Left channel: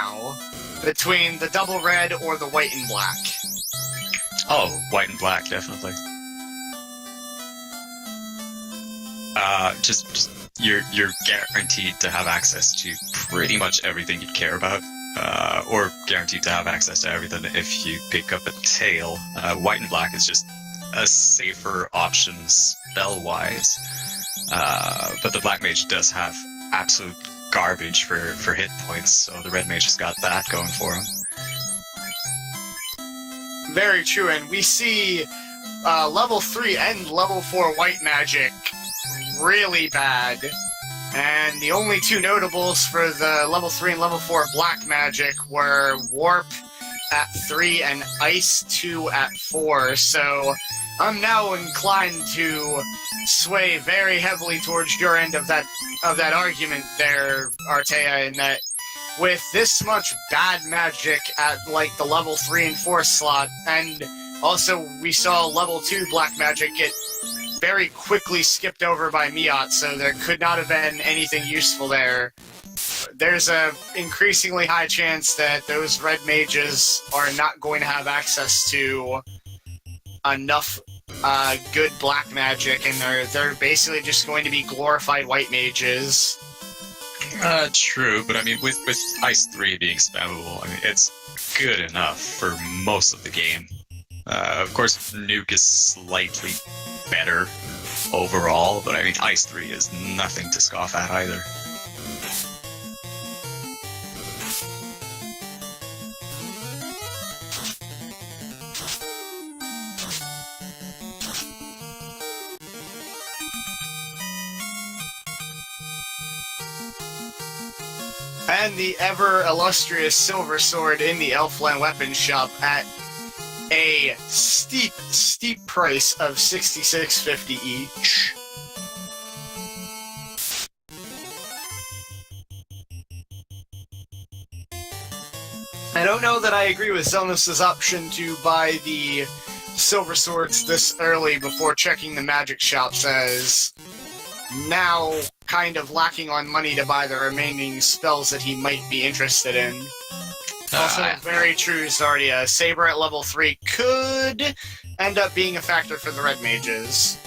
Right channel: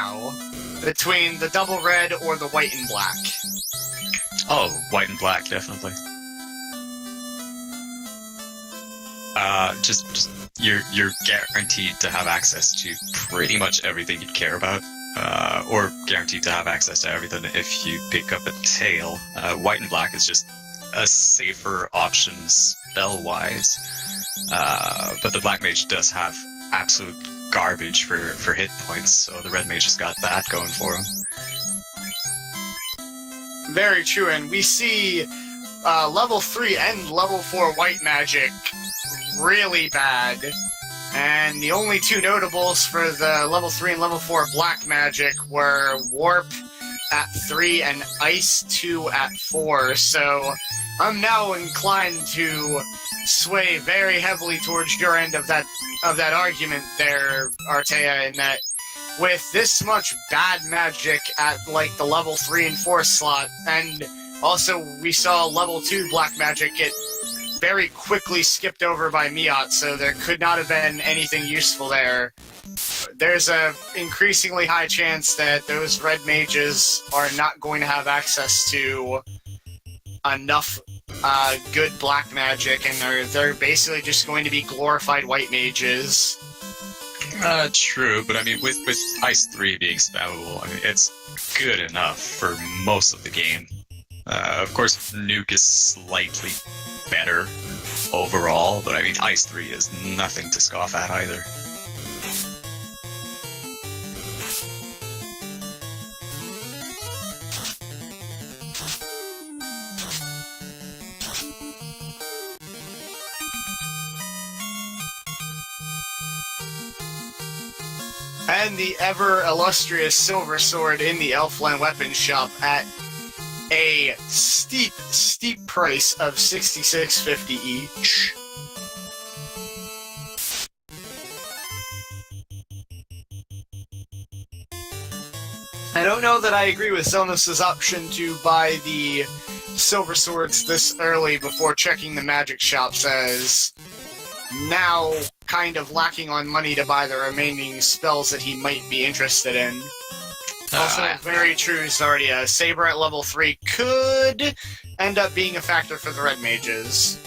now between the double red or the white and black. Oh, white and black, definitely. Just you're guaranteed to have access to pretty much everything you care about, or guaranteed to have access to everything if you pick up a tail. White and black is just a safer option spell-wise, but the black mage does have absolute garbage for hit points, so the red mage has got that going for him. Very true, and we see level 3 and level 4 white magic really bad. And the only two notables for the level 3 and level 4 black magic were Warp at 3 and Ice 2 at 4. So I'm now inclined to sway very heavily towards your end of that argument there, Artea, in that with this much bad magic at like the level 3 and 4 slot, and also we saw level 2 black magic get very quickly skipped over by Miaut, so there could not have been anything useful there. There's a increasingly high chance that those red mages are not going to have access to enough good black magic, and they're basically just going to be glorified white mages. True, but I mean, with Ice 3 being spammable, I mean, it's good enough for most of the game. Of course, Nuke is slightly better overall, but I mean, Ice 3 is nothing to scoff at either. And the ever-illustrious Silver Sword in the Elfland Weapons Shop at a steep, steep price of $66.50 each. I don't know that I agree with Xelnas' option to buy the Silver Swords this early before checking the magic shops, as now kind of lacking on money to buy the remaining spells that he might be interested in. Also, very true, Zardia. Saber at level 3 could end up being a factor for the red mages.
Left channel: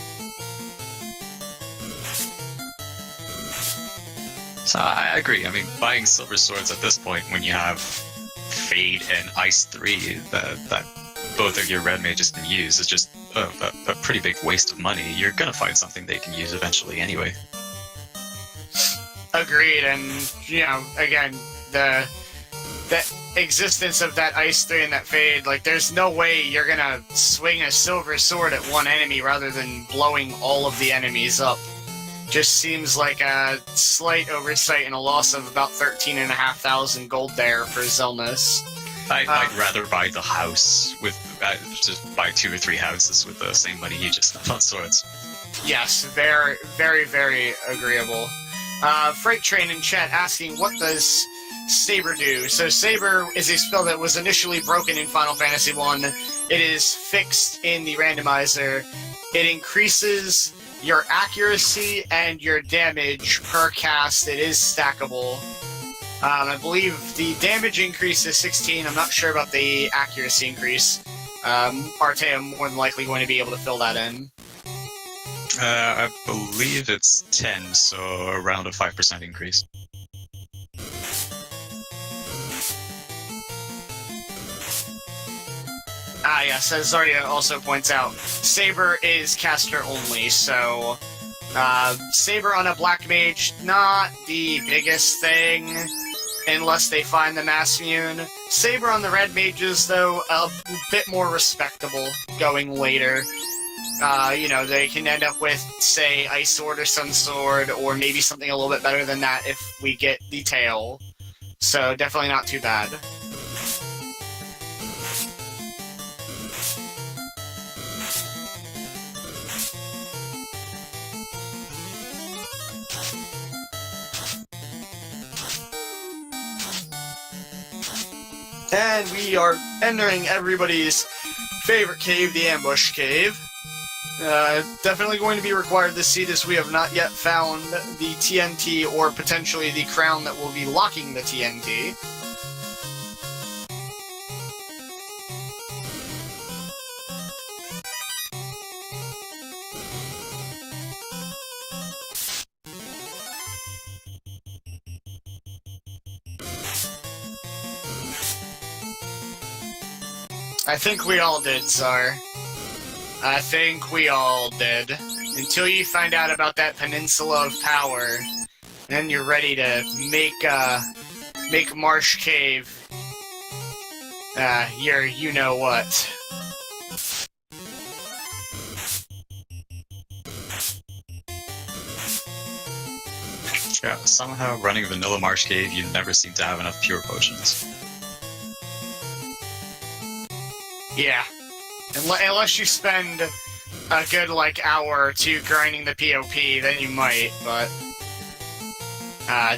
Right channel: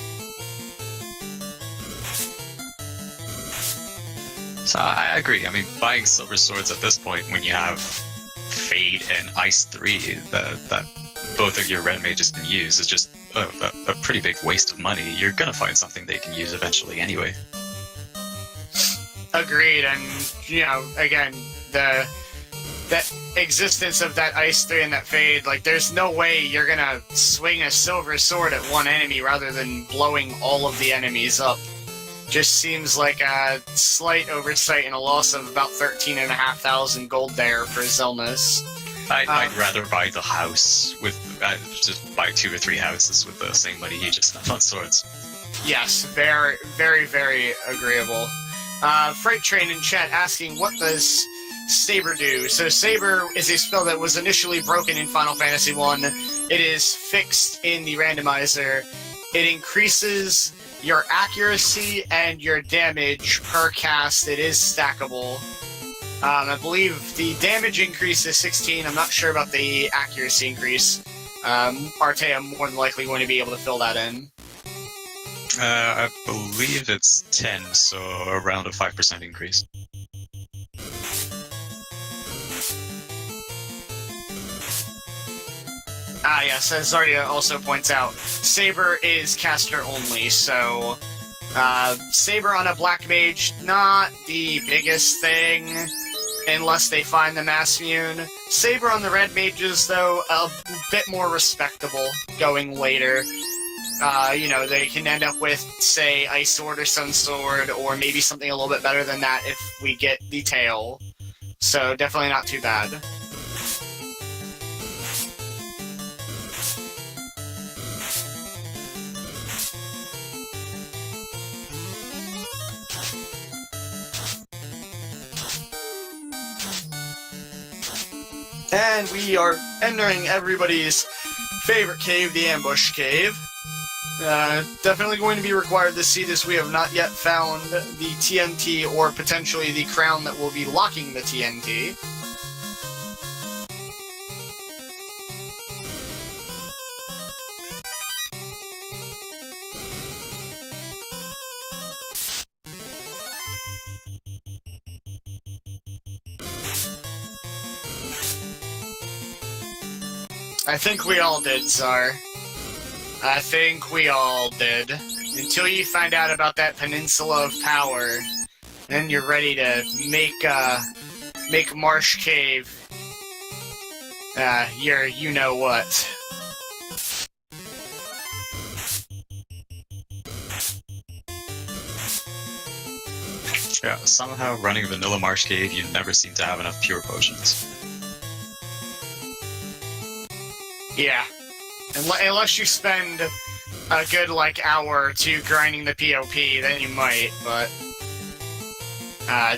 So I agree. I mean, buying Silver Swords at this point when you have Fade and Ice 3 that both of your red mages can use is just a pretty big waste of money. You're gonna find something they can use eventually anyway. Agreed, and, you know, again, the existence of that Ice 3 and that Fade, like, there's no way you're gonna swing a Silver Sword at one enemy rather than blowing all of the enemies up. Just seems like a slight oversight and a loss of about 13,500 gold there for Xelnas. I'd rather buy the house with, just buy 2 or 3 houses with the same money you just spent on swords. Yes, very, very, very agreeable. Freight Train in chat asking, what does Saber do? So Saber is a spell that was initially broken in Final Fantasy I. It is fixed in the Randomizer. It increases your accuracy and your damage per cast. It is stackable. I believe the damage increase is 16. I'm not sure about the accuracy increase. Artea more than likely going to be able to fill that in. I believe it's 10, so around a 5% increase. Yes, as Zarya also points out, Saber is caster only, so Saber on a black mage, not the biggest thing, unless they find the Mass Immune. Saber on the red mages, though, a bit more respectable going later. You know, they can end up with, say, Ice Sword or Sun Sword, or maybe something a little bit better than that if we get the tail. So, definitely not too bad. And we are entering everybody's favorite cave, the Ambush Cave. Definitely going to be required this seed, as we have not yet found the TNT or potentially the crown that will be locking the TNT. I think we all did, Tsar. I think we all did. Until you find out about that Peninsula of Power, then you're ready to make Marsh Cave your you-know-what. Yeah, somehow running Vanilla Marsh Cave, you never seem to have enough pure potions. Yeah. Unless you spend a good, hour or two grinding the POP, then you might, but...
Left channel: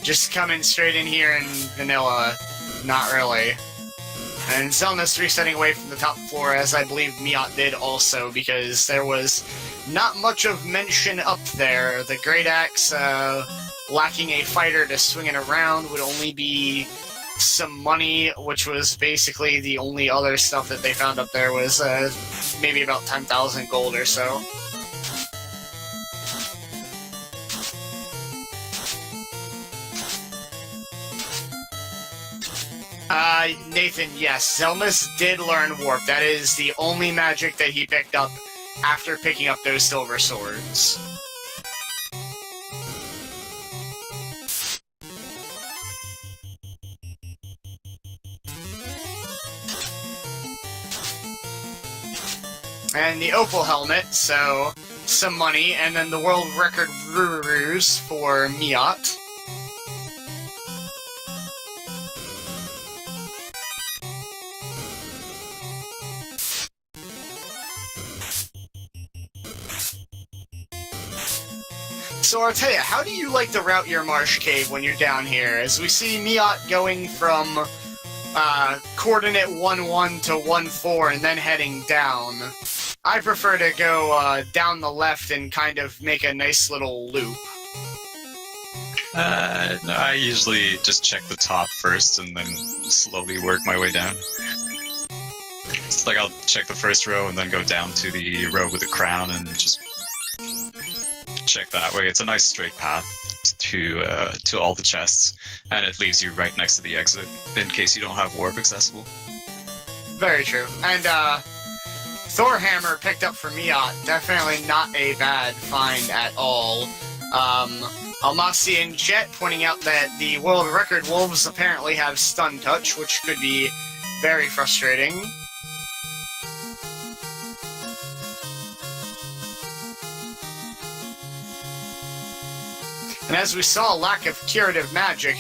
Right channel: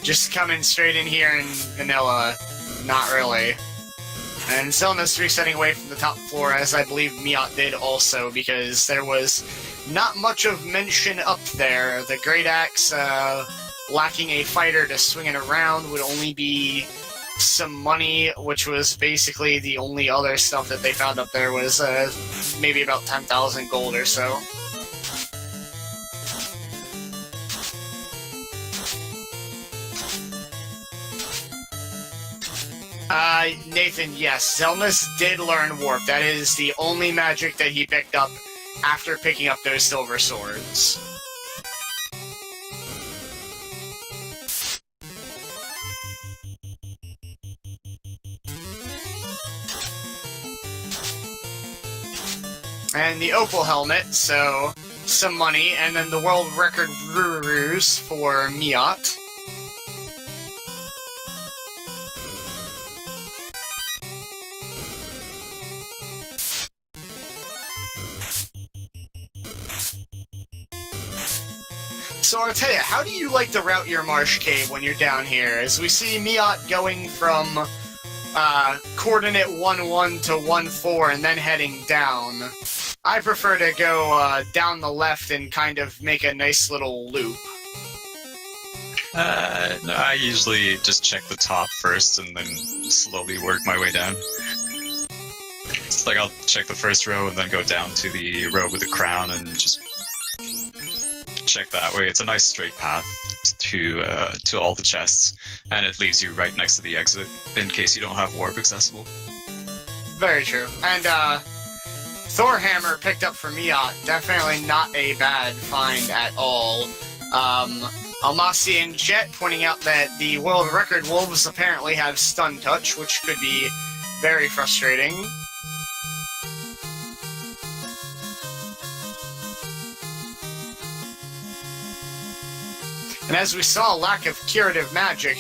just coming straight in here in vanilla, not really. And Xelnas resetting away from the top floor, as I believe Miaut did also, because there was not much of mention up there. The Great Axe, lacking a fighter to swing it around, would only be some money, which was basically the only other stuff that they found up there was maybe about 10,000 gold or so. Nathan, yes, Xelnas did learn Warp. That is the only magic that he picked up after picking up those silver swords. And the Opal Helmet, so some money, and then the world record Rurus for Miaut. So I'll tell you, how do you like to route your Marsh Cave when you're down here? As we see Miaut going from coordinate 1-1 to 1-4 and then heading down. I prefer to go down the left and kind of make a nice little loop. No, I usually just check the top first and then slowly work my way down. It's like I'll check the first row and then go down to the row with the crown and just check that way. It's a nice straight path to all the chests, and it leaves you right next to the exit in case you don't have warp accessible. Very true. And Thorhammer picked up for Miaut, definitely not a bad find at all. Almasi and Jet pointing out that the world record wolves apparently have stun touch, which could be very frustrating. And as we saw, lack of curative magic,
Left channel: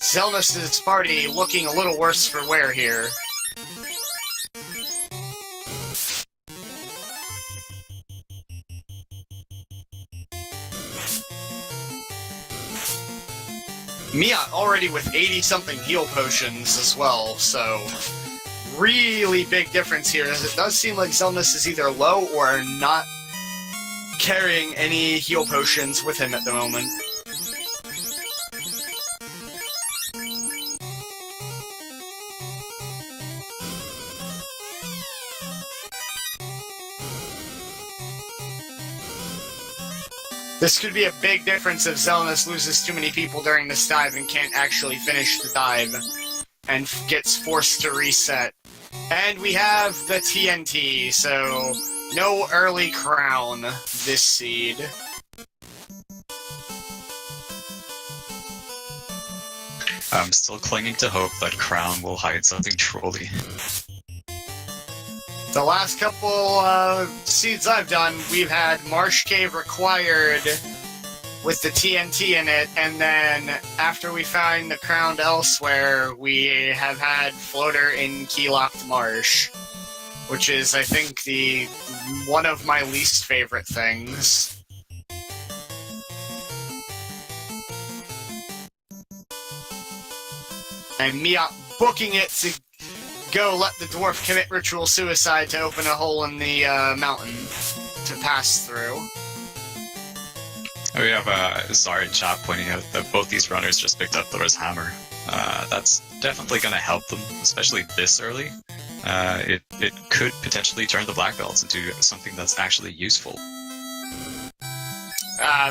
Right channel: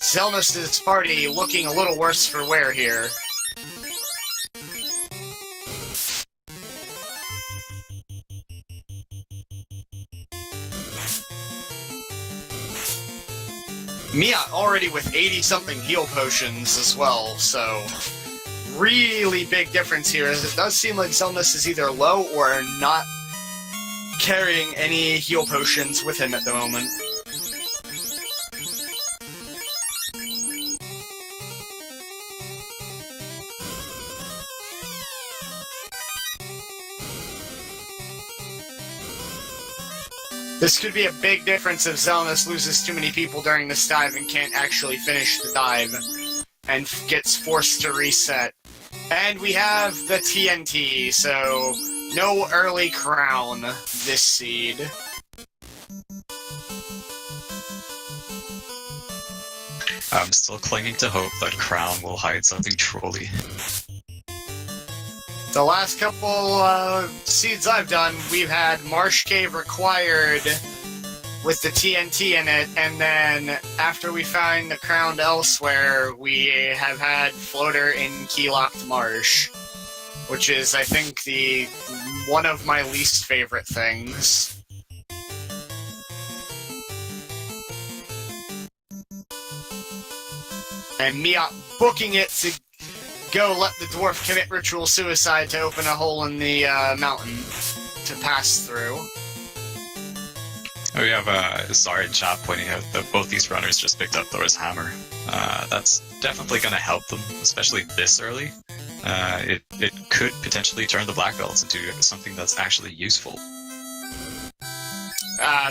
Xelnas' party looking a little worse for wear here. Miaut already with 80-something heal potions as well, so really big difference here, as it does seem like Xelnas is either low or not carrying any heal potions with him at the moment. This could be a big difference if Xelnas loses too many people during this dive and can't actually finish the dive and gets forced to reset. And we have the TNT, so no early crown this seed. I'm still clinging to hope that crown will hide something trolly. The last couple seeds I've done, we've had Marsh Cave required with the TNT in it, and then after we find the crown elsewhere, we have had Floater in Keylocked Marsh, which is, I think, one of my least favorite things. And Miaut booking it to go let the dwarf commit ritual suicide to open a hole in the mountain. to pass through. We have Zara in chat pointing out that both these runners just picked up Thor's hammer. That's definitely going to help them, especially this early. It could potentially turn the black belts into something that's actually useful.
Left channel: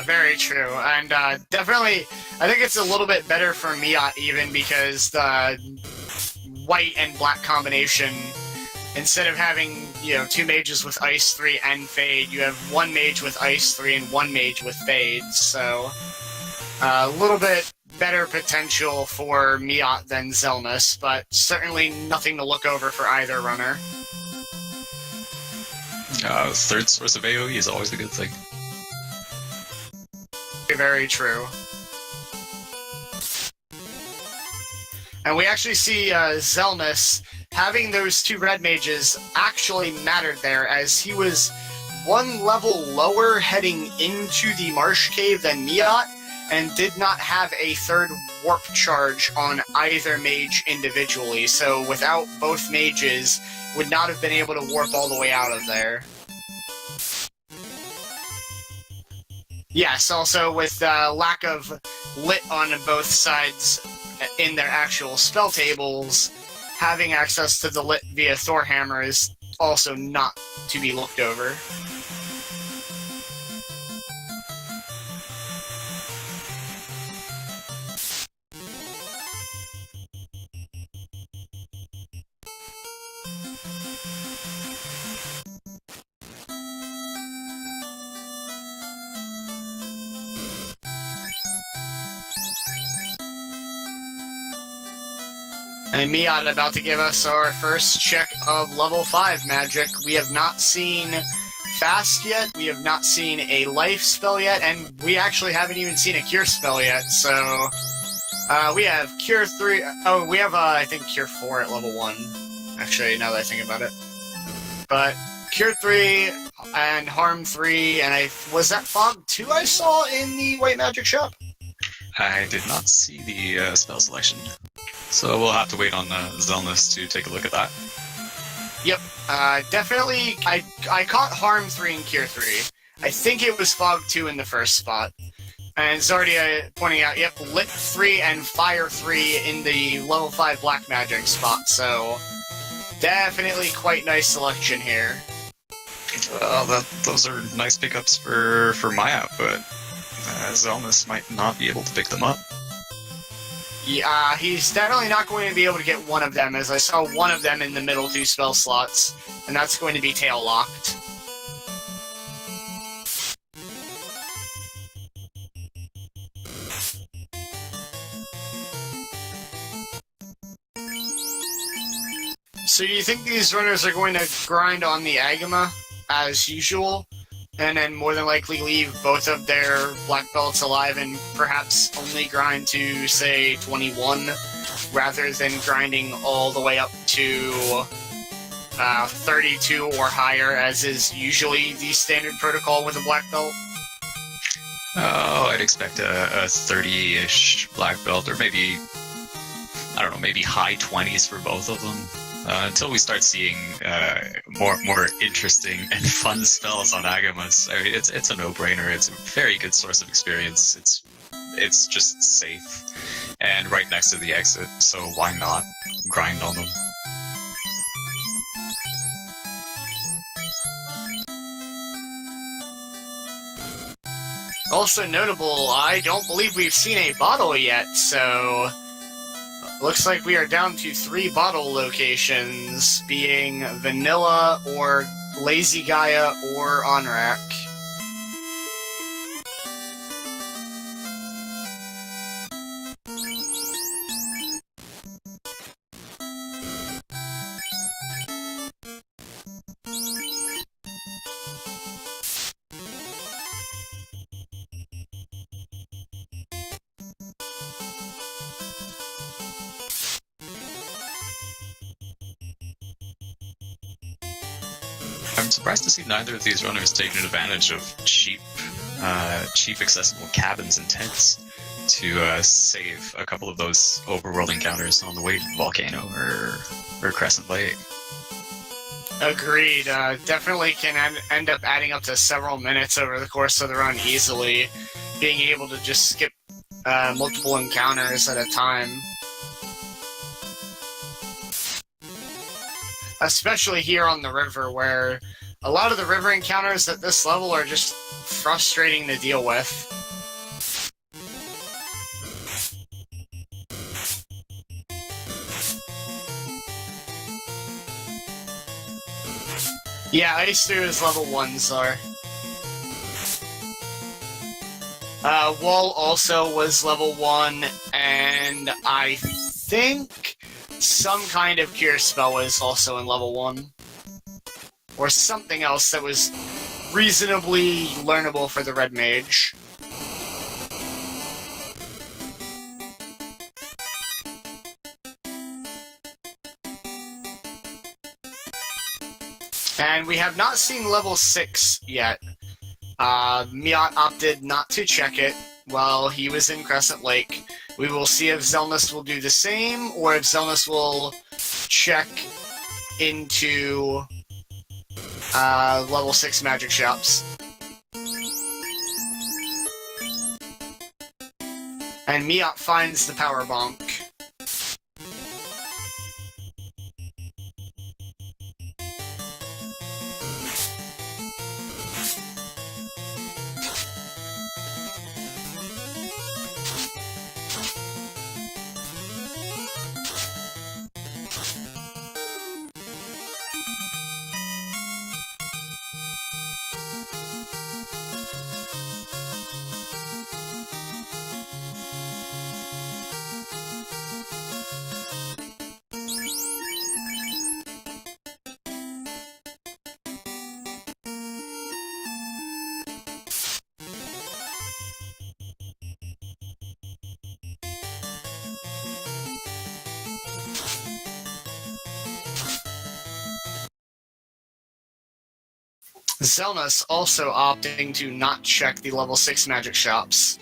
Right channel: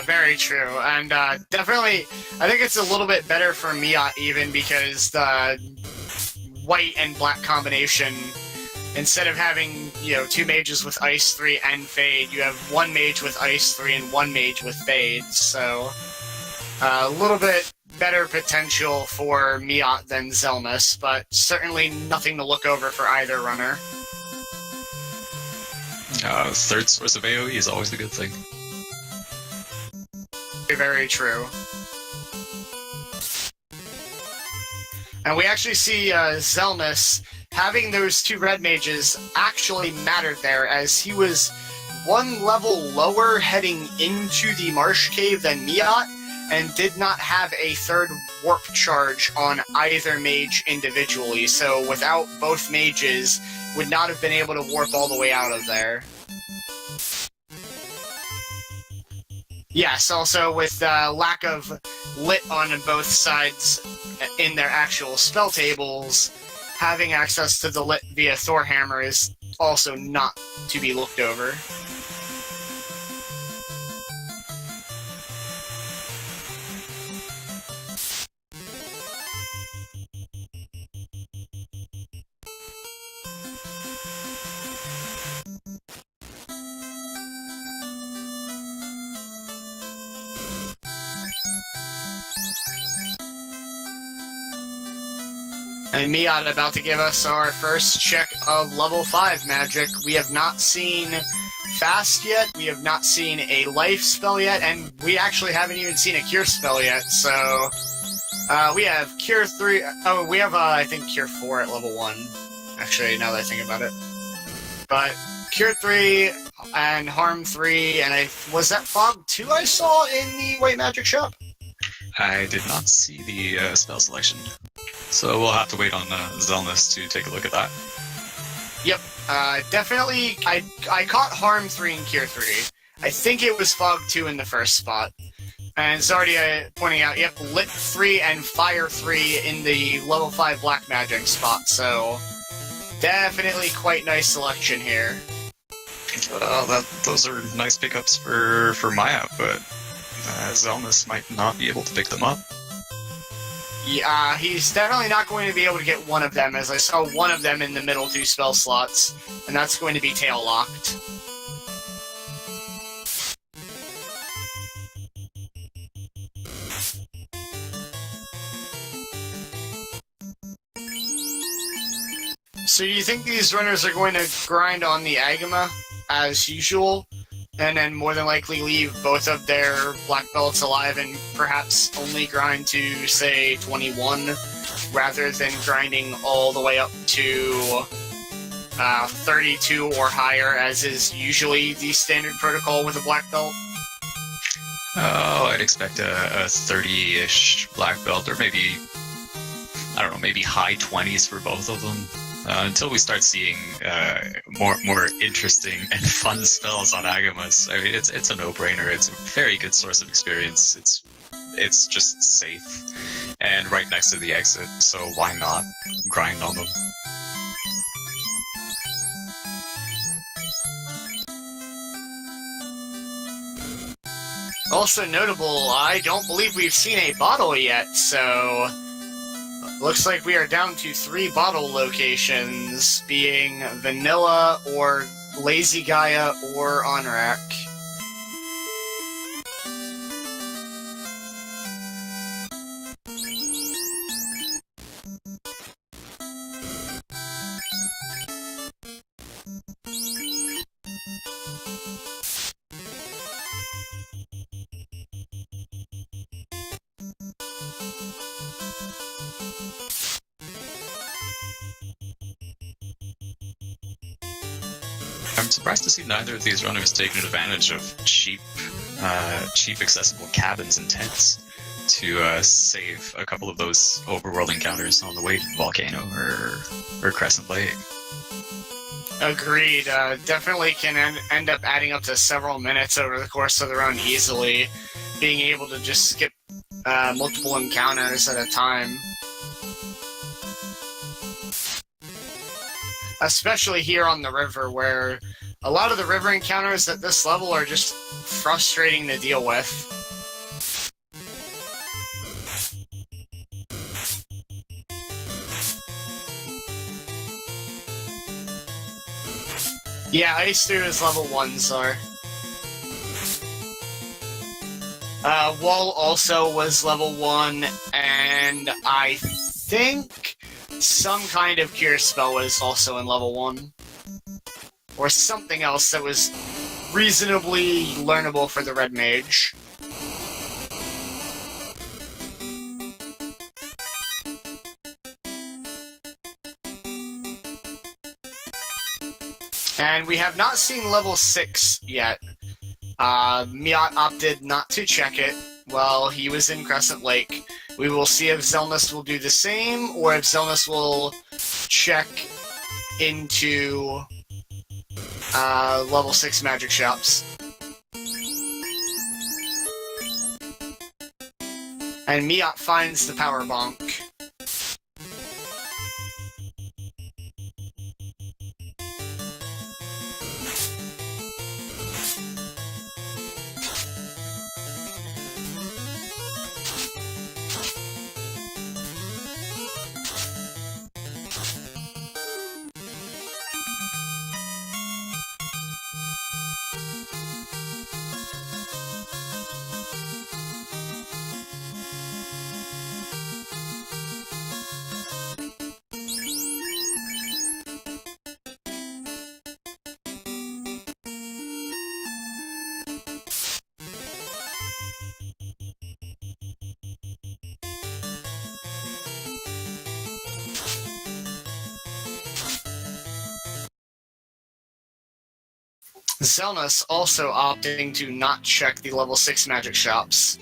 Very true, and definitely, I think it's a little bit better for Miaut even because the white and black combination, instead of having, you know, 2 mages with Ice 3 and Fade, you have 1 mage with Ice 3 and 1 mage with Fade, so a little bit better potential for Miaut than Xelnas, but certainly nothing to look over for either runner. Third source of AoE is always a good thing. Very true. And we actually see Xelnas having those 2 red mages actually mattered there, as he was 1 level lower heading into the Marsh Cave than Miaut, and did not have a 3rd warp charge on either mage individually, so without both mages, would not have been able to warp all the way out of there. Yes, also with lack of lit on both sides in their actual spell tables, having access to the lit via Thor Hammer is also not to be looked over. And Miaut about to give us our first check of level 5 magic. We have not seen Fast yet, we have not seen a Life spell yet, and we actually haven't even seen a Cure spell yet, so... we have Cure 3... Oh, we have, I think, Cure 4 at level 1. Actually, now that I think about it. But Cure 3 and Harm 3, and was that Fog 2 I saw in the White Magic shop? I did not see the spell selection, so we'll have to wait on Xelnas to take a look at that. Yep, definitely, I caught Harm 3 and Cure 3. I think it was Fog 2 in the first spot. And Zardia pointing out, yep, Lit 3 and Fire 3 in the level 5 Black Magic spot, so definitely quite nice selection here. Well, those are nice pickups for Miaut, but Xelnas might not be able to pick them up. Yeah, he's definitely not going to be able to get one of them, as I saw one of them in the middle 2 spell slots, and that's going to be tail-locked. So do you think these runners are going to grind on the Agama, as usual, and then more than likely leave both of their black belts alive and perhaps only grind to, say, 21, rather than grinding all the way up to 32 or higher, as is usually the standard protocol with a black belt? Oh, I'd expect a 30-ish black belt, or maybe, I don't know, maybe high 20s for both of them. Until we start seeing more interesting and fun spells on Agamas. I mean, it's a no-brainer. It's a very good source of experience. It's just safe and right next to the exit, so why not grind on them? Also notable, I don't believe we've seen a bottle yet, so... Looks like we are down to 3 bottle locations, being Vanilla, or Lazy Gaia, or Onrak. I'm surprised to see neither of these runners taking advantage of cheap accessible cabins and tents to save a couple of those overworld encounters on the way to Volcano or Crescent Lake. Agreed. Definitely can end up adding up to several minutes over the course of the run easily, being able to just skip multiple encounters at a time. Especially here on the river, where a lot of the river encounters at this level are just frustrating to deal with. Yeah, Ice 2 is level 1, Zar. Wall also was level 1, and I think some kind of cure spell was also in level 1. Or something else that was reasonably learnable for the Red Mage. And we have not seen level 6 yet. Miaut opted not to check it while he was in Crescent Lake. We will see if Xelnas will do the same, or if Xelnas will check into level 6 magic shops. And Miaut finds the power bonk. Xelnas also opting to not check the level 6 magic shops.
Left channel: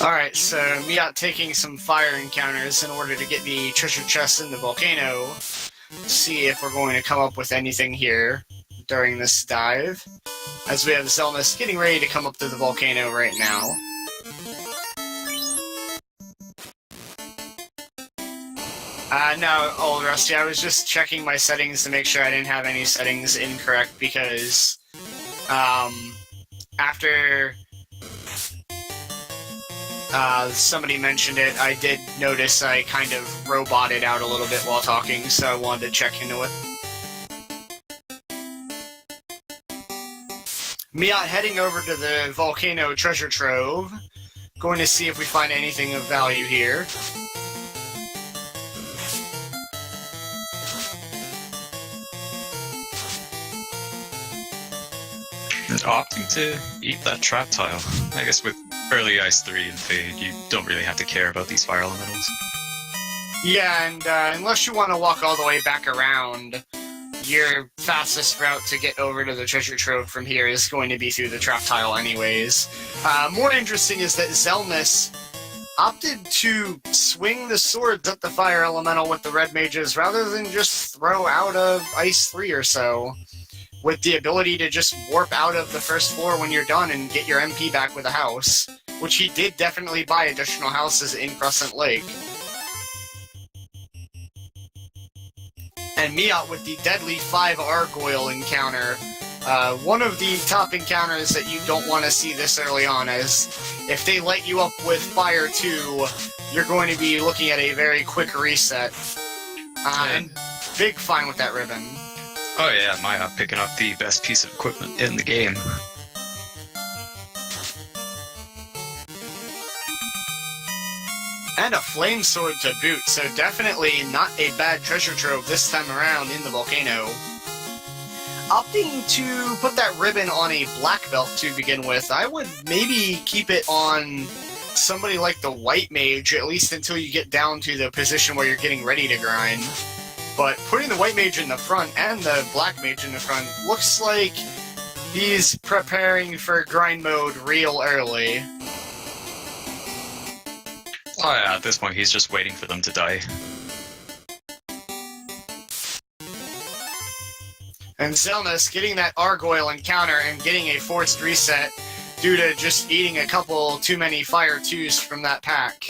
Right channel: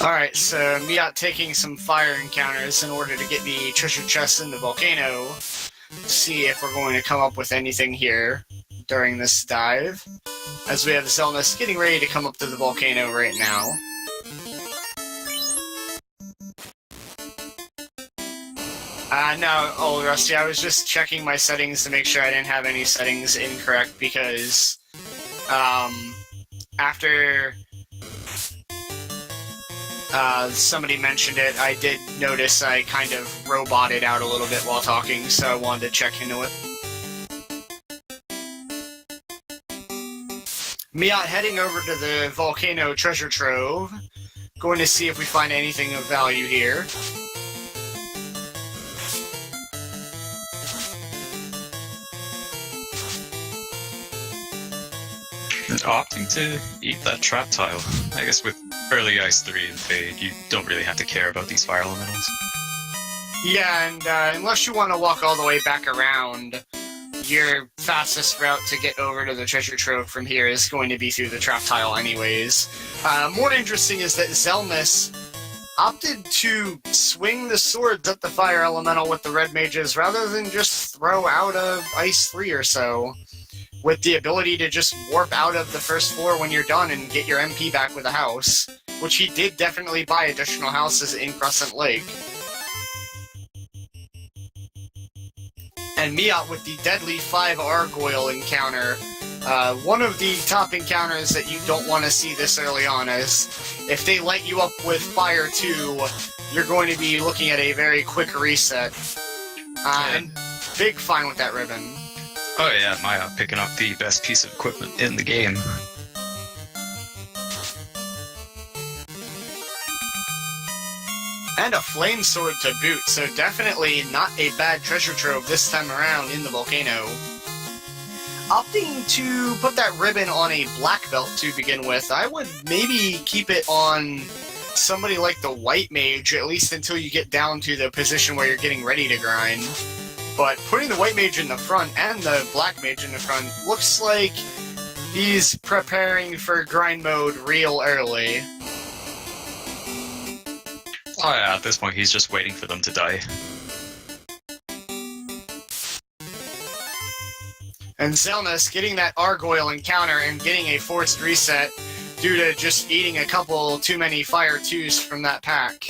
Alright, so Miaut taking some fire encounters in order to get the treasure chest in the volcano. See if we're going to come up with anything here during this dive. As we have Xelnas getting ready to come up to the volcano right now. No, old Rusty, I was just checking my settings to make sure I didn't have any settings incorrect, because, after somebody mentioned it, I did notice I kind of roboted out a little bit while talking, so I wanted to check into it. Miaut heading over to the volcano treasure trove, going to see if we find anything of value here. Opting to eat that trap tile. I guess with early Ice 3 and Fade, you don't really have to care about these fire elementals. Yeah, and unless you want to walk all the way back around, your fastest route to get over to the treasure trove from here is going to be through the trap tile anyways. More interesting is that Xelnas opted to swing the swords at the fire elemental with the red mages rather than just throw out a Ice 3 or so, with the ability to just warp out of the first floor when you're done and get your MP back with a house, which he did definitely buy additional houses in Crescent Lake. And Miaut with the deadly 5 Argoyle encounter. One of the top encounters that you don't want to see this early on, as if they light you up with Fire 2, you're going to be looking at a very quick reset. And big fine with that ribbon. Oh yeah, Miaut picking up the best piece of equipment in the game. And a flame sword to boot, so definitely not a bad treasure trove this time around in the volcano. Opting to put that ribbon on a black belt to begin with, I would maybe keep it on somebody like the white mage, at least until you get down to the position where you're getting ready to grind. But putting the white mage in the front and the black mage in the front looks like he's preparing for grind mode real early. Oh yeah, at this point he's just waiting for them to die. And Xelnas getting that Argoyle encounter and getting a forced reset due to just eating a couple too many Fire 2s from that pack.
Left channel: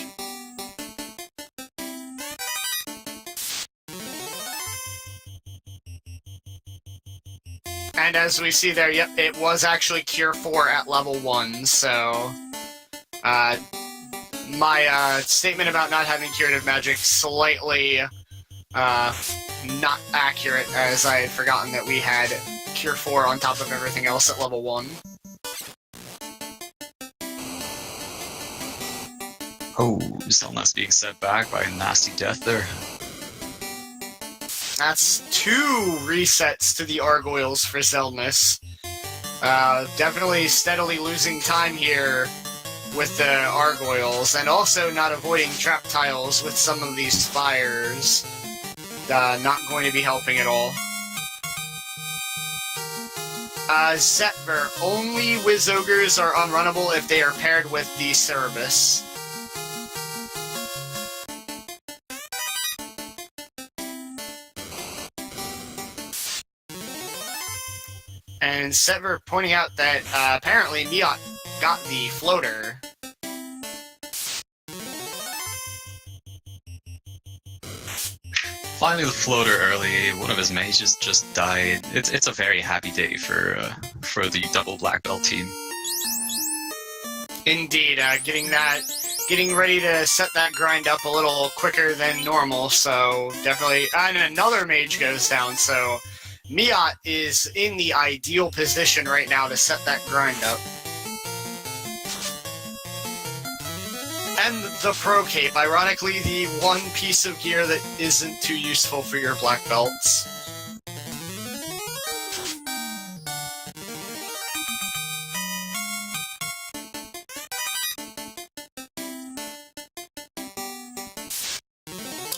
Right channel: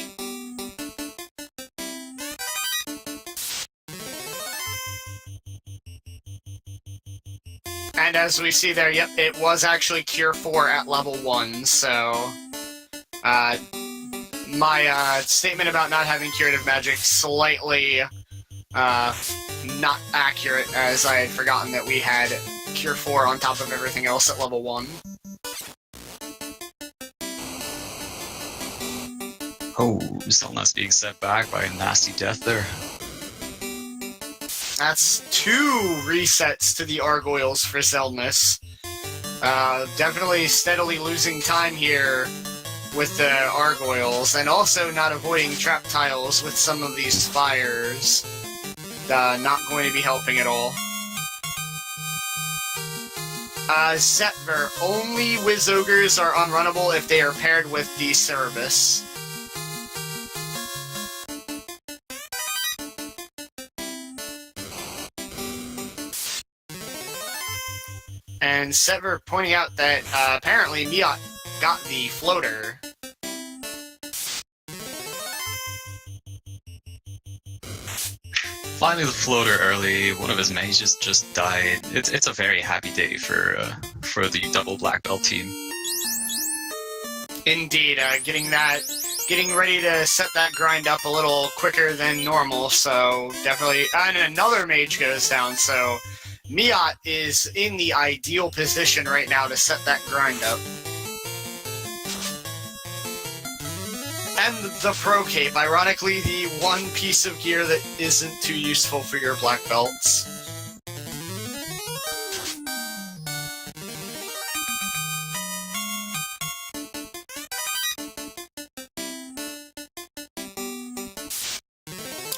And as we see there, yep, it was actually Cure 4 at level 1, so... my statement about not having curative magic slightly not accurate, as I had forgotten that we had Cure 4 on top of everything else at level 1. Oh, Xelnas being set back by a nasty death there. That's 2 resets to the Argoyles for Xelnas. Definitely steadily losing time here with the Argoyles, and also not avoiding trap tiles with some of these fires. Not going to be helping at all. Zetver, only Wiz Ogres are unrunnable if they are paired with the Cerebus. And Zetver pointing out that apparently Miaut got the floater. Finally the floater early, one of his mages just died. It's a very happy day for the double black belt team. Indeed, getting ready to set that grind up a little quicker than normal, so definitely, and another mage goes down, so Miaut is in the ideal position right now to set that grind up. And the Pro Cape, ironically the one piece of gear that isn't too useful for your black belts.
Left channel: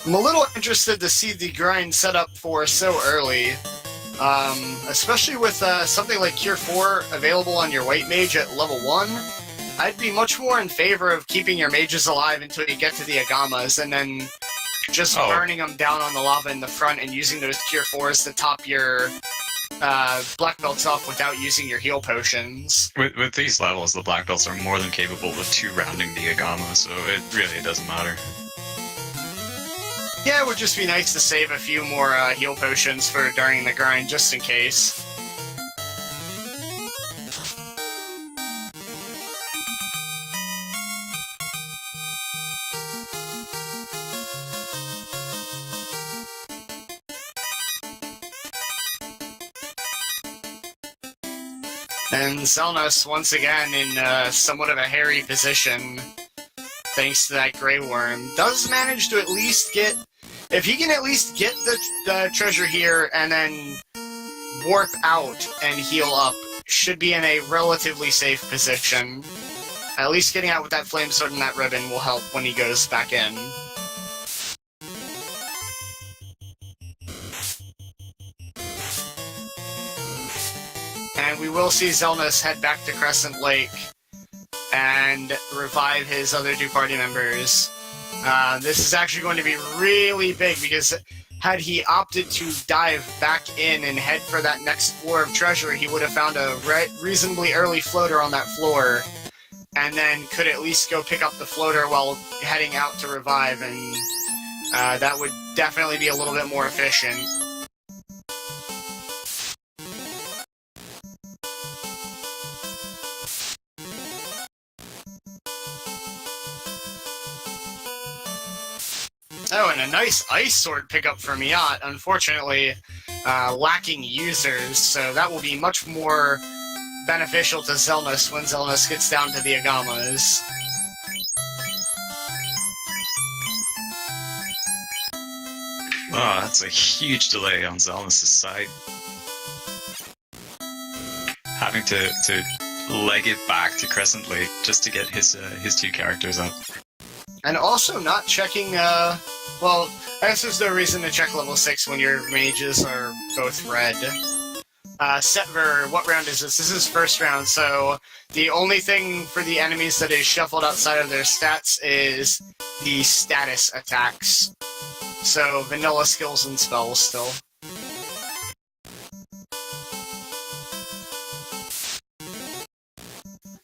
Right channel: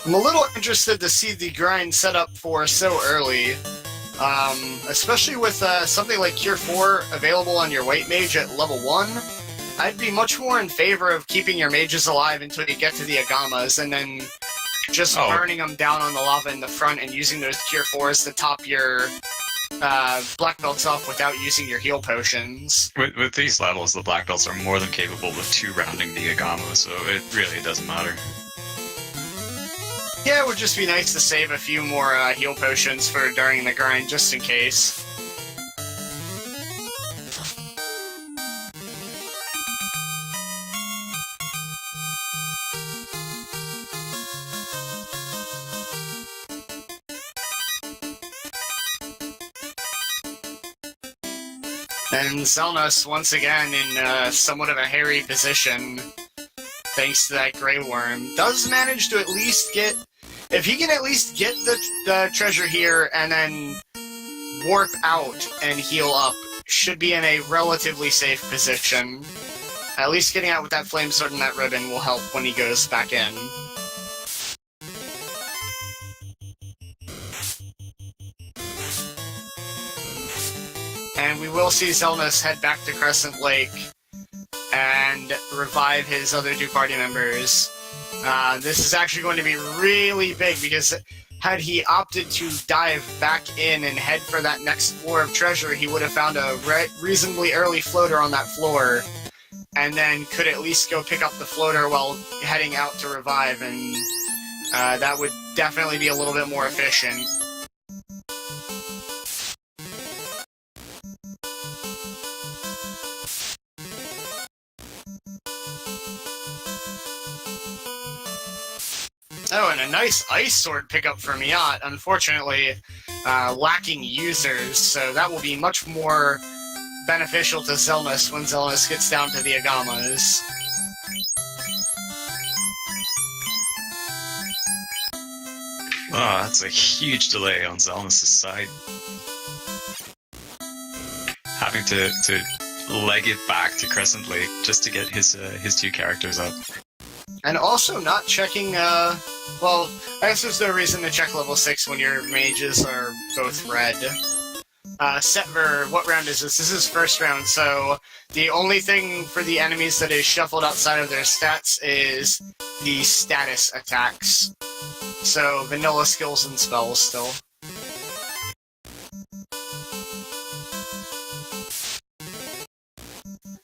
I'm a little interested to see the grind set up for so early. Especially with something like Cure 4 available on your white mage at level 1. I'd be much more in favor of keeping your mages alive until you get to the Agamas, and then just burning them down on the lava in the front and using those Cure 4s to top your black belts off without using your heal potions. With these levels, the black belts are more than capable of 2-rounding the Agama, so it really doesn't matter. Yeah, it would just be nice to save a few more heal potions for during the grind, just in case. And Xelnas, once again, in somewhat of a hairy position, thanks to that Grey Worm, does manage to at least get... If he can at least get the treasure here and then warp out and heal up, should be in a relatively safe position. At least getting out with that flame sword and that ribbon will help when he goes back in. And we will see Xelnas head back to Crescent Lake and revive his other 2 party members. This is actually going to be really big, because had he opted to dive back in and head for that next floor of treasure, he would have found a reasonably early floater on that floor, and then could at least go pick up the floater while heading out to revive, and that would definitely be a little bit more efficient. Oh, and a nice ice sword pickup for Miaut. Unfortunately, lacking users, so that will be much more beneficial to Xelnas when Xelnas gets down to the Agamas. Oh, that's a huge delay on Xelnas' side. Having to leg it back to Crescent Lake just to get his 2 characters up. And also not checking, well, I guess there's no reason to check level 6 when your mages are both red. Setver, what round is this? This is first round, so the only thing for the enemies that is shuffled outside of their stats is the status attacks. So, vanilla skills and spells still.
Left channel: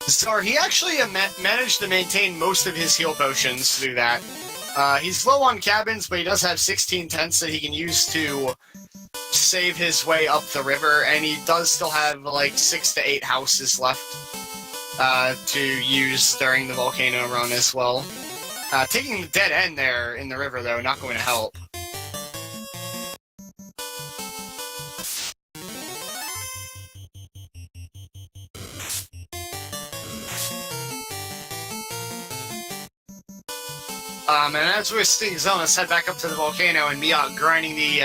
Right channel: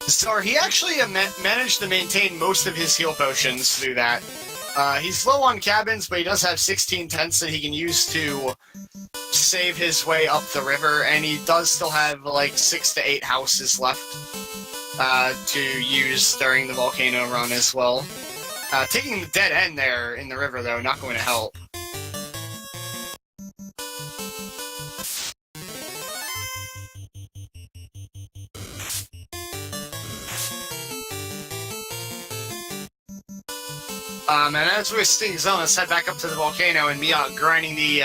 So he actually managed to maintain most of his heal potions through that. He's low on cabins, but he does have 16 tents that he can use to save his way up the river, and he does still have like 6 to 8 houses left to use during the volcano run as well. Taking the dead end there in the river, though, not going to help. And as we're seeing Xelnas head back up to the volcano and Miaut grinding the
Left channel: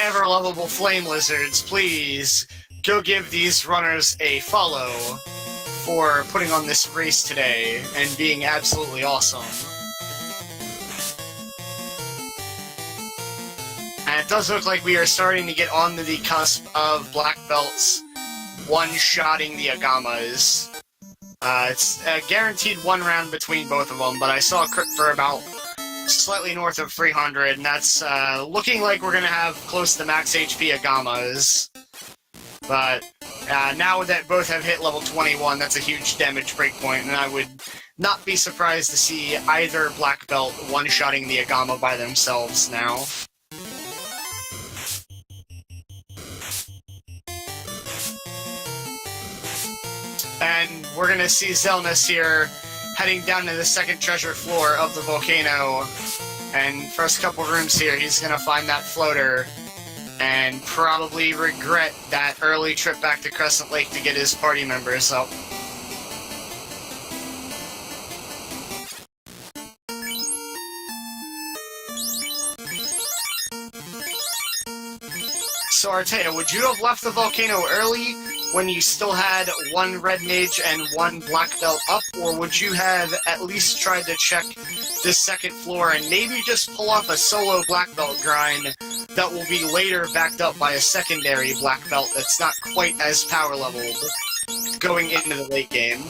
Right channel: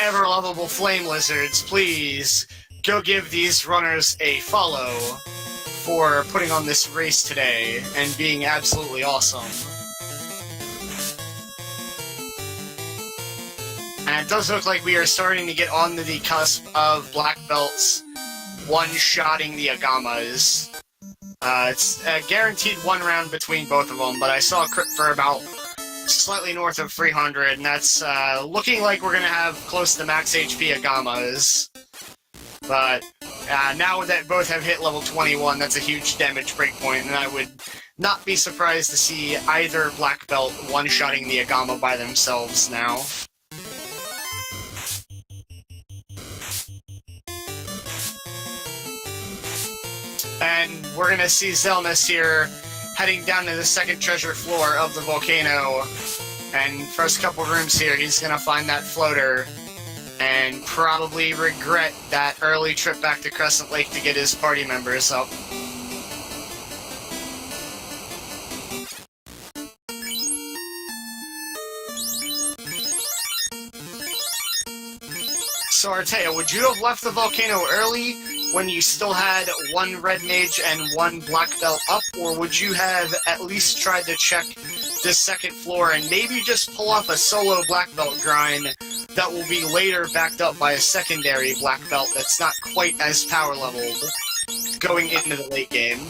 ever-lovable flame lizards, please go give these runners a follow for putting on this race today and being absolutely awesome. And it does look like we are starting to get on to the cusp of black belts one-shotting the Agamas. It's a guaranteed 1 round between both of them, but I saw a crit for about slightly north of 300, and that's looking like we're going to have close to max HP Agamas. But now that both have hit level 21, that's a huge damage breakpoint, and I would not be surprised to see either black belt one-shotting the Agama by themselves now. And we're gonna see Xelnas here heading down to the 2nd treasure floor of the volcano. And first couple rooms here, he's gonna find that floater and probably regret that early trip back to Crescent Lake to get his party members up. So Artea, would you have left the volcano early when you still had 1 red mage and 1 black belt up, or would you have at least tried to check the 2nd floor and maybe just pull off a solo black belt grind that will be later backed up by a secondary black belt that's not quite as power leveled going into the late game?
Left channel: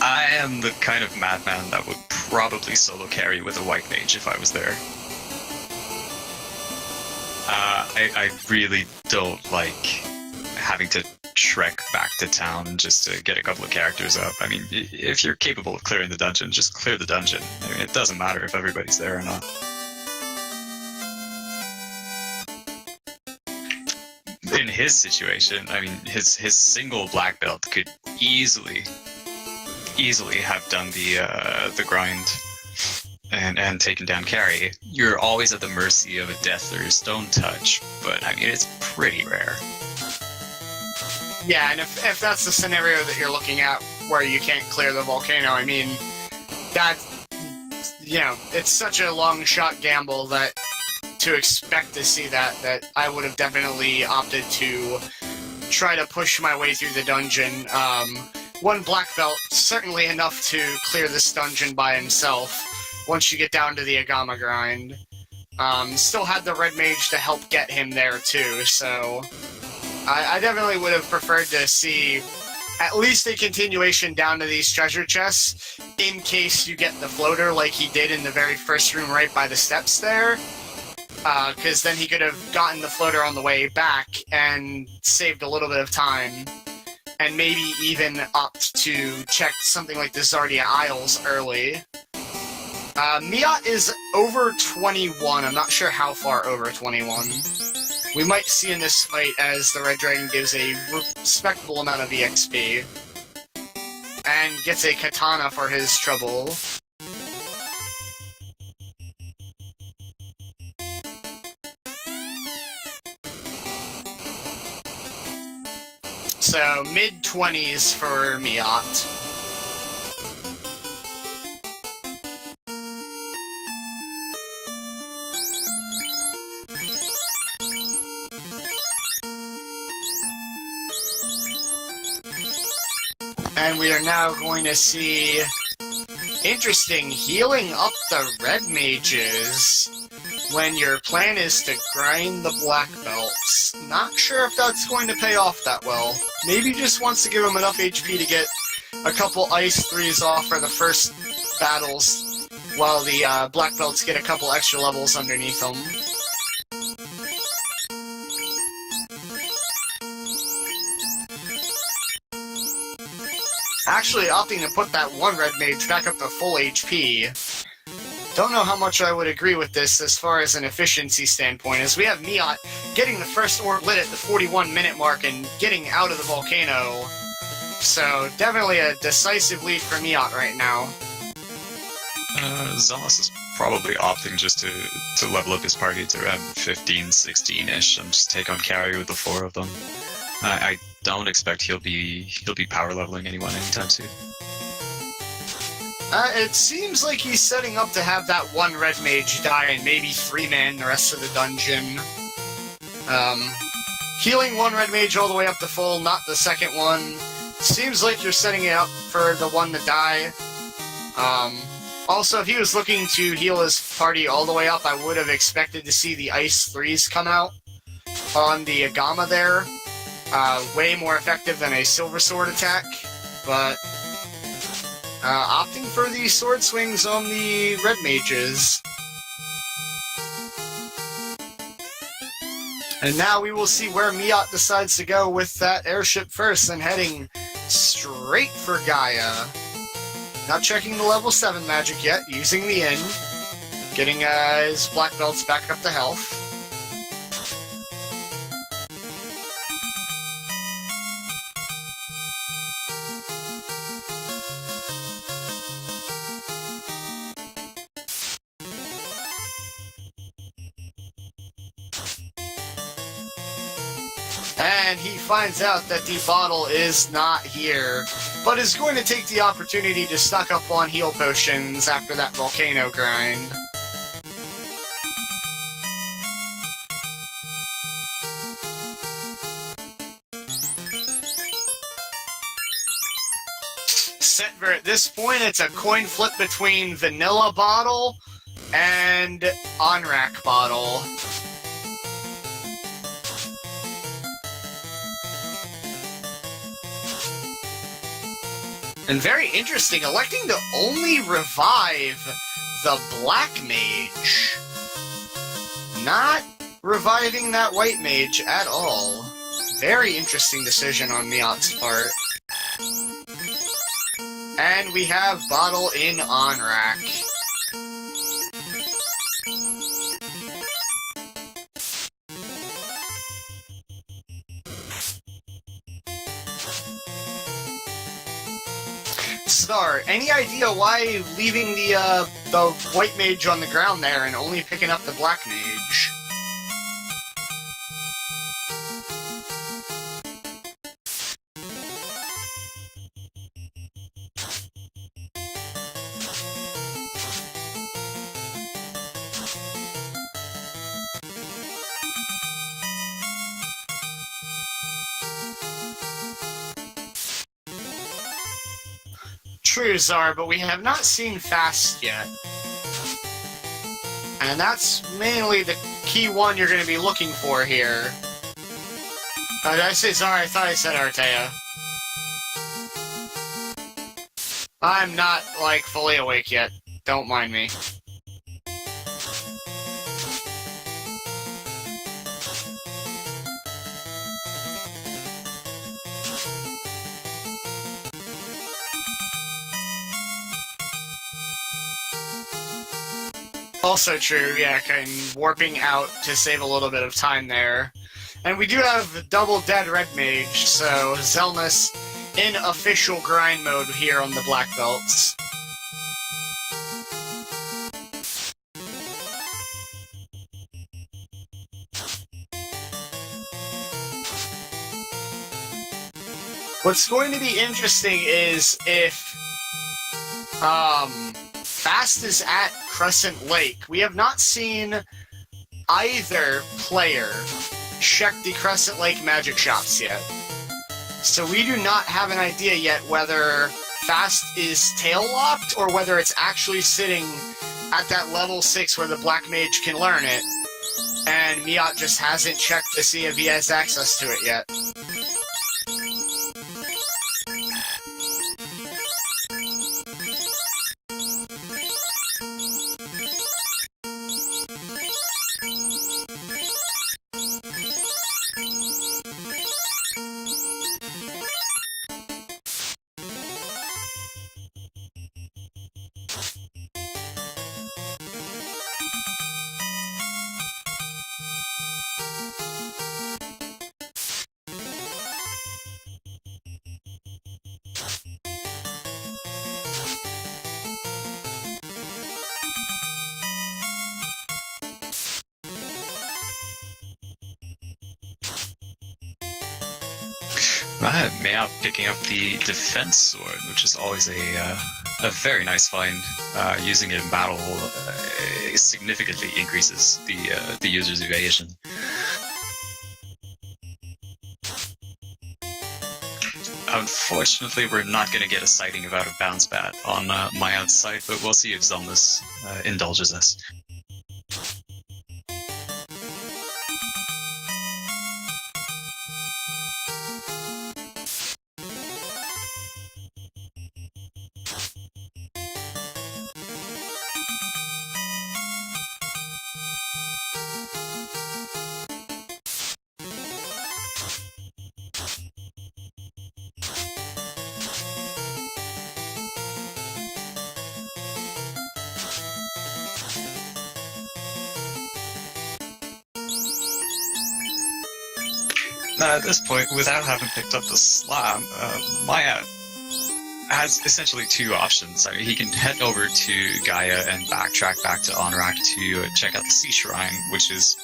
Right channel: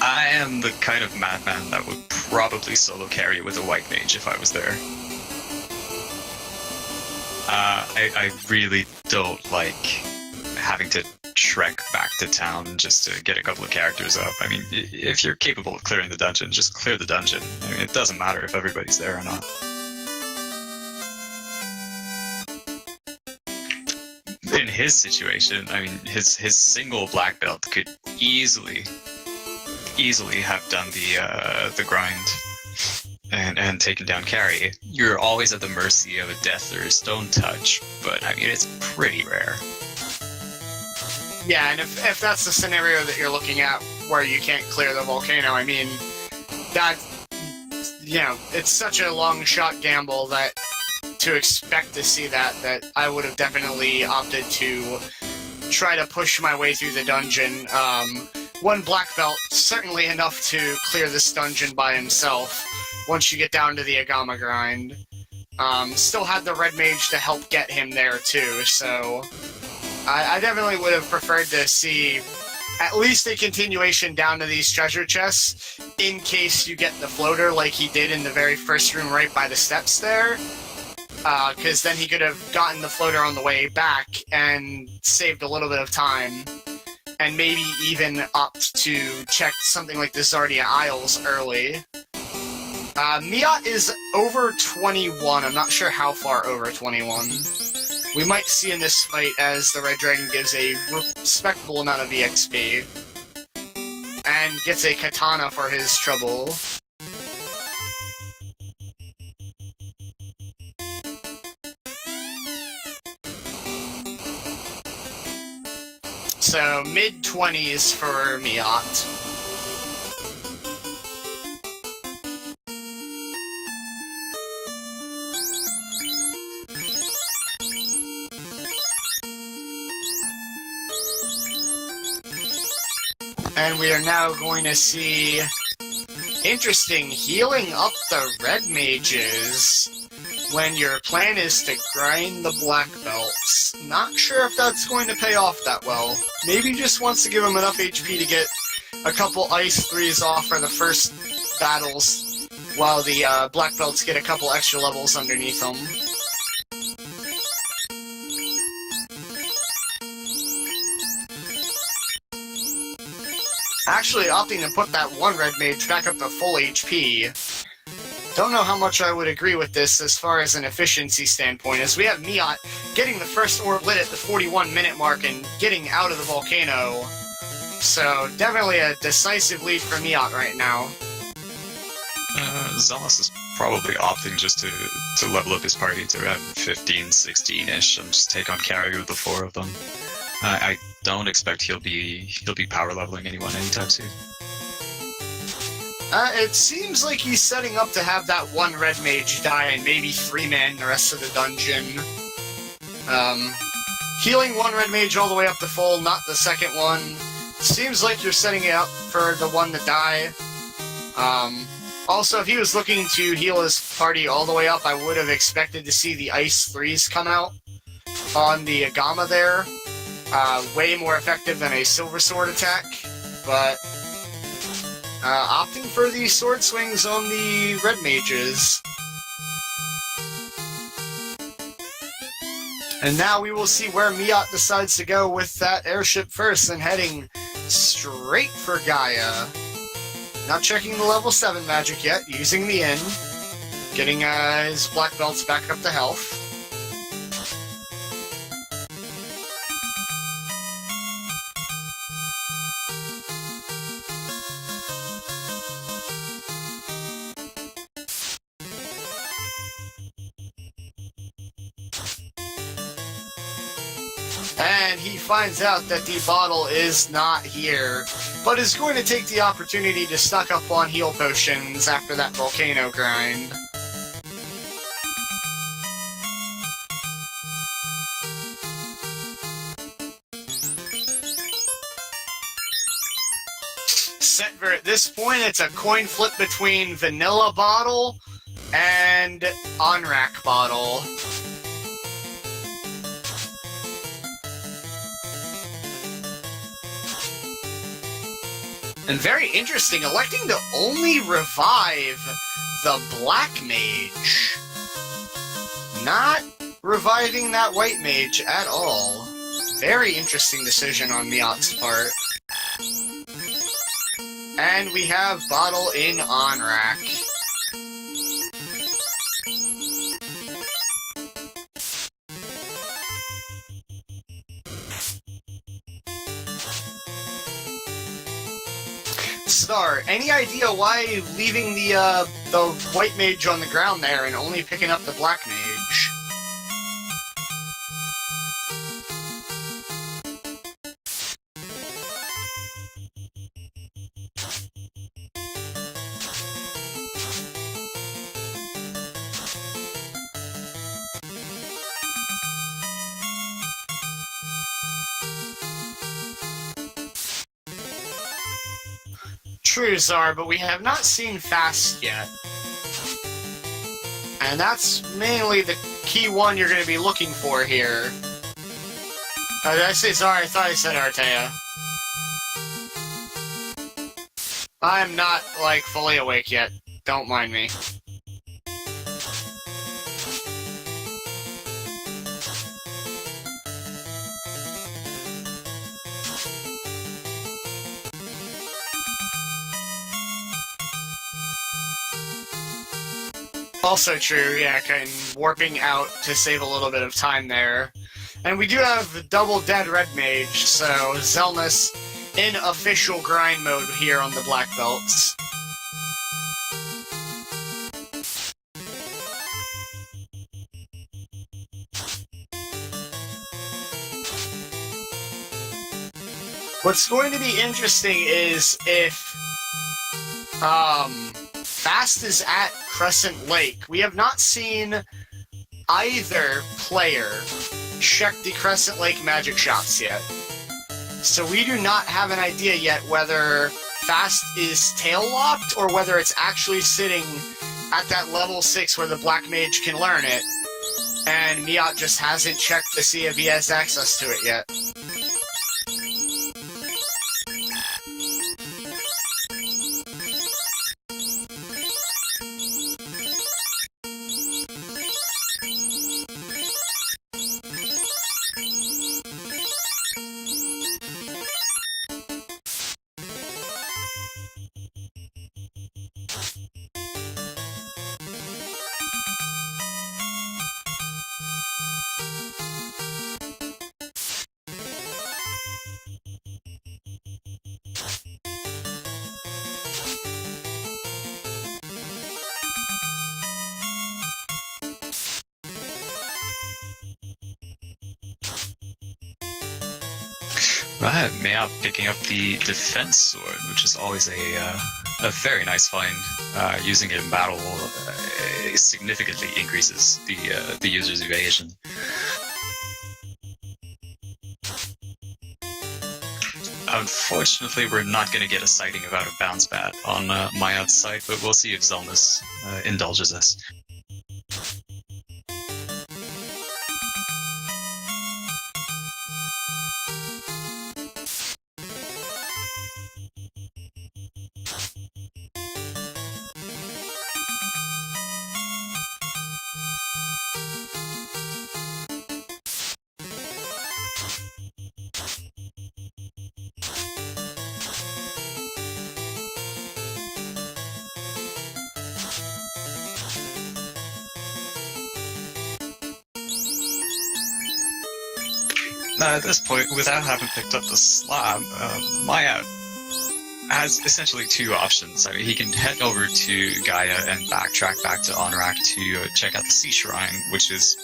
I am the kind of madman that would probably solo carry with a white mage if I was there. I really don't like having to trek back to town just to get a couple of characters up. I mean, if you're capable of clearing the dungeon, just clear the dungeon. I mean, it doesn't matter if everybody's there or not. In his situation, I mean, his single black belt could easily have done the grind and taken down carry. You're always at the mercy of a death or a stone touch, but I mean, it's pretty rare. Yeah, and if that's the scenario that you're looking at where you can't clear the volcano, I mean, that, you know, it's such a long shot gamble that to expect to see that I would have definitely opted to try to push my way through the dungeon. 1 black belt, certainly enough to clear this dungeon by himself once you get down to the Agama grind. Still had the red mage to help get him there too, so I definitely would have preferred to see at least a continuation down to these treasure chests, in case you get the floater like he did in the very first room right by the steps there. Because then he could have gotten the floater on the way back and saved a little bit of time. And maybe even opt to check something like the Zardia Isles early. Miaut is over 21. I'm not sure how far over 21. We might see in this fight as the Red Dragon gives a respectable amount of EXP. And gets a katana for his trouble. So, mid-20s for Miaut. And we are now going to see interesting healing up the red mages when your plan is to grind the black belts. Not sure if that's going to pay off that well. Maybe just wants to give him enough HP to get a couple ice 3s off for the first battles, while the black belts get a couple extra levels underneath them. Actually opting to put that one red mage back up to full HP. Don't know how much I would agree with this as far as an efficiency standpoint, as we have Miaut getting the first orb lit at the 41-minute mark and getting out of the volcano. So, definitely a decisive lead for Miaut right now. Xelnas is probably opting just to level up his party to around 15, 16-ish, and just take on carry with the 4 of them. I don't expect he'll be power leveling anyone anytime soon. It seems like he's setting up to have that one red mage die and maybe 3-man the rest of the dungeon. Healing one red mage all the way up to full, not the second one. Seems like you're setting it up for the one to die. Also, if he was looking to heal his party all the way up, I would have expected to see the ice 3s come out on the Agama there. Way more effective than a silver sword attack, but opting for the sword swings on the red mages. And now we will see where Miaut decides to go with that airship first, and heading straight for Gaia. Not checking the level 7 magic yet, using the inn, getting his black belts back up to health. And he finds out that the bottle is not here, but is going to take the opportunity to stock up on heal potions after that volcano grind. Setver, at this point, it's a coin flip between vanilla bottle and on-rack bottle. And very interesting, electing to only revive the Black Mage. Not reviving that White Mage at all. Very interesting decision on Miaut's part. And we have Bottle in on-rack. Star, any idea why leaving the White Mage on the ground there and only picking up the Black Mage? True, Zar, but we have not seen Fast yet. And that's mainly the key one you're going to be looking for here. Oh, did I say Zar? I thought I said Artea. I'm not, like, fully awake yet. Don't mind me. Also true, yeah, warping out to save a little bit of time there. And we do have double dead red mage, so Xelnas in official grind mode here on the black belts. What's going to be interesting is if Fast is at Crescent Lake. We have not seen either player check the Crescent Lake magic shops yet. So we do not have an idea yet whether Fast is tail-locked or whether it's actually sitting at that level 6 where the Black Mage can learn it, and Miaut just hasn't checked to see if he has access to it yet. Right, Miaut picking up the defense sword, which is always a very nice find. Using it in battle significantly increases the user's evasion. Unfortunately, we're not going to get a sighting about a bounce bat on Miaut's side, but we'll see if Xelnas indulges us. At this point, without having picked up the slab, Miaut has essentially two options. I mean, he can head over to Gaia and backtrack back to Onrak to check out the Sea Shrine, which is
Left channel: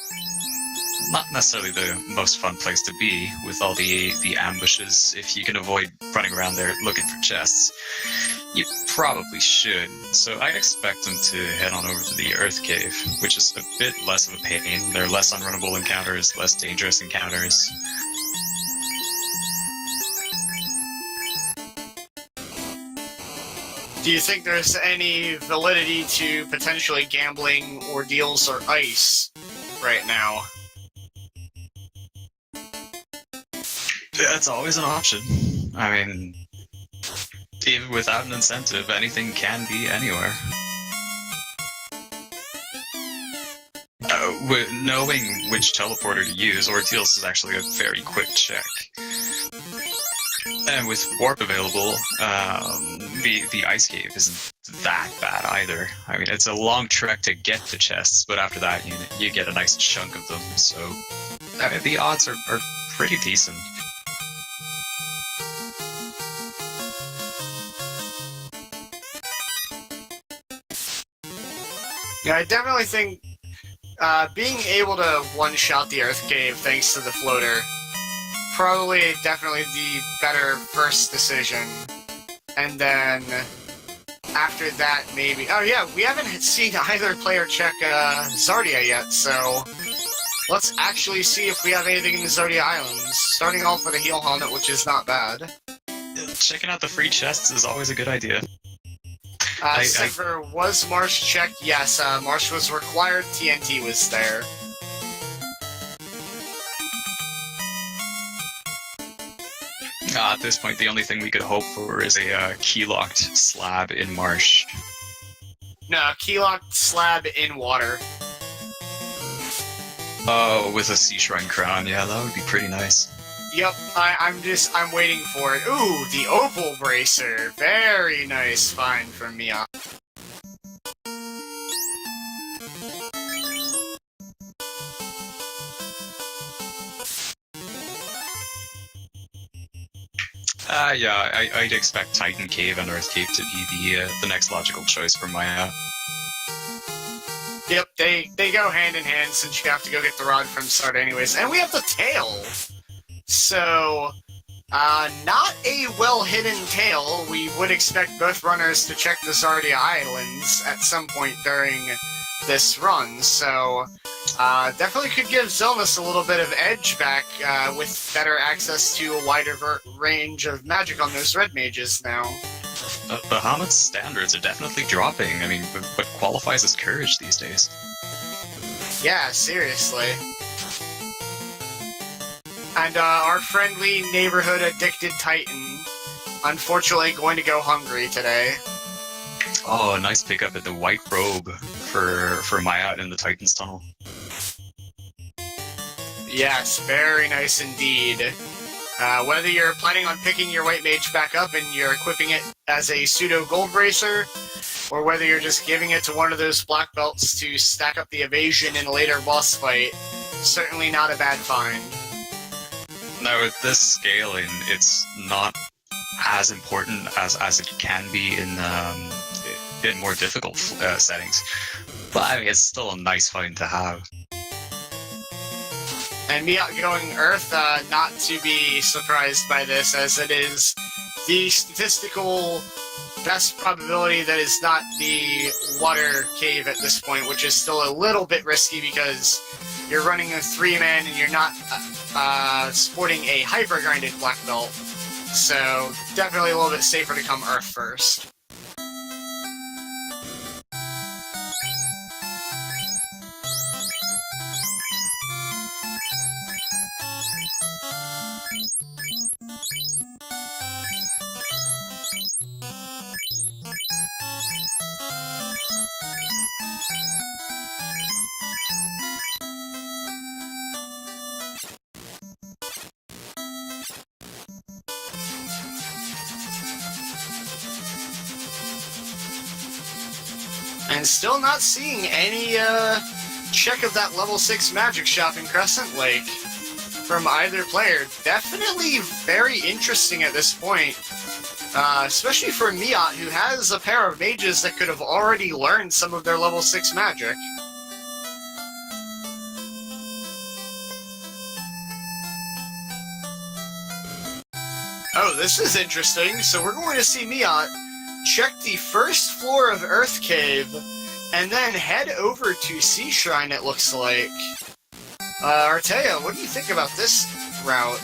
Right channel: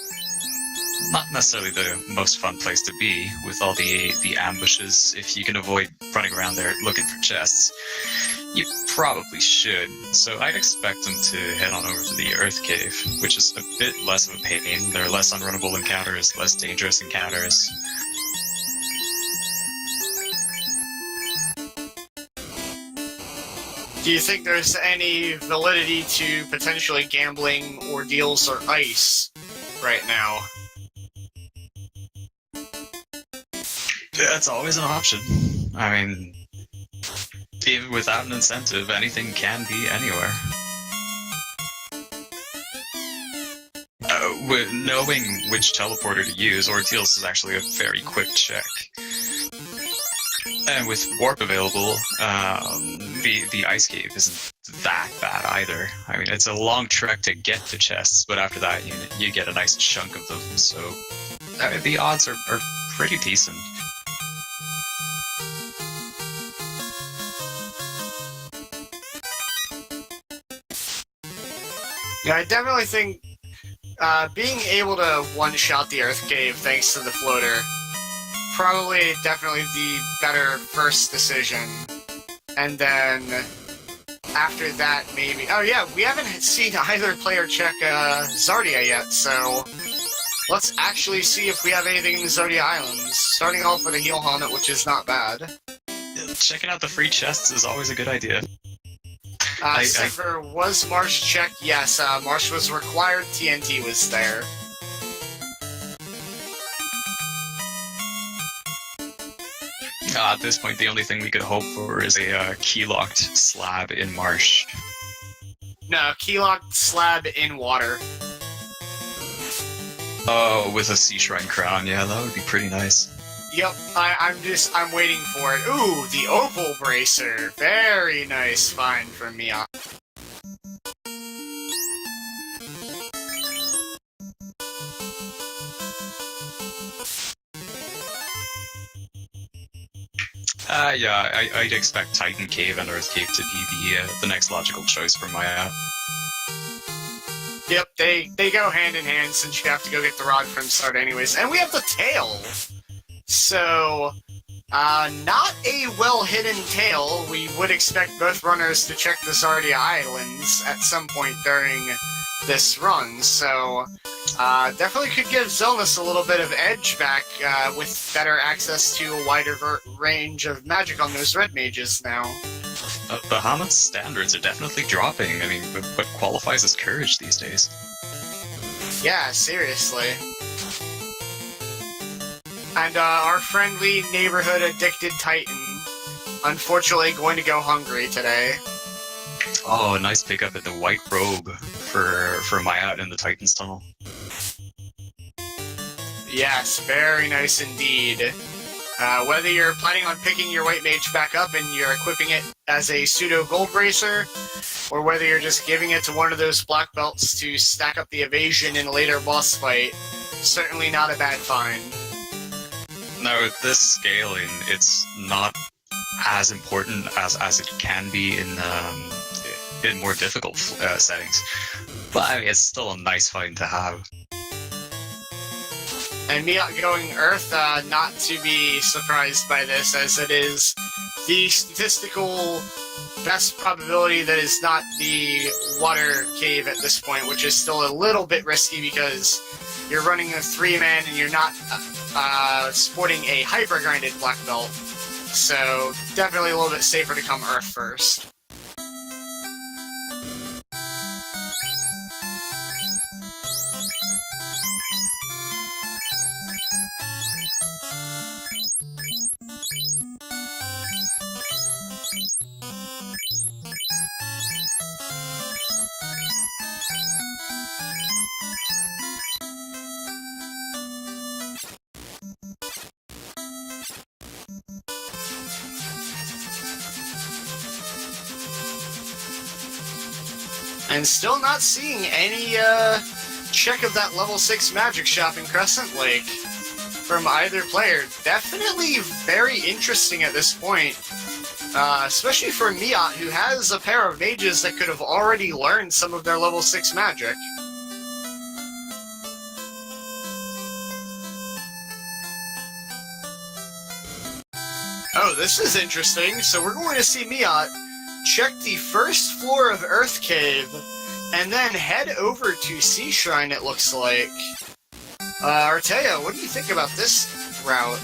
not necessarily the most fun place to be with all the ambushes. If you can avoid running around there looking for chests, you probably should. So I expect him to head on over to the Earth Cave, which is a bit less of a pain. There are less unrunnable encounters, less dangerous encounters. Do you think there's any validity to potentially gambling ordeals or ice right now? That's always an option. I mean, even without an incentive, anything can be anywhere. With knowing which teleporter to use, ordeals is actually a very quick check. And with warp available, the ice cave isn't that bad either. I mean, it's a long trek to get to chests, but after that, you get a nice chunk of them. So the odds are pretty decent. Yeah, I definitely think being able to one-shot the Earth Cave thanks to the floater, definitely the better first decision. And then after that, maybe... Oh yeah, we haven't seen either player check Zardia yet, so let's actually see if we have anything in the Zardia Islands. Starting off with a heal helmet, which is not bad. Checking out the free chests is always a good idea. Was Marsh checked? Yes, Marsh was required, TNT was there. At this point, the only thing we could hope for is a key-locked slab in marsh. No, key-locked slab in water. Oh, with a Sea Shrine crown, yeah, that would be pretty nice. Yep, I'm waiting for it. Ooh, the Opal Bracer. Very nice find from Miaut. Yeah, I'd expect Titan Cave and Earth Cave to be the next logical choice for Miaut. Yep, they go hand in hand since you have to go get the rod from start anyways. And we have the tail! So, not a well-hidden tail. We would expect both runners to check the Zardia Islands at some point during this run, so definitely could give Xelnas a little bit of edge back with better access to a wider range of magic on those red mages now. Bahamut's standards are definitely dropping. I mean, what qualifies as courage these days? Yeah, seriously. And our friendly neighborhood addicted Titan, unfortunately going to go hungry today. Oh, nice pickup at the white robe for Miaut in the Titan's tunnel. Yes, very nice indeed. Whether you're planning on picking your white mage back up and you're equipping it as a pseudo gold bracer, or whether you're just giving it to one of those black belts to stack up the evasion in a later boss fight, certainly not a bad find. Now, with this scaling, it's not as important as it can be in more difficult settings, but I mean, it's still a nice find to have. And Miaut going Earth, not to be surprised by this, as it is the statistical best probability that it's not the water cave at this point, which is still a little bit risky because you're running a 3-man and you're not sporting a hyper-grinded black belt. So definitely a little bit safer to come Earth first. And still not seeing any check of that level 6 magic shop in Crescent Lake from either player. Definitely very interesting at this point, especially for Miaut, who has a pair of mages that could have already learned some of their level 6 magic. Oh, this is interesting. So we're going to see Miaut check the first floor of Earth Cave, and then head over to Sea Shrine, it looks like. Artea, what do you think about this route?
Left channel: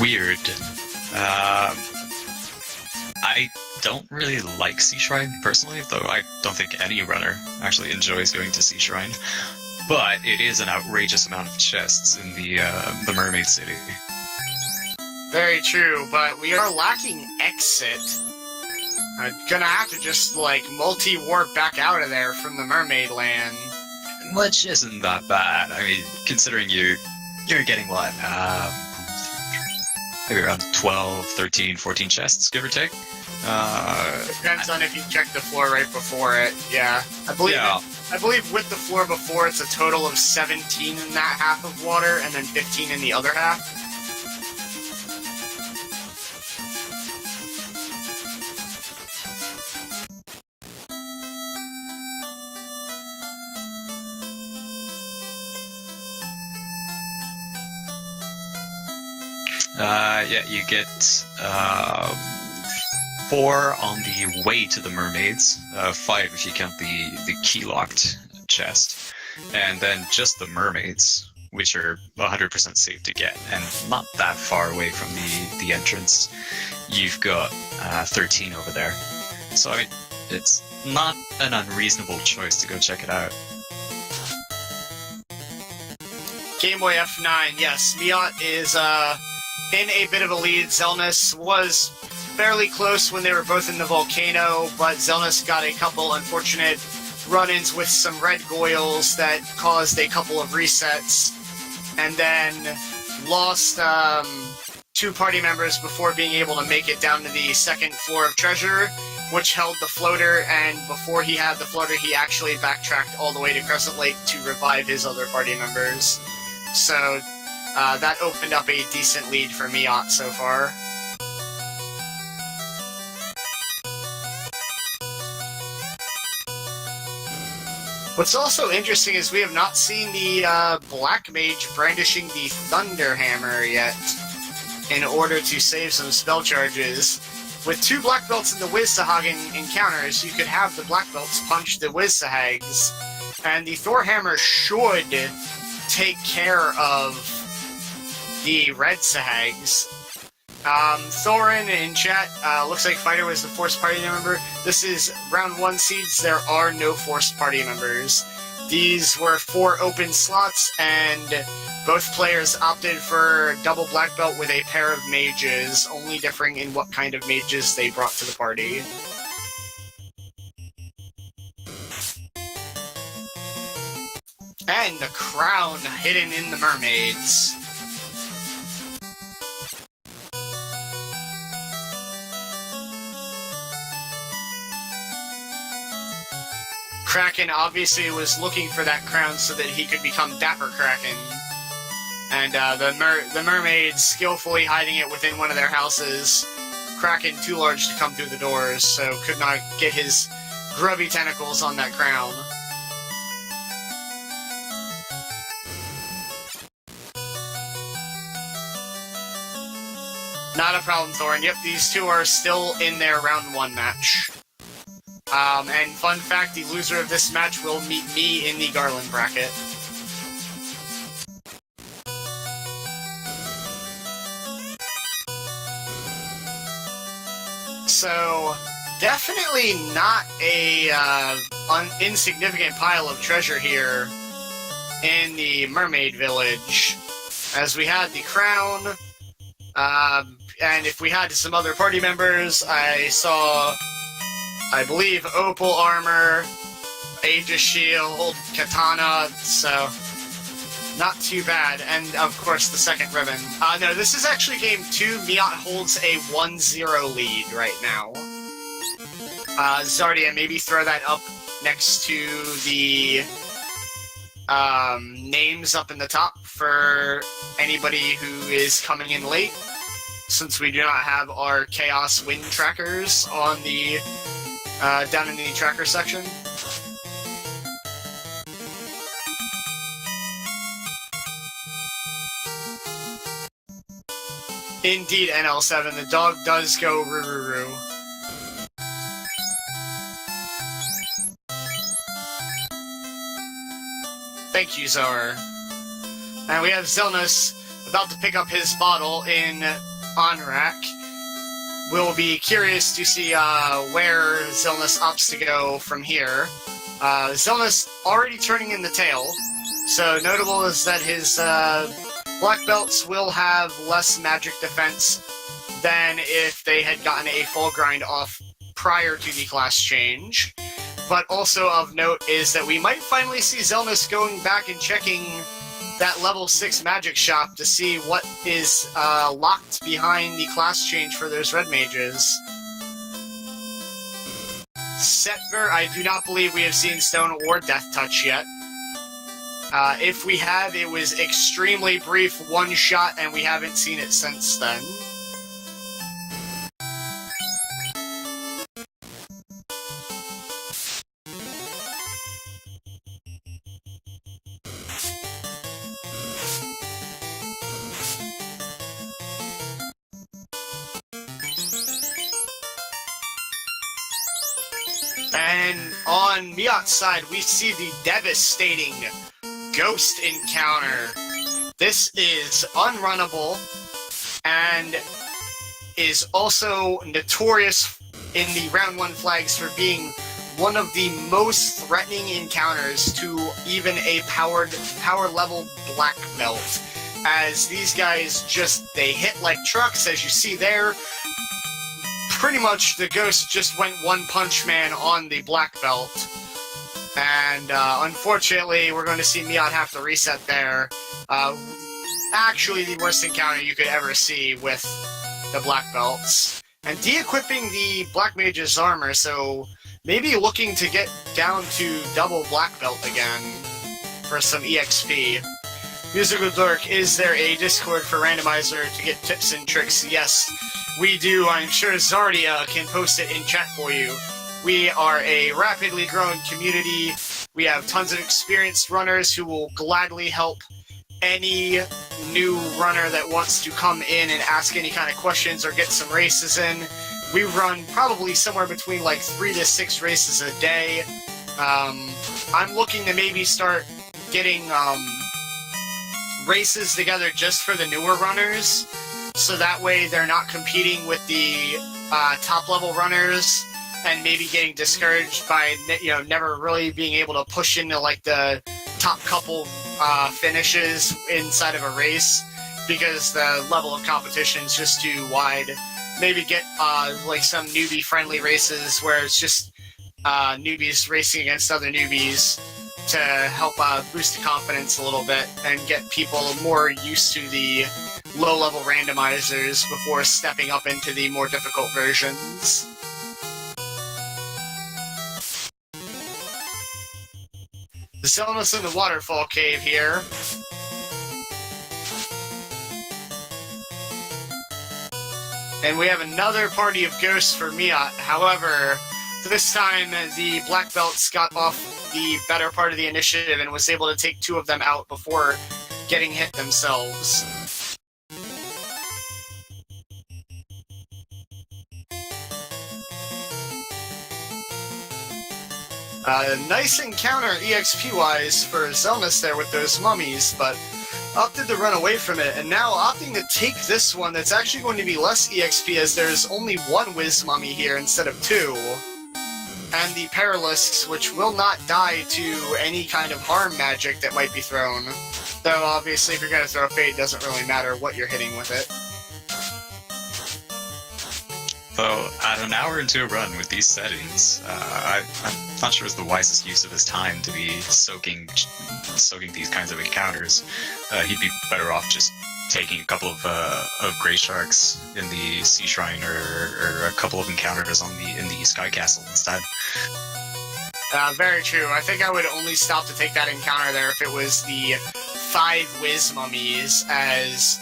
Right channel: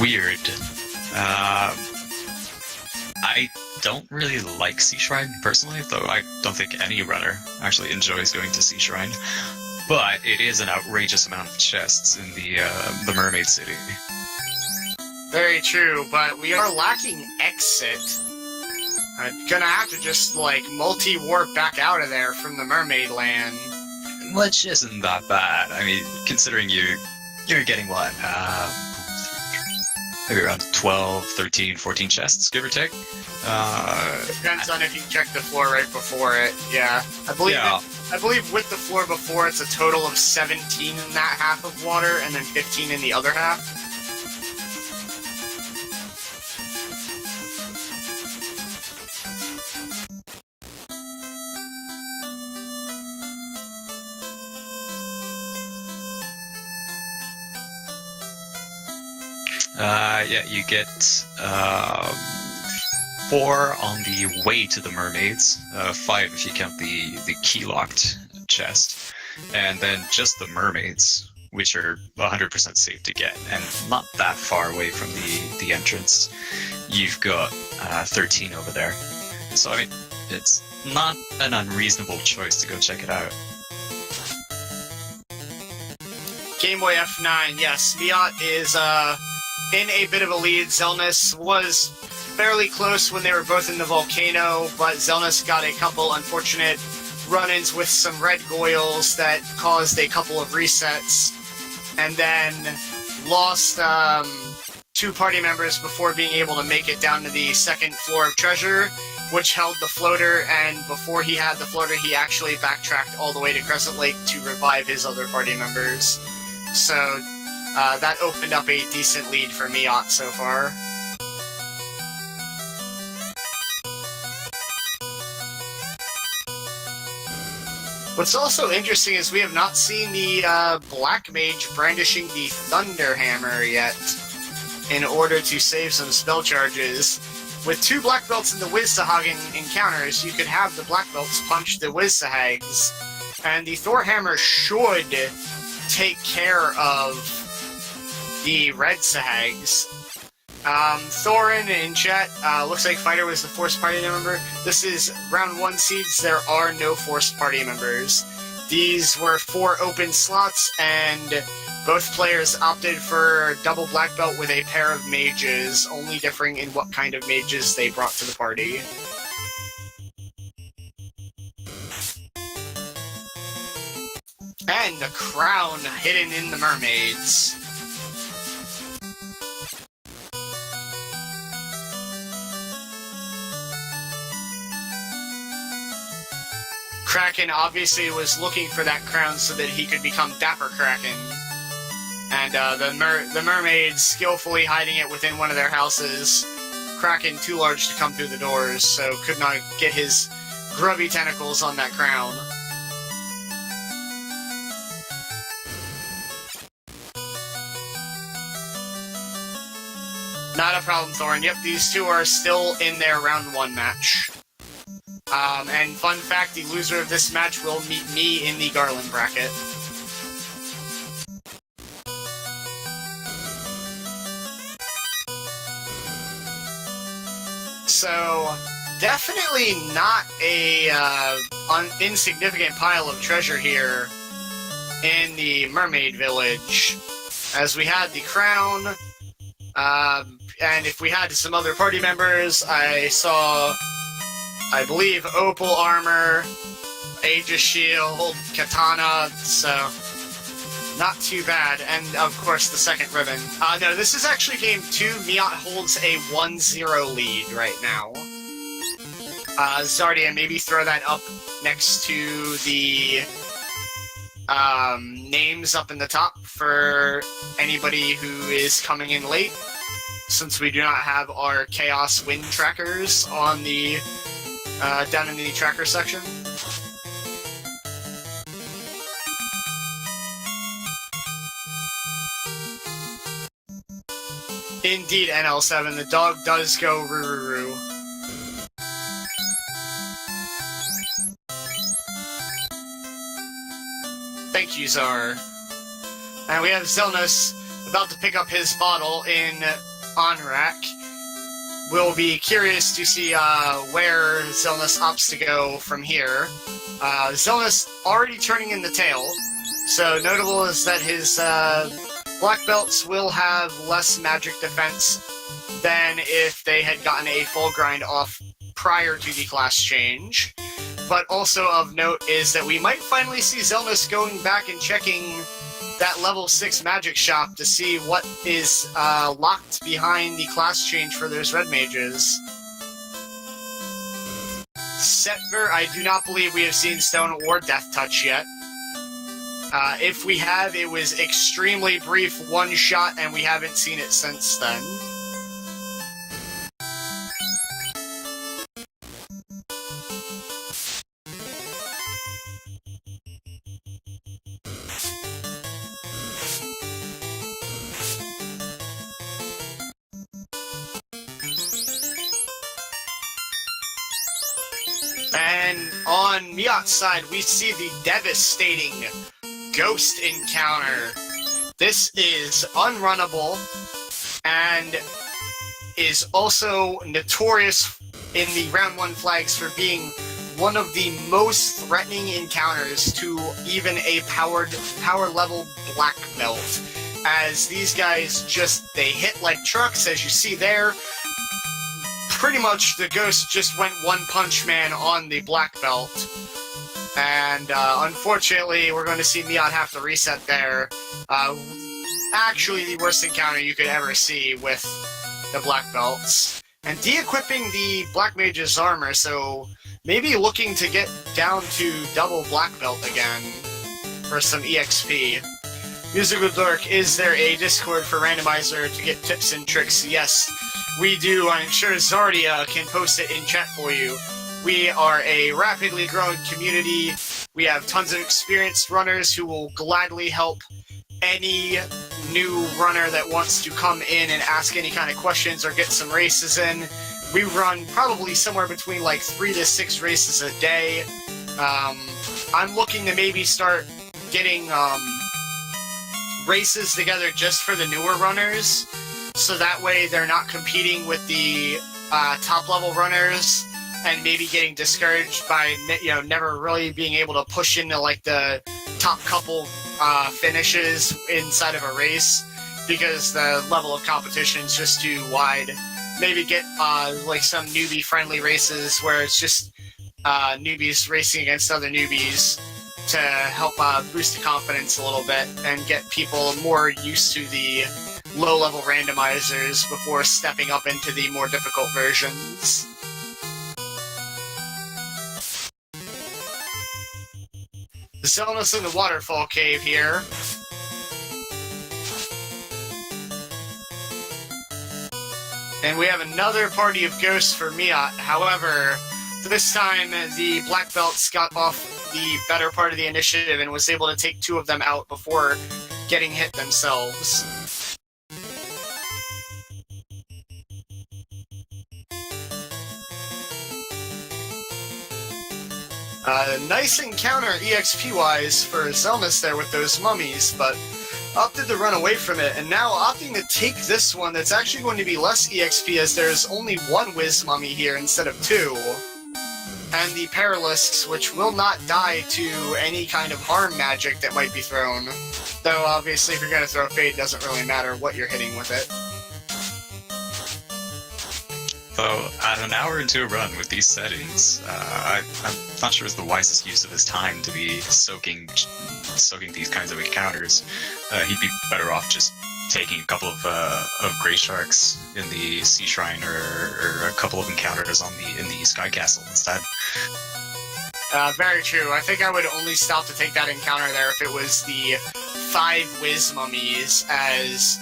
Weird. I don't really like Sea Shrine, personally, though I don't think any runner actually enjoys going to Sea Shrine. But it is an outrageous amount of chests in the Mermaid City. Very true, but we are lacking exit. Gonna have to just, like, multi-warp back out of there from the Mermaid Land. Which isn't that bad. I mean, considering you're getting what? Maybe around 12, 13, 14 chests, give or take. Depends on if you check the floor right before it. Yeah, I believe with the floor before, it's a total of 17 in that half of water, and then 15 in the other half. Yeah, you get 4 on the way to the mermaids, 5 if you count the key-locked chest, and then just the mermaids, which are 100% safe to get, and not that far away from the entrance. You've got 13 over there. So, I mean, it's not an unreasonable choice to go check it out. Game Boy F9, yes. Miaut is in a bit of a lead. Xelnas was fairly close when they were both in the volcano, but Xelnas got a couple unfortunate run-ins with some red goyles that caused a couple of resets, and then lost 2 party members before being able to make it down to the second floor of Treasure, which held the floater, and before he had the floater, he actually backtracked all the way to Crescent Lake to revive his other party members. So that opened up a decent lead for Miaut so far. What's also interesting is we have not seen the Black Mage brandishing the Thunder Hammer yet in order to save some spell charges. With 2 Black Belts in the Wiz-Sahagan encounters, you could have the Black Belts punch the Wiz-Sahags, and the Thor Hammer should take care of the Red Sahags. Thorin in chat, looks like Fighter was the forced party member. This is round 1 seeds, there are no forced party members. These were 4 open slots, and both players opted for double black belt with a pair of mages, only differing in what kind of mages they brought to the party. And the crown hidden in the mermaids. Kraken obviously was looking for that crown so that he could become Dapper Kraken. And the mermaids skillfully hiding it within one of their houses. Kraken too large to come through the doors, so could not get his grubby tentacles on that crown. Not a problem, Thorin. Yep, these 2 are still in their round 1 match. And fun fact, the loser of this match will meet me in the Garland bracket. So, definitely not a insignificant pile of treasure here in the Mermaid Village, as we had the crown, and if we had some other party members, I saw, I believe, Opal Armor, Aegis Shield, Katana, so not too bad. And, of course, the second ribbon. No, this is actually game 2. Miaut holds a 1-0 lead right now. Zardia, maybe throw that up next to the names up in the top for anybody who is coming in late, since we do not have our Chaos Wind trackers on the down in the tracker section. Indeed, NL7, the dog does go roo-roo-roo. Thank you, Czar. And we have Xelnas about to pick up his bottle in Onrak. We'll be curious to see where Xelnas opts to go from here. Xelnas already turning in the tail, so notable is that his black belts will have less magic defense than if they had gotten a full grind off prior to the class change. But also of note is that we might finally see Xelnas going back and checking that level 6 magic shop to see what is locked behind the class change for those red mages. Setver, I do not believe we have seen Stone or Death Touch yet. If we have, it was extremely brief, one shot, and we haven't seen it since then. And on Miaut's side, we see the devastating Ghost encounter. This is unrunnable and is also notorious in the round 1 flags for being one of the most threatening encounters to even a power level black belt, as these guys they hit like trucks, as you see there. Pretty much the ghost just went One Punch Man on the black belt, and unfortunately we're going to see Miaut have to reset there. Actually the worst encounter you could ever see with the black belts. And de-equipping the Black Mage's armor, so maybe looking to get down to double black belt again for some EXP. Musical Dork, is there a Discord for Randomizer to get tips and tricks? Yes, we do. I'm sure Zardia can post it in chat for you. We are a rapidly growing community. We have tons of experienced runners who will gladly help any new runner that wants to come in and ask any kind of questions or get some races in. We run probably somewhere between like 3 to 6 races a day. I'm looking to maybe start getting races together just for the newer runners, so that way they're not competing with the top level runners and maybe getting discouraged by never really being able to push into like the top couple finishes inside of a race, because the level of competition is just too wide. Maybe get like some newbie friendly races where it's just newbies racing against other newbies to help boost the confidence a little bit and get people more used to the low level randomizers before stepping up into the more difficult versions. The Xelnas in the waterfall cave here. And we have another party of ghosts for Miaut. However, this time the black belts got off the better part of the initiative and was able to take 2 of them out before getting hit themselves. Nice encounter EXP-wise for Xelnas there with those mummies, but opted to run away from it, and now opting to take this one that's actually going to be less EXP, as there's only 1 Wiz Mummy here instead of 2. And the Paralisks, which will not die to any kind of harm magic that might be thrown. Though obviously if you're going to throw Fade, it doesn't really matter what you're hitting with it. Though, at an hour into a run with these settings, I'm not sure it's the wisest use of his time to be soaking these kinds of encounters. He'd be better off just taking a couple of Grey Sharks in the Sea Shrine, or a couple of encounters in the Sky Castle instead. Very true. I think I would only stop to take that encounter there if it was the 5 Wiz Mummies, as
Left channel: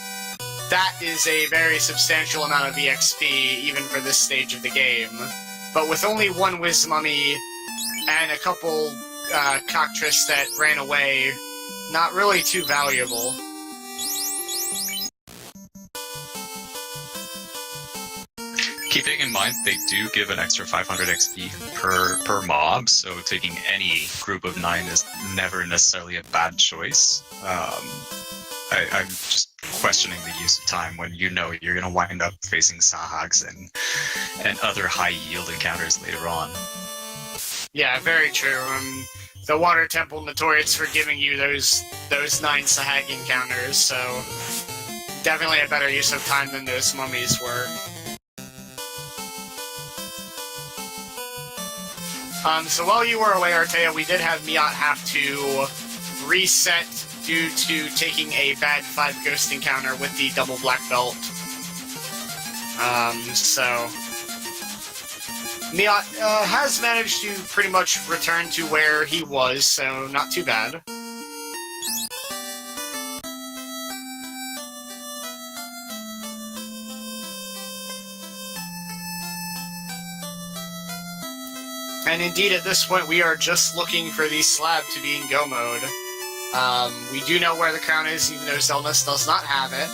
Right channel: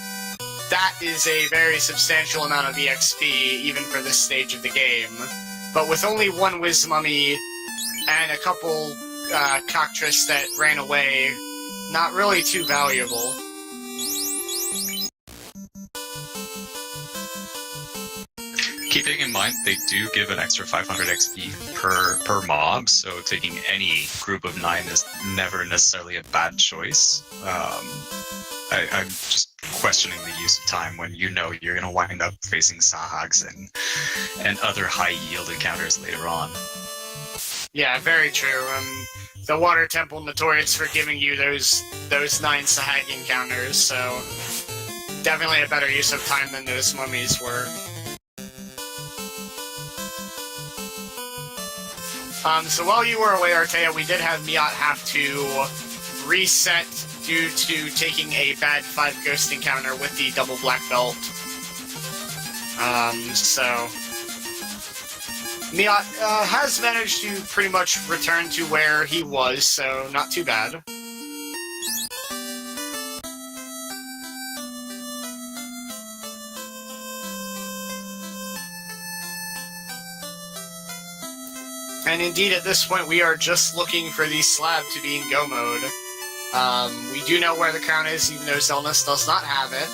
that is a very substantial amount of EXP, even for this stage of the game. But with only 1 Wiz Mummy and a couple Cockatrice that ran away, not really too valuable. Keeping in mind, they do give an extra 500 XP per mob, so taking any group of 9 is never necessarily a bad choice. I'm just questioning the use of time when you know you're going to wind up facing Sahags and other high-yield encounters later on. Yeah, very true. The Water Temple notorious for giving you those 9 Sahag encounters, so definitely a better use of time than those mummies were. So while you were away, Artea, we did have Miaut have to reset due to taking a bad 5 ghost encounter with the double black belt. So Miaut has managed to pretty much return to where he was, so not too bad. And indeed, at this point, we are just looking for the slab to be in go mode. We do know where the crown is, even though Xelnas does not have it.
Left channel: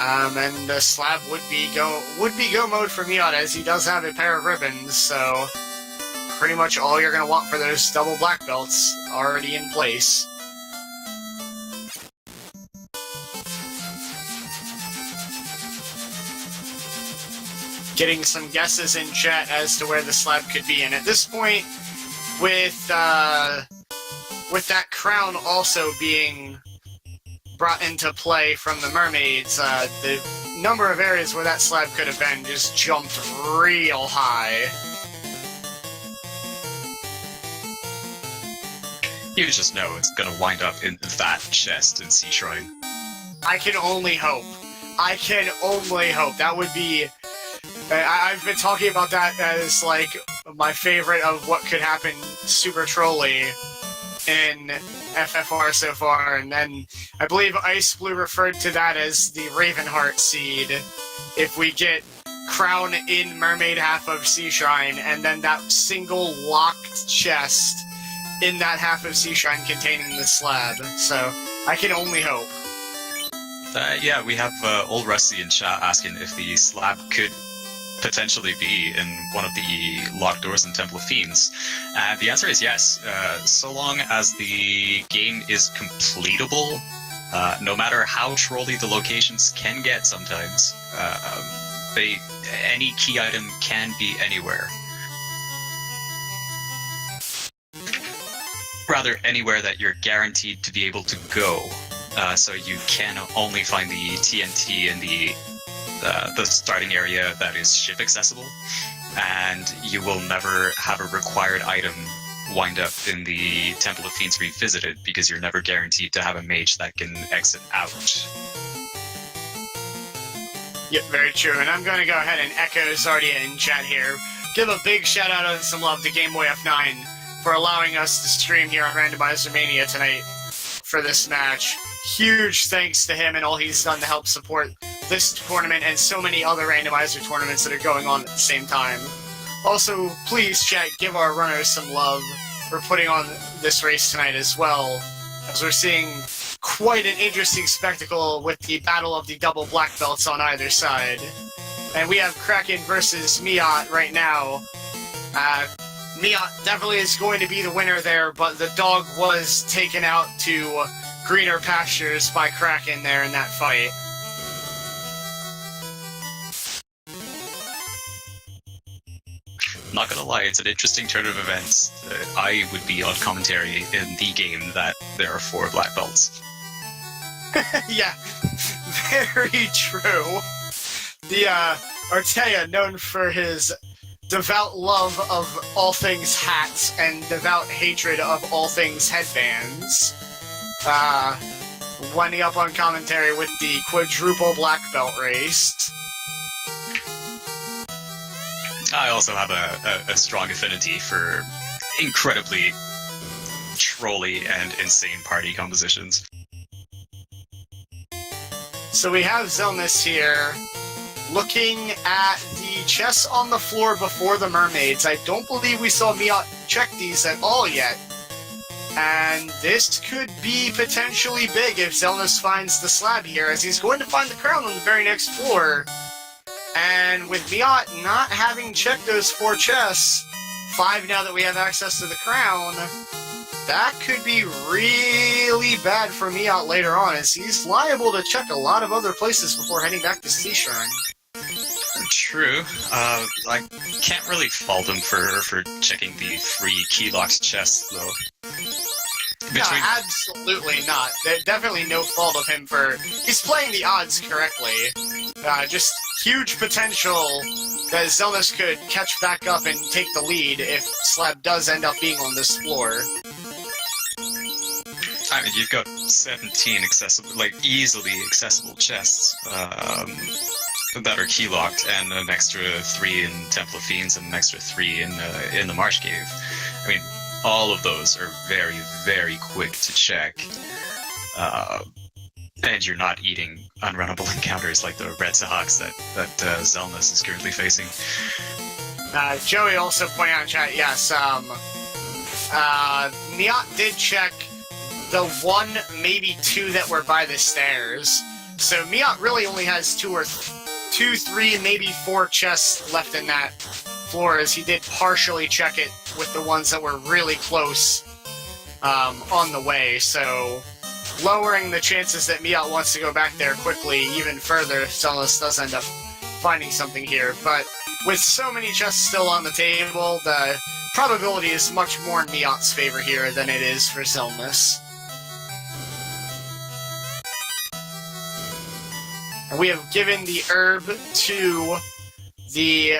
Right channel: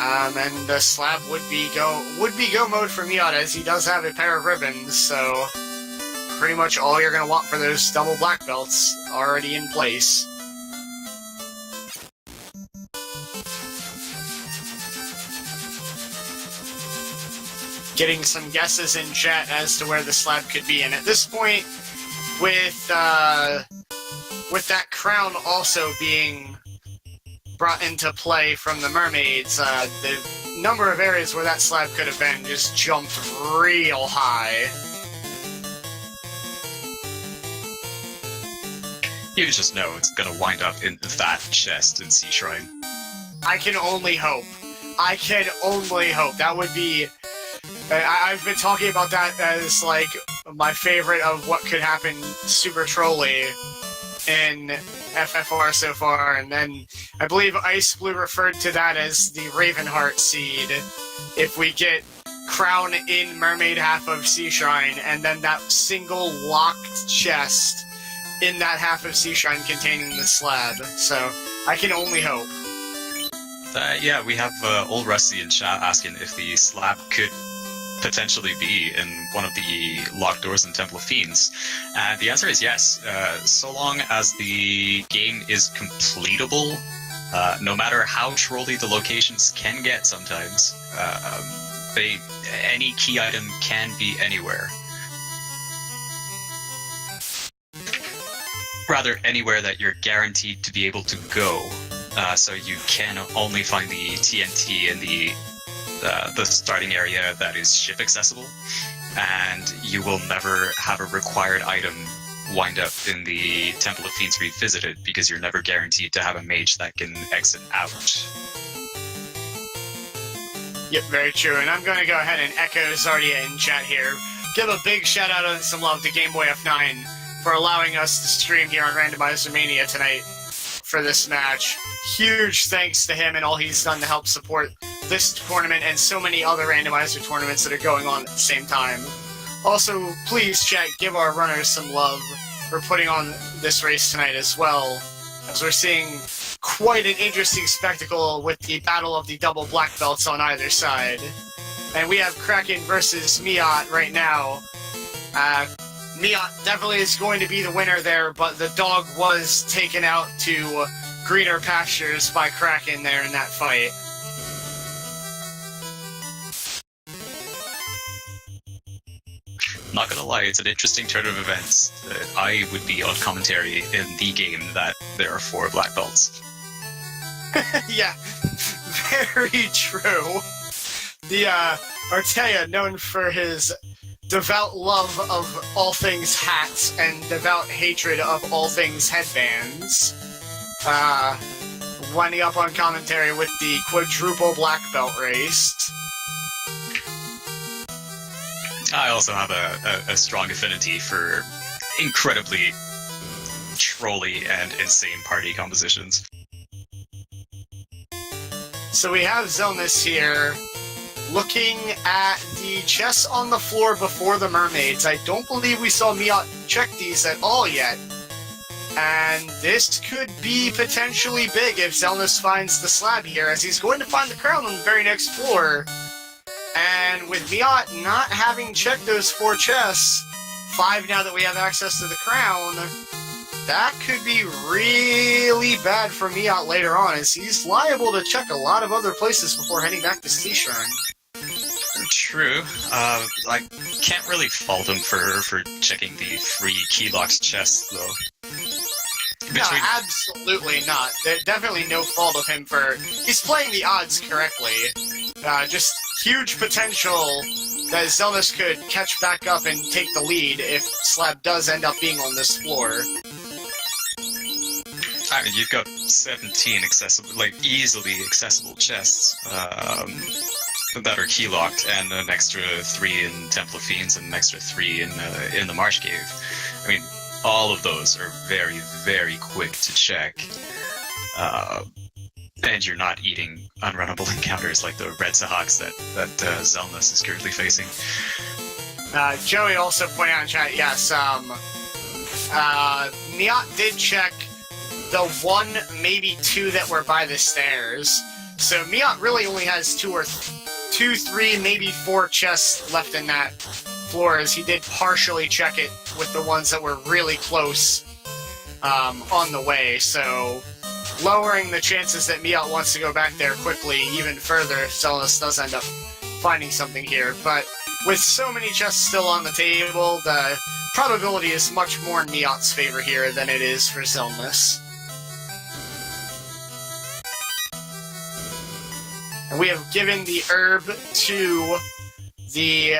And the slab would be go mode for Miaut, as he does have a pair of ribbons, so pretty much all you're going to want for those double black belts already in place. getting some guesses in chat as to where the slab could be. And at this point, with that crown also being brought into play from the mermaids, the number of areas where that slab could have been just jumped real high. You just know it's gonna wind up in that chest in Sea Shrine. I can only hope. I can only hope. That would be... I've been talking about that as, like, my favorite of what could happen super trolly in FFR so far, and then I believe Ice Blue referred to that as the Ravenheart seed. If we get Crown in Mermaid half of Sea Shrine, and then that single locked chest in that half of Sea Shrine containing the slab. So, I can only hope. Yeah, we have Old Rusty in chat asking if the slab could potentially be in one of the locked doors in Temple of Fiends. And the answer is yes. So long as the game is completable, no matter how trolly the locations can get sometimes, any key item can be anywhere. Rather, anywhere that you're guaranteed to be able to go. So you can only find the TNT in the starting area that is ship accessible, and you will never have a required item wind up in the Temple of Fiends Revisited, because you're never guaranteed to have a mage that can exit out. Yep, very true. And I'm going to go ahead and echo Zardia in chat here. Give a big shout out and some love to Gameboy F9 for allowing us to stream here on Randomizer Mania tonight for this match. Huge thanks to him and all he's done to help support this tournament and so many other randomizer tournaments that are going on at the same time. Also, please, chat, give our runners some love for putting on this race tonight as well, as we're seeing quite an interesting spectacle with the battle of the double black belts on either side. And we have Kraken versus Miaut right now. Miaut definitely is going to be the winner there, but the dog was taken out to greener pastures by Kraken there in that fight. Not gonna lie, it's an interesting turn of events. I would be on commentary in the game that there are 4 black belts. Yeah, very true. The Artea, known for his devout love of all things hats and devout hatred of all things headbands, winding up on commentary with the quadruple black belt race. I also have a strong affinity for incredibly trolly and insane party compositions. So we have Xelnas here, looking at the chests on the floor before the mermaids. I don't believe we saw Miaut check these at all yet. And this could be potentially big if Xelnas finds the slab here, as he's going to find the crown on the very next floor. And with Miaut not having checked those 4 chests, 5 now that we have access to the crown, that could be really bad for Miaut later on, as he's liable to check a lot of other places before heading back to Sea Shrine. True. I can't really fault him for checking the 3 key-locked chests, though. No, absolutely not. There's definitely no fault of him for... He's playing the odds correctly. Just huge potential that Xelnas could catch back up and take the lead if Slab does end up being on this floor. I mean, you've got 17 accessible, like, easily accessible chests that are key-locked, and an extra 3 in Temple of Fiends and an extra 3 in the Marsh Cave. I mean, all of those are very, very quick to check. And you're not eating unrunnable encounters like the Red Sahaks that Xelnas is currently facing. Joey also pointed out in chat, yes, Miaut did check the 1, maybe 2 that were by the stairs. So Miaut really only has 2, 3, maybe 4 chests left in that floor, as he did partially check it with the ones that were really close on the way. So lowering the chances that Miaut wants to go back there quickly even further if Xelnas does end up finding something here. But with so many chests still on the table, the probability is much more in Miaut's favor here than it is for Xelnas. And we have given the herb to the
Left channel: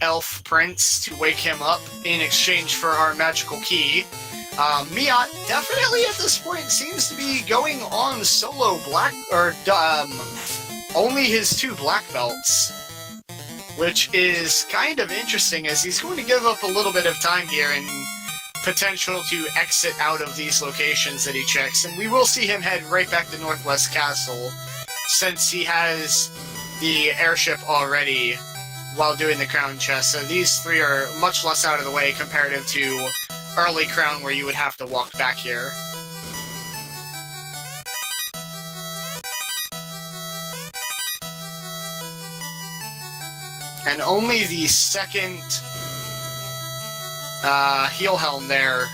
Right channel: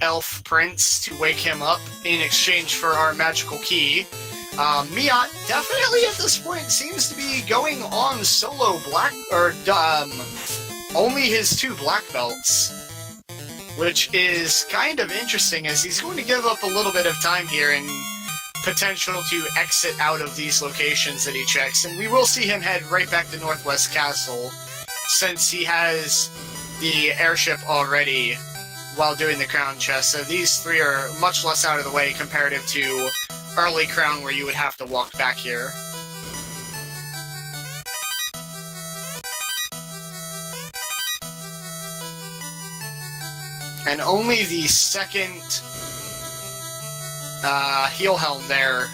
elf prince to wake him up in exchange for our magical key. Miaut definitely at this point seems to be going on solo black, or only his 2 black belts, which is kind of interesting as he's going to give up a little bit of time here and potential to exit out of these locations that he checks, and we will see him head right back to Northwest Castle since he has the airship already while doing the crown chest. So these 3 are much less out of the way comparative to early crown where you would have to walk back here. And only the second heel helm there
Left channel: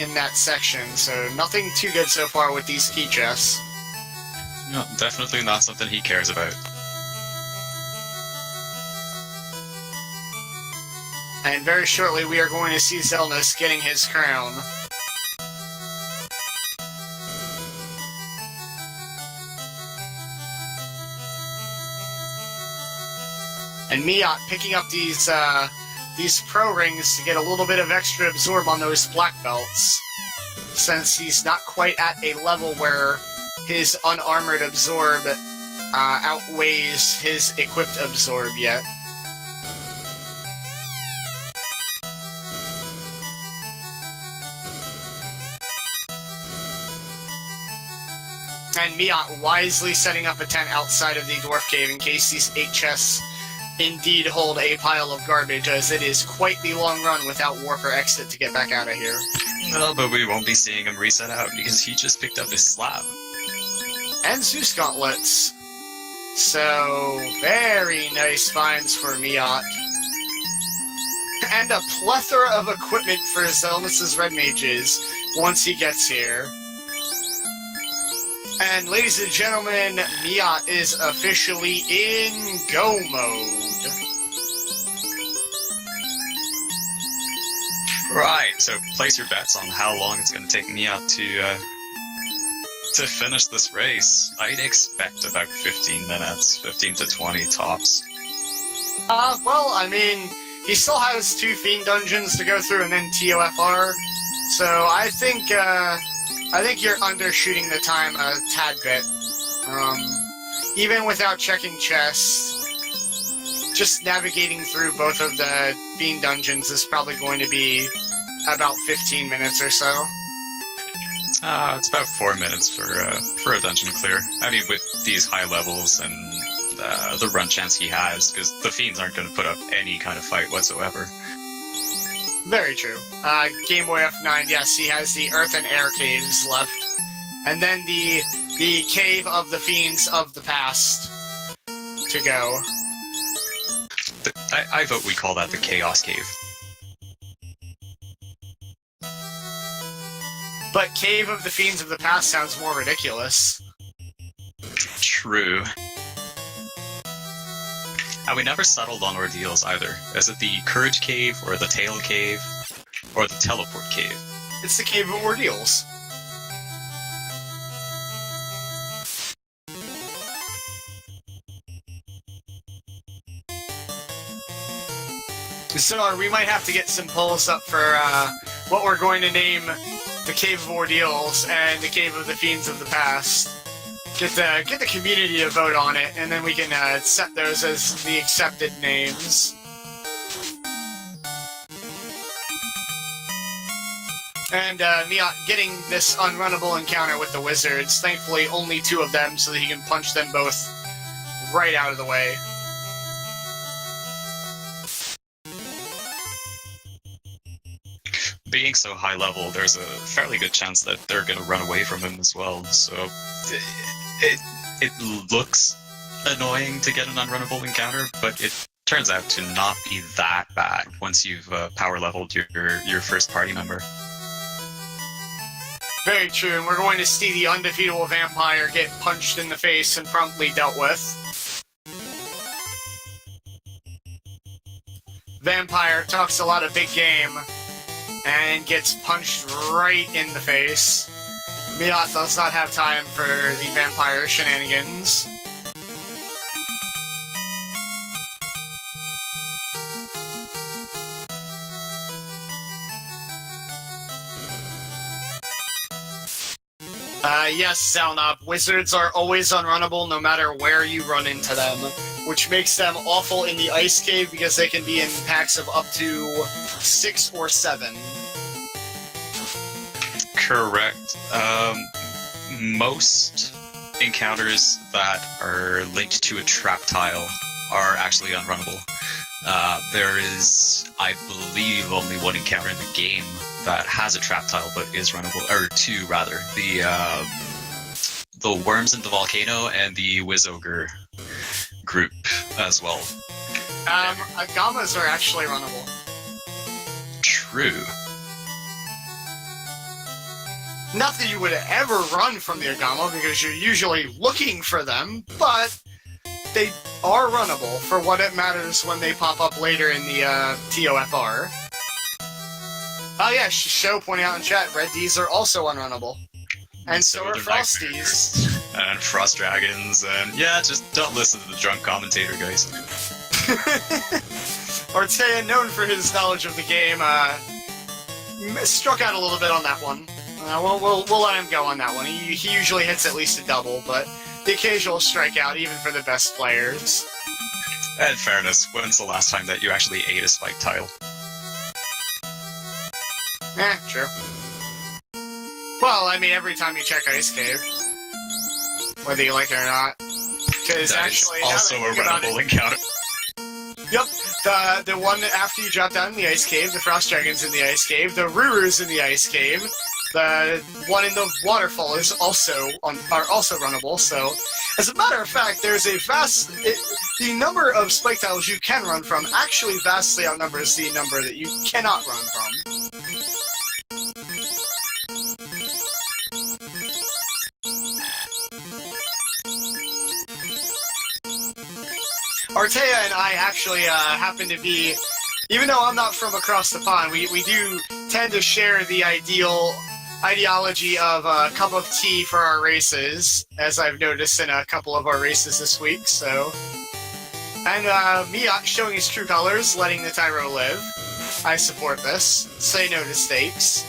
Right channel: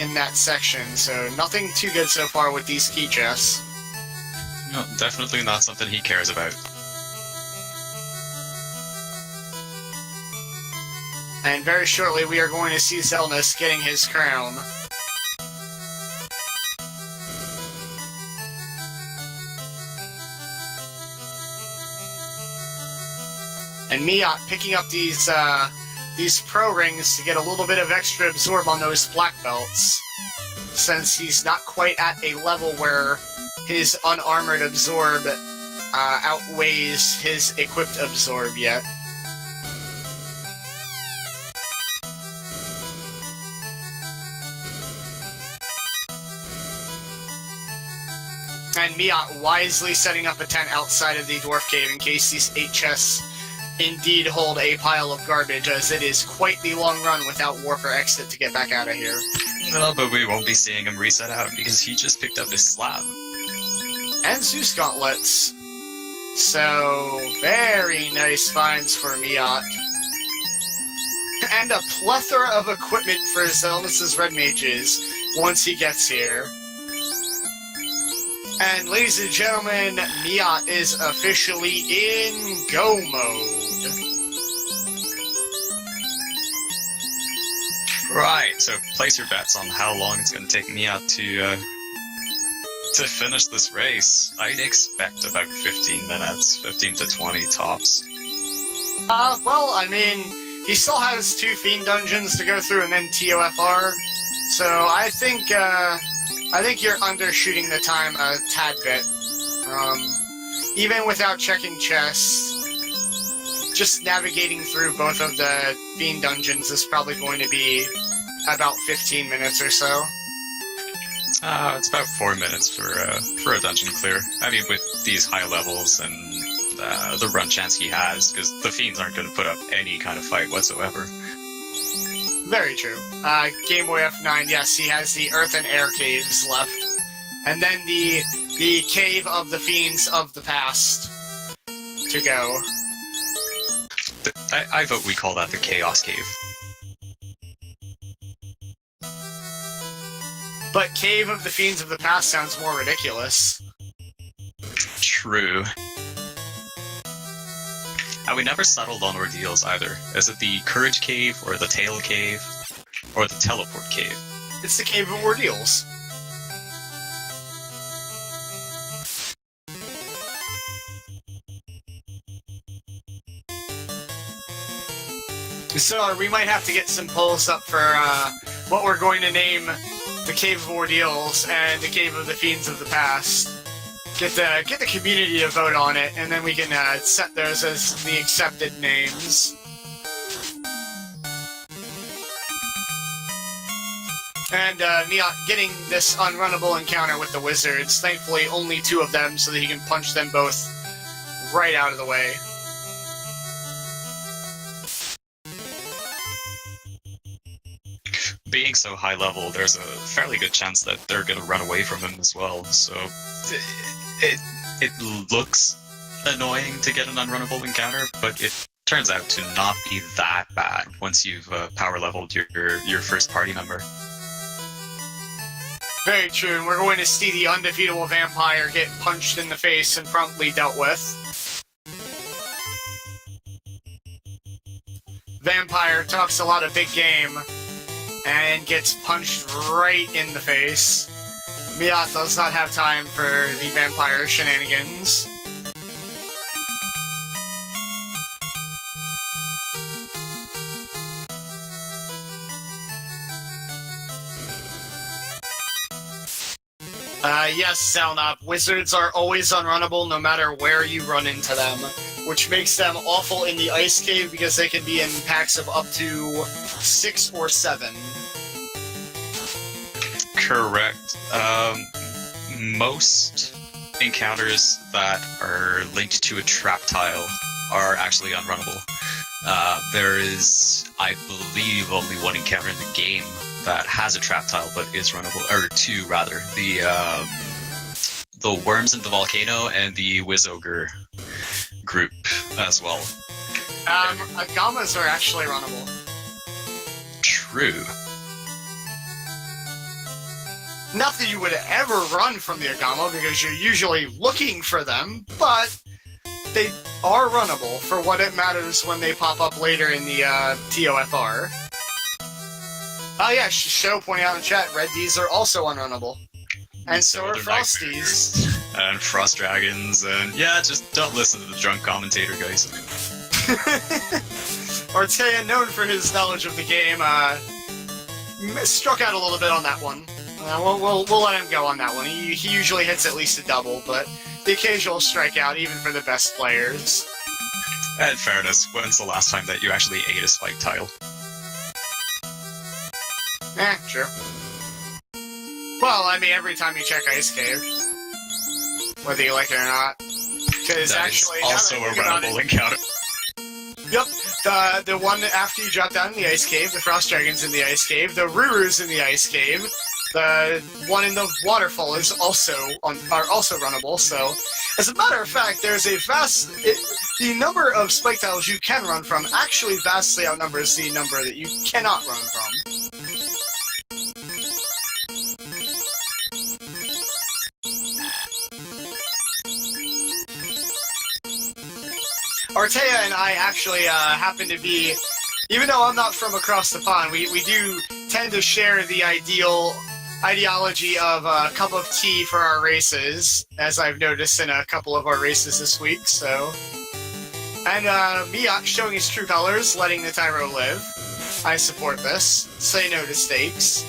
in that section, so nothing too good so far with these key chests. No, definitely not something he cares about. And very shortly we are going to see Xelnas getting his crown. And Miaut picking up these pro rings to get a little bit of extra absorb on those black belts, since he's not quite at a level where his unarmored absorb outweighs his equipped absorb yet. And Miaut wisely setting up a tent outside of the dwarf cave in case these 8 chests indeed hold a pile of garbage, as it is quite the long run without warp or exit to get back out of here. No, but we won't be seeing him reset out because he just picked up his slab. And Zeus gauntlets. So, very nice finds for Miaut. And a plethora of equipment for Xelnas' red mages once he gets here. And ladies and gentlemen, Miaut is officially in go mode. Right, so place your bets on how long it's going to take Miaut to finish this race. I'd expect about 15 minutes, 15 to 20 tops. Well, I mean, he still has 2 Fiend dungeons to go through and then TOFR, so I think you're undershooting the time a tad bit. Even without checking chests, just navigating through both of the Fiend dungeons is probably going to be about 15 minutes or so. It's about 4 minutes for a dungeon clear. I mean, with these high levels and the run chance he has, because the Fiends aren't going to put up any kind of fight whatsoever. Very true. Game Boy F9, yes, he has the Earth and Air caves left. And then the Cave of the Fiends of the Past to go. I vote we call that the Chaos Cave. But Cave of the Fiends of the Past sounds more ridiculous. True. And we never settled on ordeals either. Is it the Courage Cave, or the Tail Cave, or the Teleport Cave? It's the Cave of Ordeals. So we might have to get some polls up for what we're going to name the Cave of Ordeals and the Cave of the Fiends of the Past. Get the community to vote on it, and then we can set those as the accepted names. And Miaut getting this unrunnable encounter with the wizards. Thankfully, only 2 of them, so that he can punch them both right out of the way. Being so high level, there's a fairly good chance that they're going to run away from him as well, so it looks annoying to get an unrunnable encounter, but it turns out to not be that bad once you've power leveled your first party member. Very true, and we're going to see the undefeatable vampire get punched in the face and promptly dealt with. vampire talks a lot of big game and gets punched right in the face. Miaut does not have time for the vampire shenanigans. Yes, Xelnas. Wizards are always unrunnable no matter where you run into them, which makes them awful in the ice cave because they can be in packs of up to 6 or 7. Correct. Most encounters that are linked to a trap tile are actually unrunnable. There is, I believe, only one encounter in the game that has a trap tile but is runnable, or 2 rather. The worms in the volcano and the Wiz Ogre group as well. Agamas are actually runnable. True. Not that you would ever run from the Agama because you're usually looking for them, but they are runnable for what it matters when they pop up later in the TOFR. Oh yeah, Show pointing out in chat, Red D's are also unrunnable. And so are Frosties. And Frost Dragons, and yeah, just don't listen to the drunk commentator, guys. Ortea, known for his knowledge of the game, struck out a little bit on that one. We'll let him go on that one. He usually hits at least a double, but the occasional strikeout, even for the best players. In fairness, when's the last time that you actually ate a spike tile? True. Well, I mean, every time you check Ice Cave, whether you like it or not. Because actually, also a runnable encounter. Yep, the one after you drop down in the Ice Cave, the Frost Dragons in the Ice Cave, the Rurus in the Ice Cave, the one in the waterfall is are also runnable. So, as a matter of fact, there's a the number of spike tiles you can run from actually vastly outnumbers the number that you cannot run from. Ortea and I actually happen to be, even though I'm not from across the pond, we do tend to share the ideology of a cup of tea for our races, as I've noticed in a couple of our races this week, so. And Miaut showing his true colors, letting the Tyro live. I support this. Say no to stakes.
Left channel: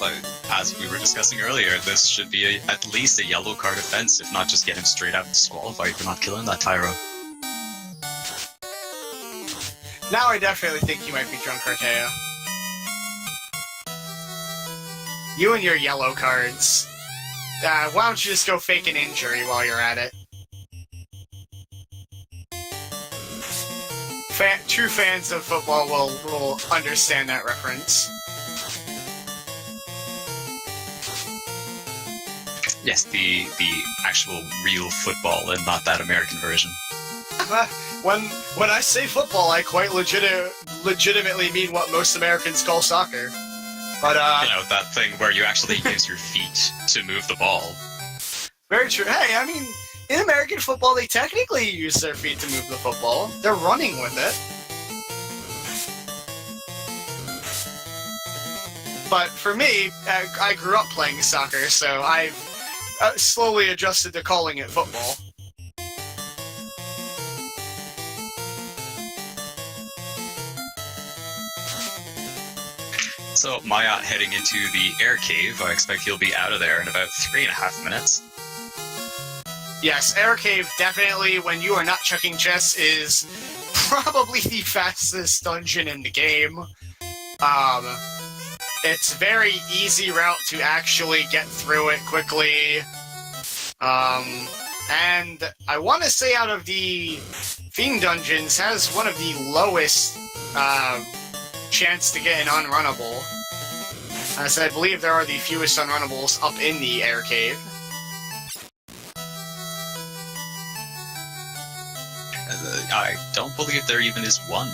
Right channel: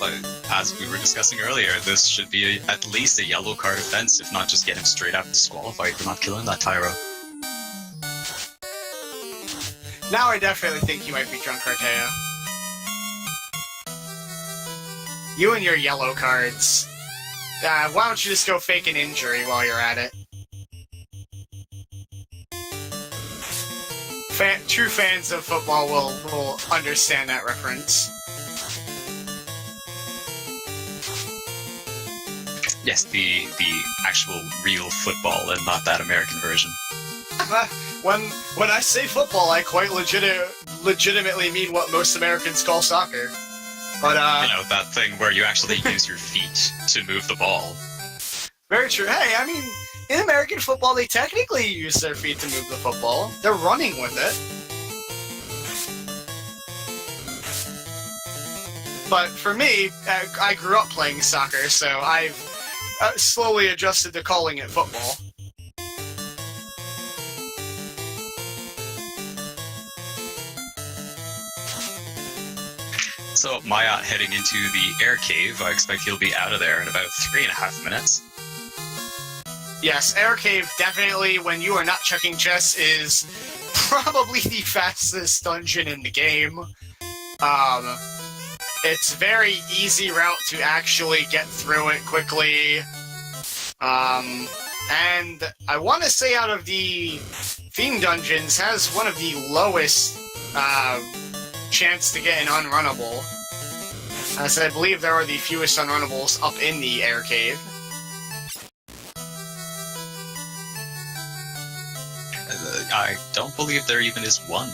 But as we were discussing earlier, this should be at least a yellow card offense, if not just get him straight out disqualified for not killing that Tyro. Now I definitely think you might be drunk, Ortea. You and your yellow cards. Why don't you just go fake an injury while you're at it? True fans of football will understand that reference. Yes, the actual real football and not that American version. When I say football, I quite legitimately mean what most Americans call soccer. But you know, that thing where you actually use your feet to move the ball. Very true. Hey, I mean, in American football, they technically use their feet to move the football. They're running with it. But for me, I grew up playing soccer, so I've slowly adjusted to calling it football. So, Miaut heading into the air cave. I expect he'll be out of there in about 3.5 minutes. Yes, air cave definitely, when you are not checking chests, is probably the fastest dungeon in the game. It's very easy route to actually get through it quickly. And I want to say out of the theme dungeons, has one of the lowest chance to get an unrunnable. As I believe there are the fewest unrunnables up in the air cave. I don't believe there even is one.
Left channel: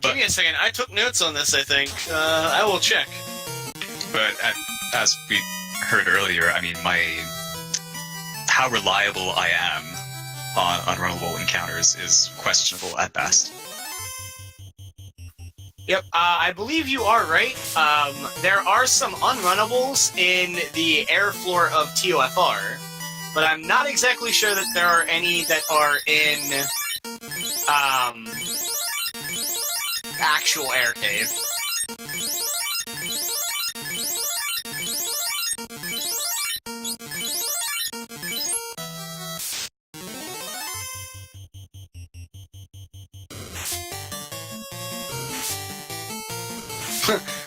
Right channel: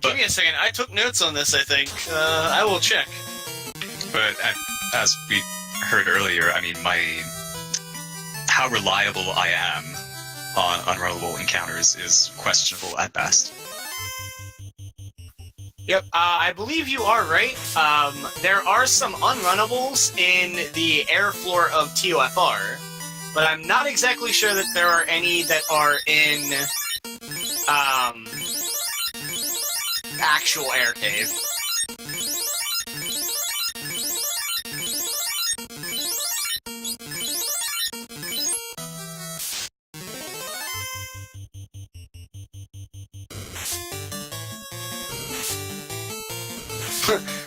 Give me a second. I took notes on this, I think. I will check. But as we heard earlier, I mean, how reliable I am on unrunnable encounters is questionable at best. Yep, I believe you are right. There are some unrunnables in the air floor of TOFR, but I'm not exactly sure that there are any that are in actual air cave.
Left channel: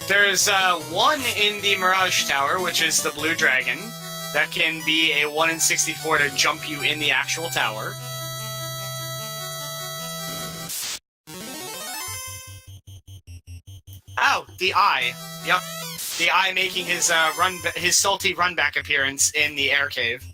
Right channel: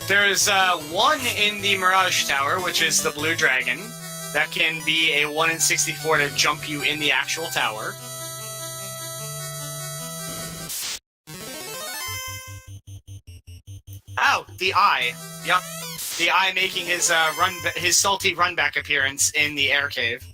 There's one in the Mirage Tower, which is the Blue Dragon. That can be a 1 in 64 to jump you in the actual tower. Oh, the Eye. Yep. The Eye making his his salty run-back appearance in the air cave.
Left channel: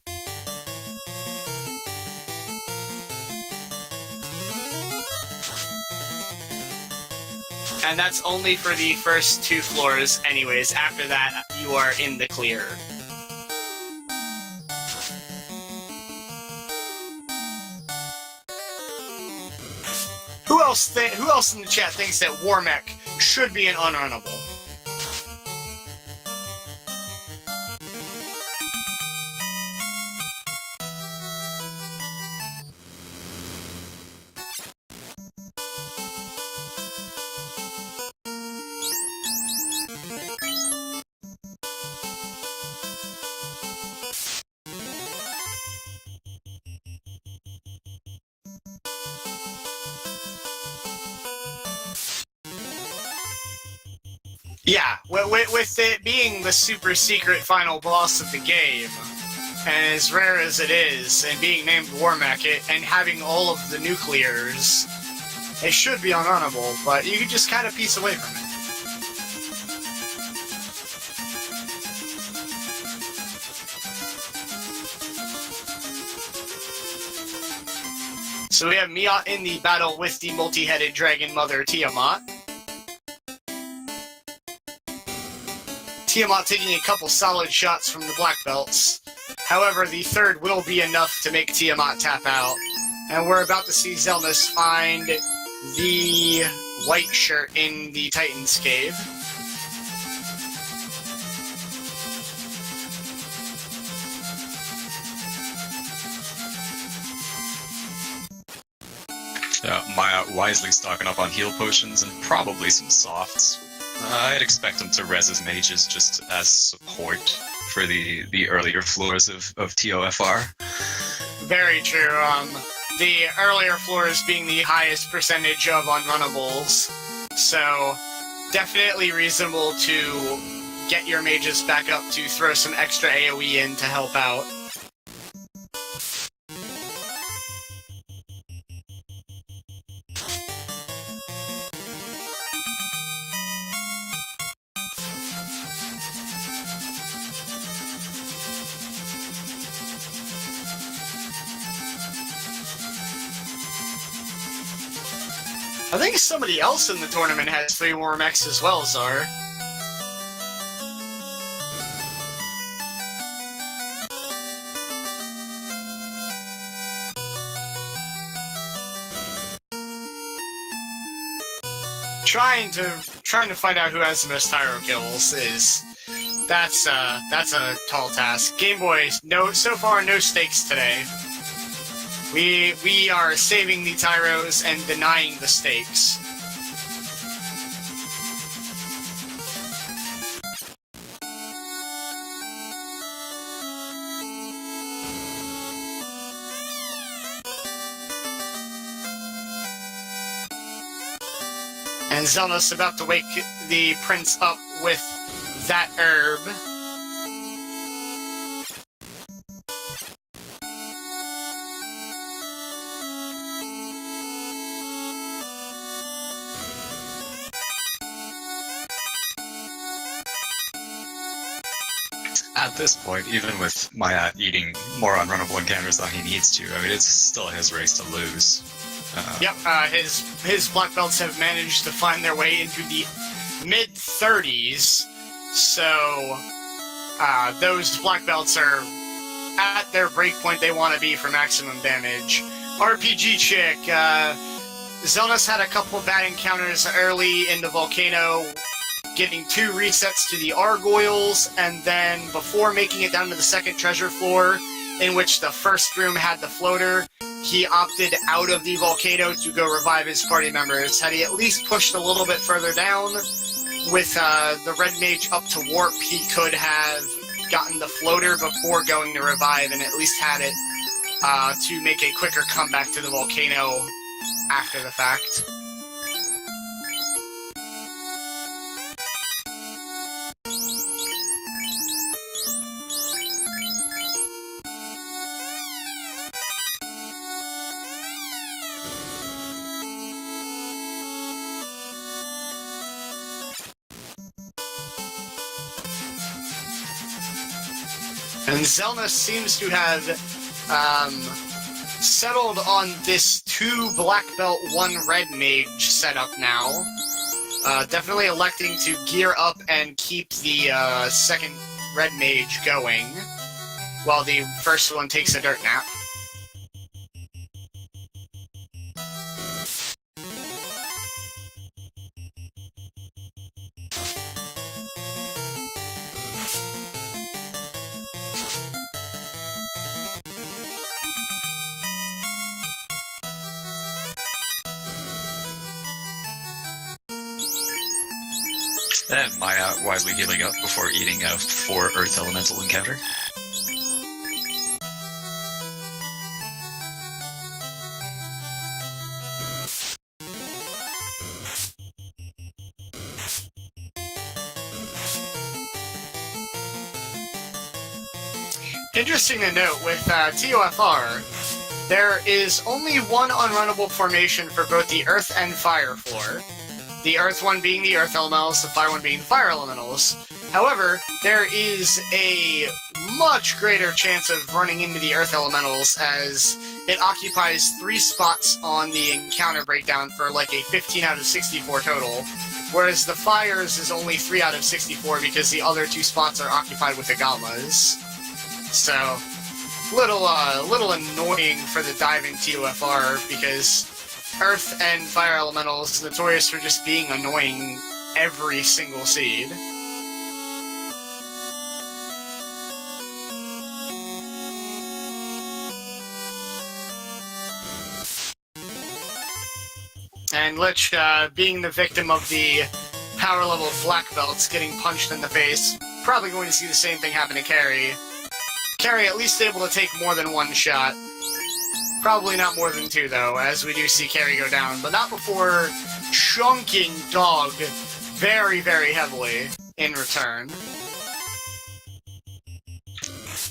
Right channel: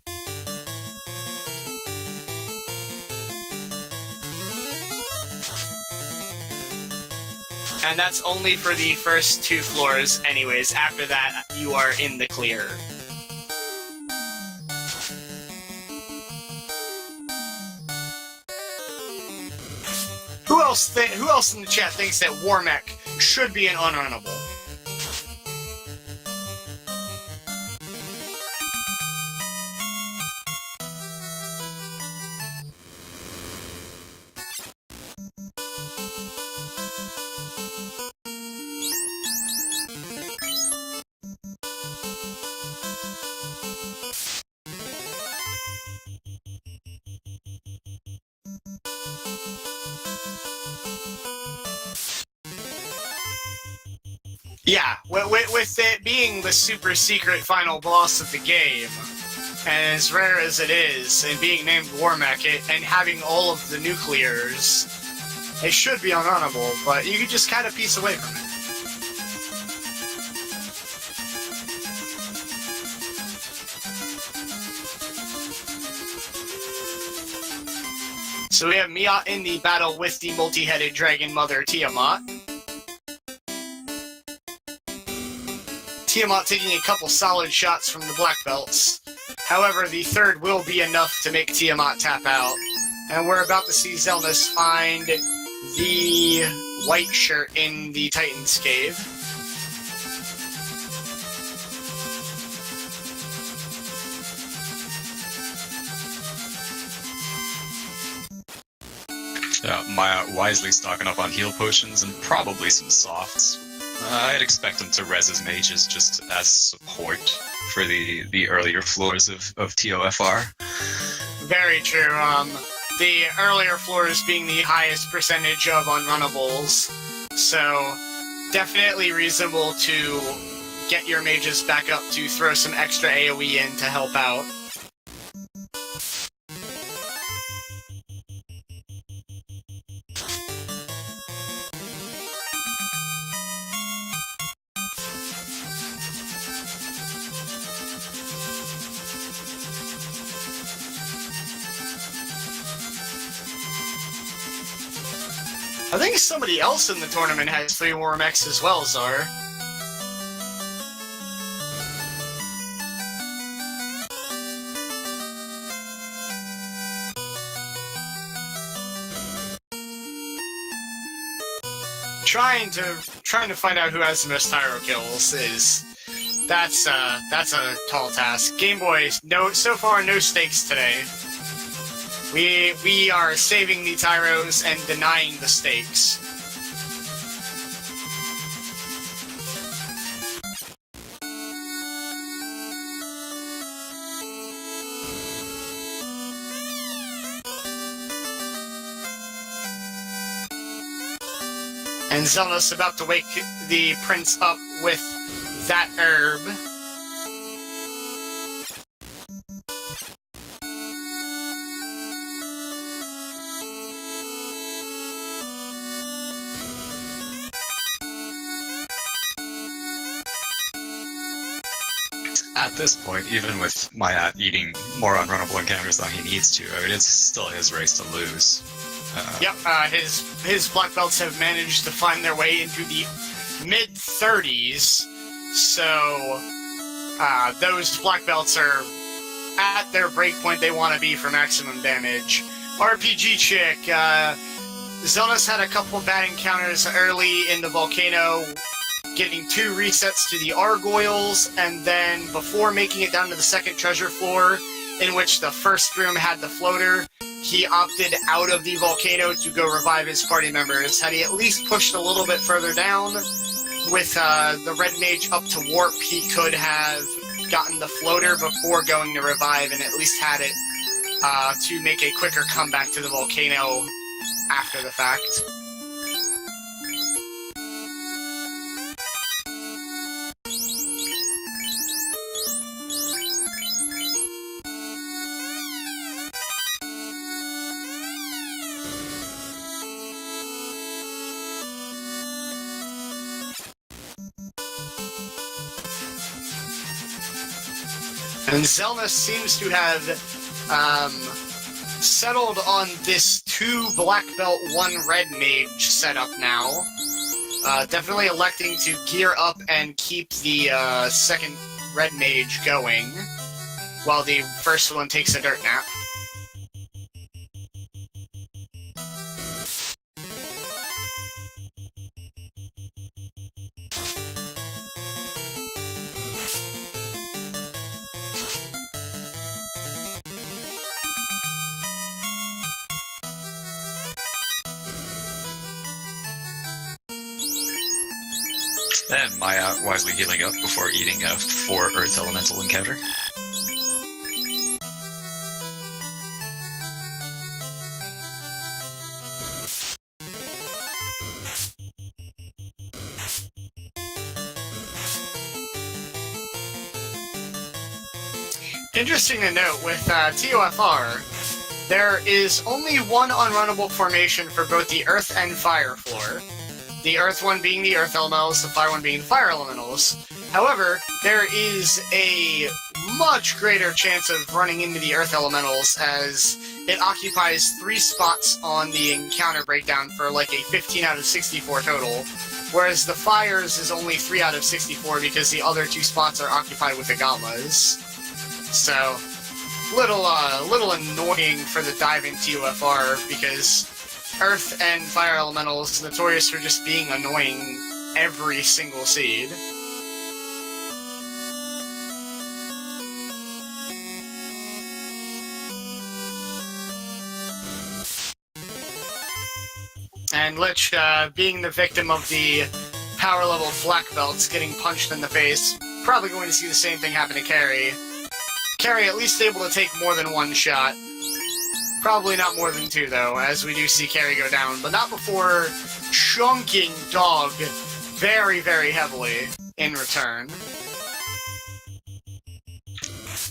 And that's only for the first 2 floors anyways. After that, you are in the clear. Who else in the chat thinks that Warmech should be an unrunnable? Yeah, with it being the super secret final boss of the game, and as rare as it is, and being named Warmech, and having all of the nuclears, it should be unrunnable, but you can just kind of piece away from it. So we have Miaut in the battle with the multi-headed dragon mother Tiamat. Tiamat taking a couple solid shots from the black belts. However, the third will be enough to make Tiamat tap out. And we're about to see Xelnas find the white shirt in the Titan's cave. Miaut wisely stocking up on heal potions and probably some softs. I'd expect him to res his mages just as support for the earlier floors of TOFR. Very true. The earlier floors being the highest percentage of unrunnables, so definitely reasonable to get your mages back up to throw some extra AoE in to help out. I think somebody else in the tournament has 3 Warmechs as well, Zar. Trying to find out who has the most Tyro kills is that's a tall task. Game Boy, so far no stakes today. We are saving the Tyros and denying the stakes. And Xelnas about to wake the prince up with that herb. At this point, even with Miaut eating more unrunnable encounters than he needs to, I mean, it's still his race to lose. Yep, his black belts have managed to find their way into the mid-30s, so those black belts are at their breakpoint they want to be for maximum damage. RPG chick. Xelnas had a couple of bad encounters early in the volcano, getting 2 resets to the Argoyles, and then before making it down to the second treasure floor, in which the first room had the floater, he opted out of the volcano to go revive his party members. Had he at least pushed a little bit further down, with the Red Mage up to warp, he could have gotten the floater before going to revive, and at least had it to make a quicker comeback to the volcano after the fact. And Xelnas seems to have settled on this 2 black belt, 1 red mage setup now. Definitely electing to gear up and keep the second red mage going, while the first one takes a dirt nap. And Miaut wisely healing up before eating a 4 Earth Elemental encounter. Interesting to note, with TOFR, there is only 1 unrunnable formation for both the Earth and Fire floor. The Earth one being the Earth Elementals, the Fire one being the Fire Elementals. However, there is a much greater chance of running into the Earth Elementals, as it occupies 3 spots on the encounter breakdown for like a 15 out of 64 total, whereas the Fires is only 3 out of 64 because the other 2 spots are occupied with the Gammas. So, little annoying for the diving TOFR, because Earth and Fire Elementals notorious for just being annoying every single seed. And Lich, being the victim of the power level black belts getting punched in the face, probably going to see the same thing happen to Carrie. Carrie at least able to take more than 1 shot. Probably not more than 2, though, as we do see Carrie go down, but not before chunking Dog very, very heavily in return.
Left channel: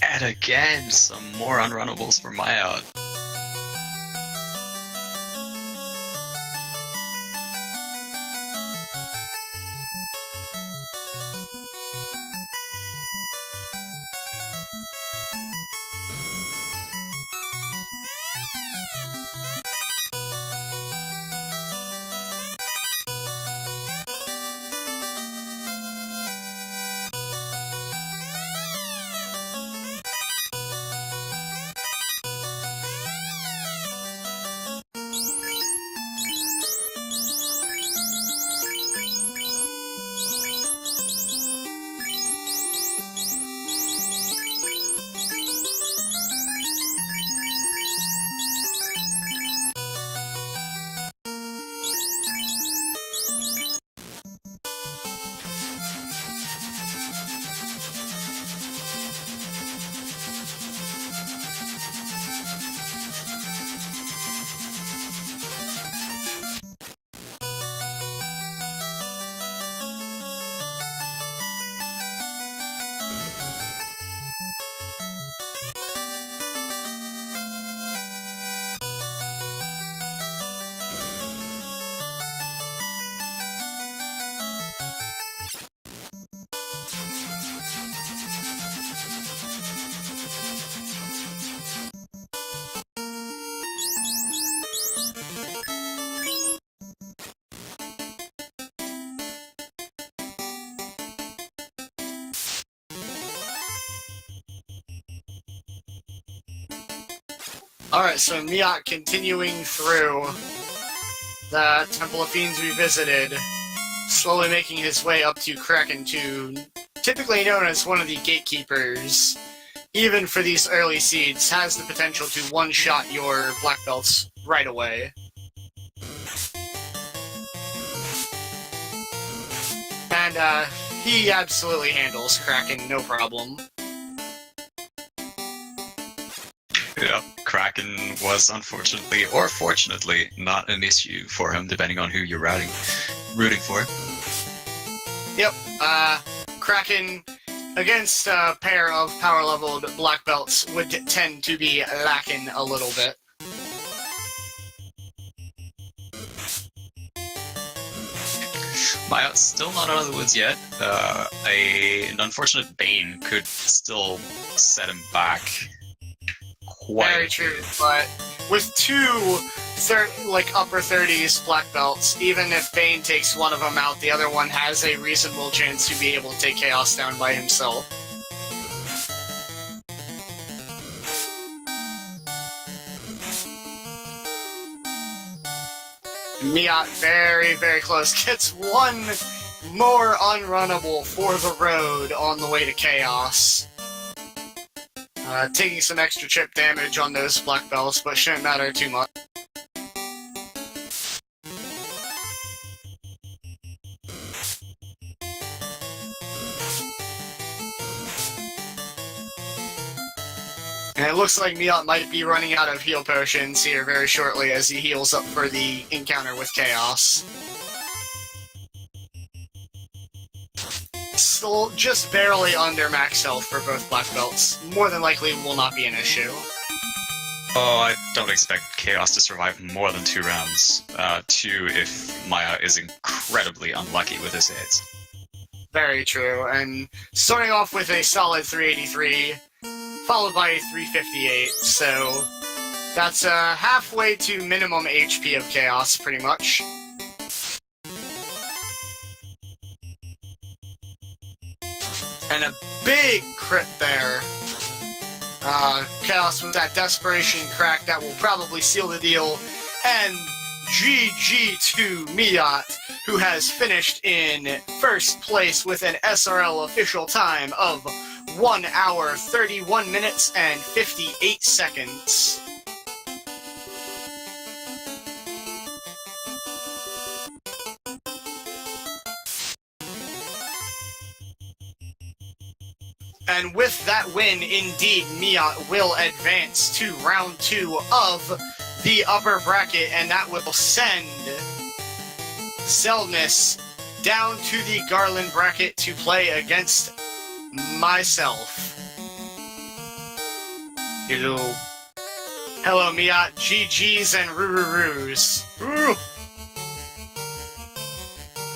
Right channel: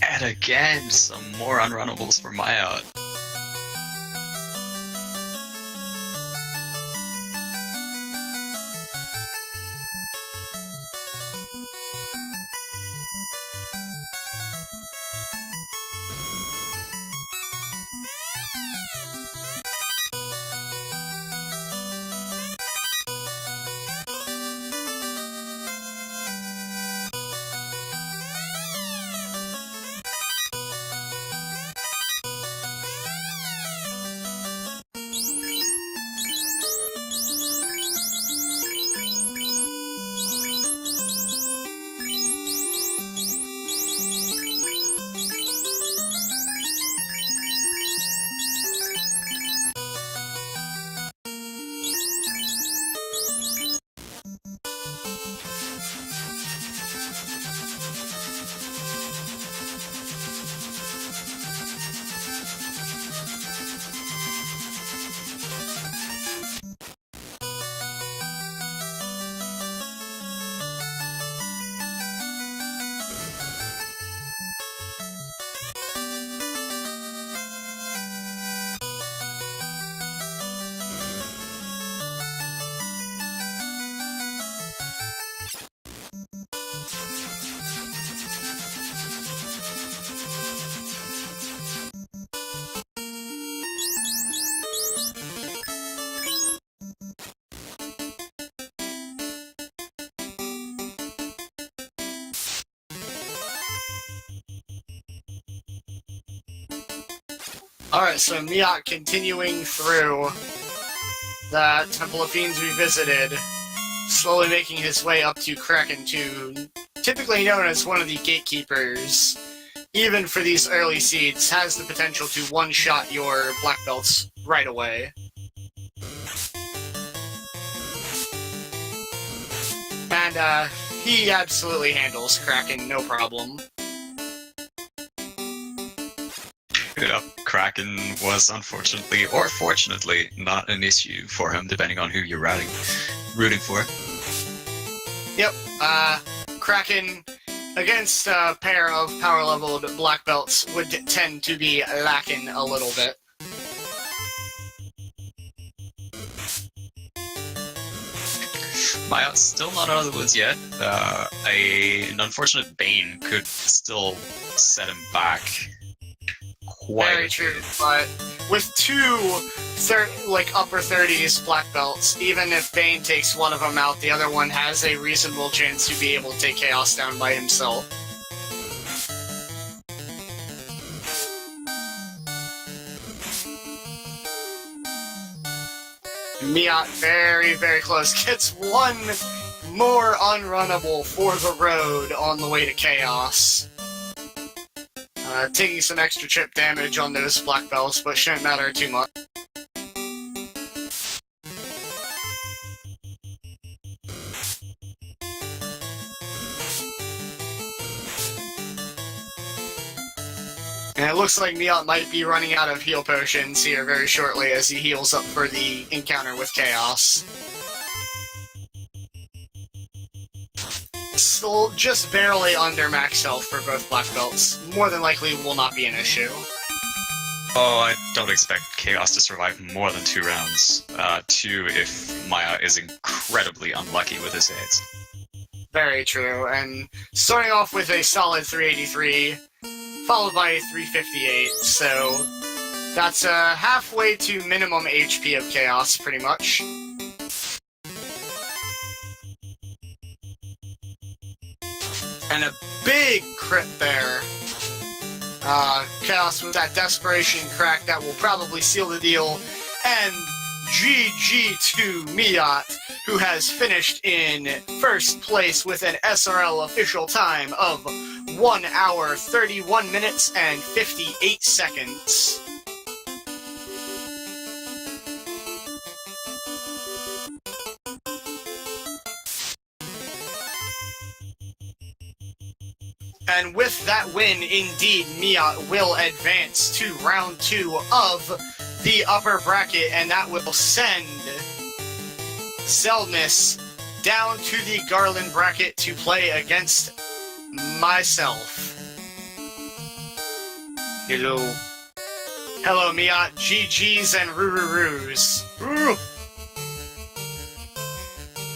And again, some more unrunnables for Miaut. Alright, so Miaut continuing through the Temple of Fiends Revisited, slowly making his way up to Kraken 2, typically known as one of the gatekeepers, even for these early seeds, has the potential to one-shot your black belts right away. And, he absolutely handles Kraken, no problem. Yeah, Kraken was unfortunately, or fortunately, not an issue for him, depending on who you're rooting for. Yep, Kraken against a pair of power-leveled black belts would tend to be lacking a little bit. Miaut's still not out of the woods yet. An unfortunate Bane could still set him back quite Very true, but with two upper 30s black belts, even if Bane takes one of them out, the other one has a reasonable chance to be able to take Chaos down by himself. Miaut very, very close. Gets one more unrunnable for the road on the way to Chaos. Taking some extra chip damage on those black belts, but shouldn't matter too much. And it looks like Miaut might be running out of heal potions here very shortly as he heals up for the encounter with Chaos. Still just barely under max health for both black belts. More than likely will not be an issue. Oh, I don't expect Chaos to survive more than 2 rounds. 2 if Miaut is incredibly unlucky with his hits. Very true, and starting off with a solid 383, followed by a 358, so that's halfway to minimum HP of Chaos, pretty much. And a big crit there. Chaos with that Desperation crack that will probably seal the deal, and GG to Miaut, who has finished in first place with an SRL official time of 1 hour, 31 minutes, and 58 seconds. And with that win, indeed, Miaut will advance to round 2 of the upper bracket, and that will send Xelnas down to the Garland bracket to play against myself. Hello. Hello, Miaut. GG's and Roo-Roo-Roos. Roo!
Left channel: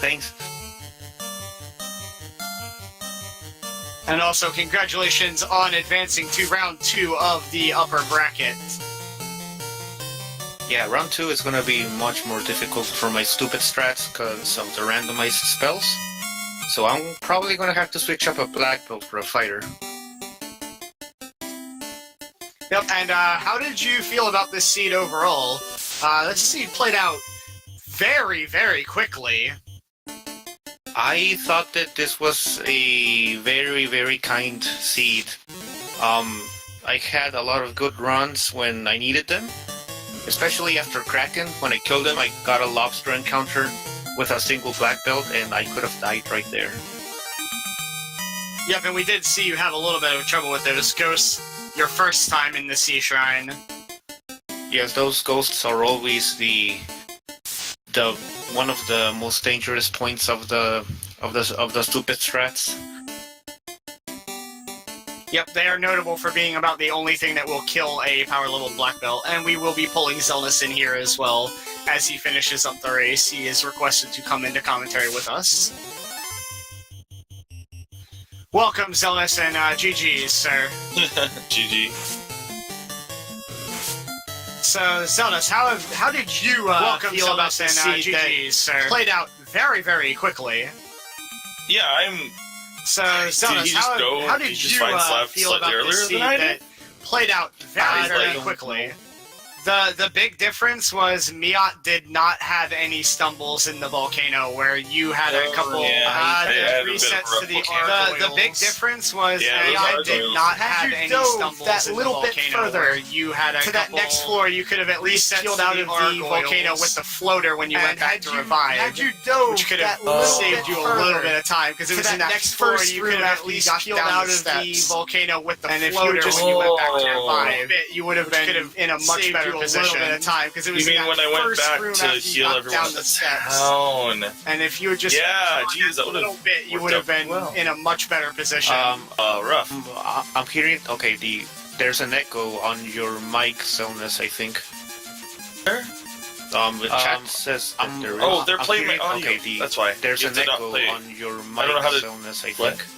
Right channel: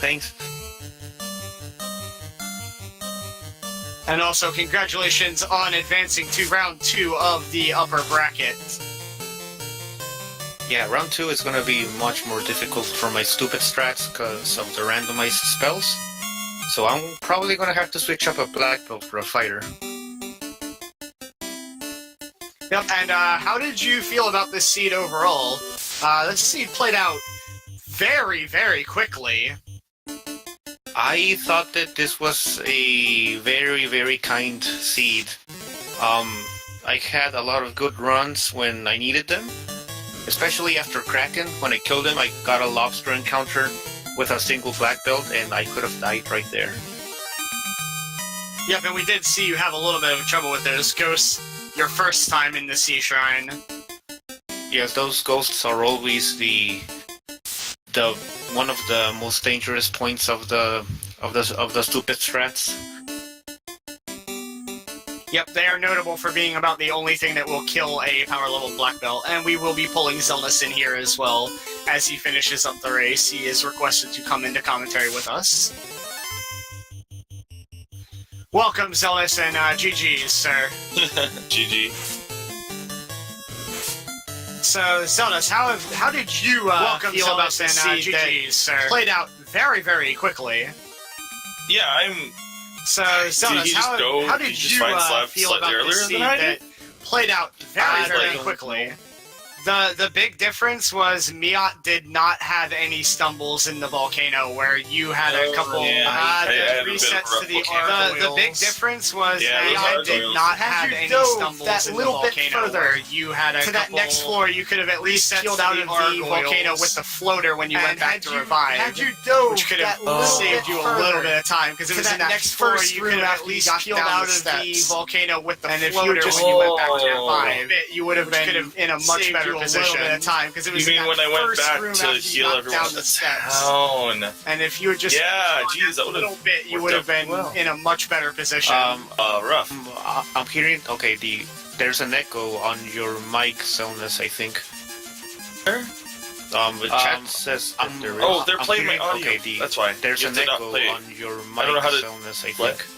Thanks. And also, congratulations on advancing to round 2 of the upper bracket. Yeah, round 2 is gonna be much more difficult for my stupid strats because of the randomized spells. So I'm probably gonna have to switch up a black belt for a fighter. Yep, and how did you feel about this seed overall? This seed played out very, very quickly. I thought that this was a very, very kind seed. I had a lot of good runs when I needed them. Especially after Kraken, when I killed him, I got a lobster encounter with a single black belt, and I could have died right there. Yep, and we did see you have a little bit of trouble with those ghosts your first time in the Sea Shrine. Yes, those ghosts are always the one of the most dangerous points of the stupid strats. Yep, they are notable for being about the only thing that will kill a power level black belt, and we will be pulling Xelnas in here as well. As he finishes up the race, he is requested to come into commentary with us. Welcome, Xelnas, and GG's, sir. GG. So, Xelnas, how did you feel about this seed GG's, sir. that played out very, very quickly? Yeah, I'm. So, Did Xelnas, he just go- how did did he just you find Slav feel slightly about earlier this than seed I that did? played out very, I very don't quickly? know. The big difference was Miaut did not have any stumbles in the volcano, where you had a couple yeah. I had a bit of resets to the rough the big difference was Yeah, those Miaut did gargoyles. not Had have you any dove stumbles that in little the bit volcano. further Where you had to that next floor, you could have at least resets peeled to out the of the gargoyles. volcano with the floater when you And went back had to you- revive. had you dove which could that have little saved bit you a further little bit of time because it to was in that that next first floor, you room could have at at least least peeled down out the of steps. the volcano with the And if you floater just- when you went back to Oh. revive. You would have Which could been have in a much saved better you a position. little bit of time because it was You in mean that when I went first back room to after you heal knocked everyone down at the the steps. town? And if you had just Yeah, geez, that a would little have bit, you worked would have out been well. in a much better position. Rough. I'm hearing. Okay, there's an echo on your mic, Xelnas, I think. Where? The chat says that there is. Oh, they're I'm playing my hearing- audio. Okay, That's why. there's You an have to not echo play it. on your mic, I don't know how to- Xelnas, I What? think.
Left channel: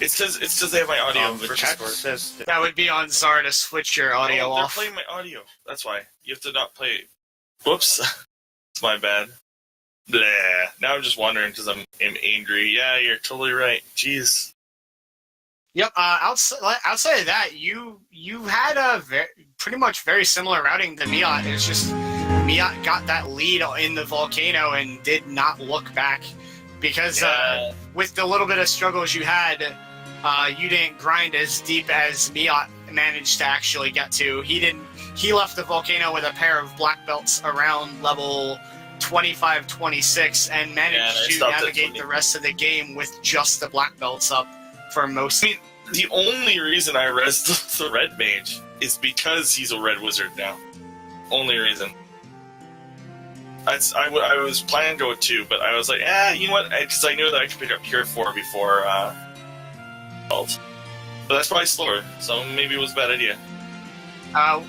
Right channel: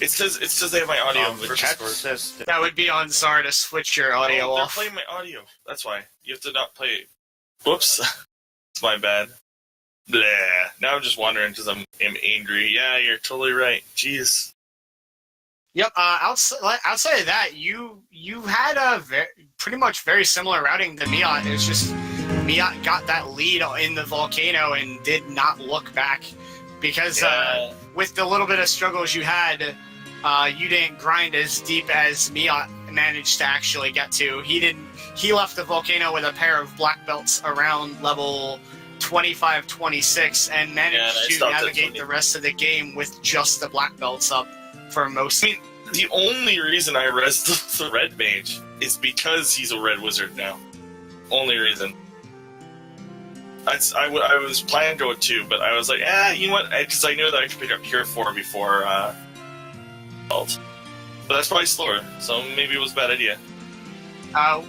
It's because they have my audio The for chat Discord. says that. That would be on Zar to switch your audio Oh, they're off. playing my audio. That's why. You have to not play it. Whoops. It's my bad. Blah. Now I'm just wondering because I'm angry. Yeah, you're totally right. Jeez. Yep. Outside of that, you had a pretty much very similar routing to Miaut. It's just Miaut got that lead in the volcano and did not look back because Yeah. with the little bit of struggles you had, you didn't grind as deep as Miaut managed to actually get to. He didn't. He left the volcano with a pair of black belts around level 25, 26 and managed Yeah, and I to stopped at navigate 20. the rest of the game with just the black belts up for most. I mean, the only reason I rezzed the red mage is because he's a red wizard now. Only reason. I was planning to go with 2, but I was like, you know what? Because I knew that I could pick up Cure 4 before 12. But that's probably slower, so maybe it was a bad idea.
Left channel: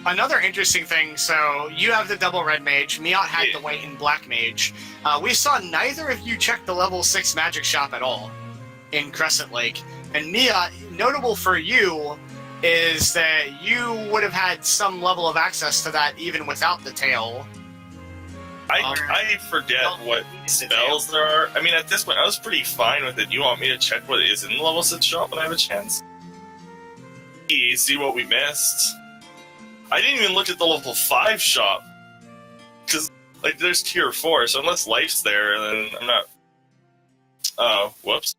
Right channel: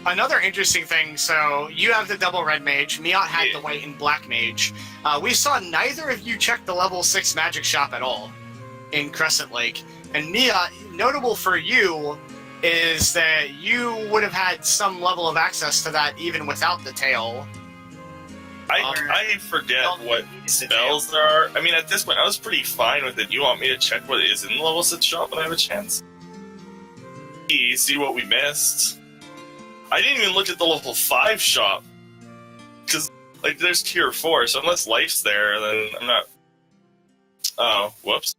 Another interesting thing, so you have the double red mage, Miaut had Yeah. the white and black mage. We saw neither of you check the level 6 magic shop at all in Crescent Lake. And Miaut, notable for you is that you would have had some level of access to that even without the tail. I forget what spells there are. I mean, at this point, I was pretty fine with it. You want me to check what is in the level 6 shop when I have a chance? See what we missed. I didn't even look at the level 5 shop. Because, like, there's tier 4, so unless life's there, then I'm not... Oh, whoops.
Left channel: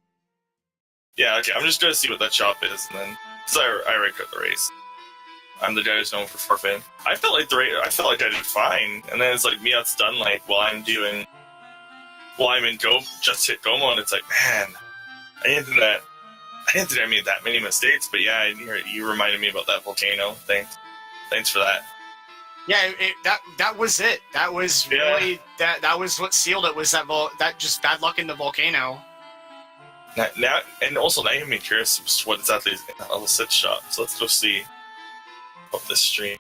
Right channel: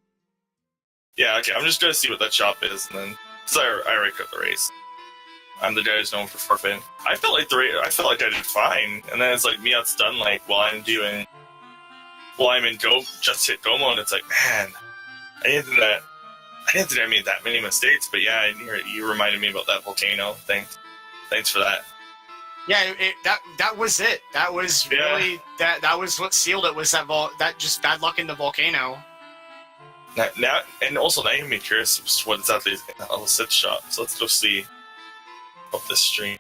Yeah, okay, I'm just gonna see what that shop is, and then... So I already cut the race. I'm the guy who's known for forfeiting. I felt like I did fine, and then it's like Miaut's done. Like while I'm in just hit go mode. It's like, man, I didn't think I made that many mistakes. But yeah, you reminded me about that volcano. Thanks for that. Yeah, that was it. That was really that was what sealed it. Was that just bad luck in the volcano? Now and also now you made me curious what exactly is in that level 6 shop. So let's go see of this stream.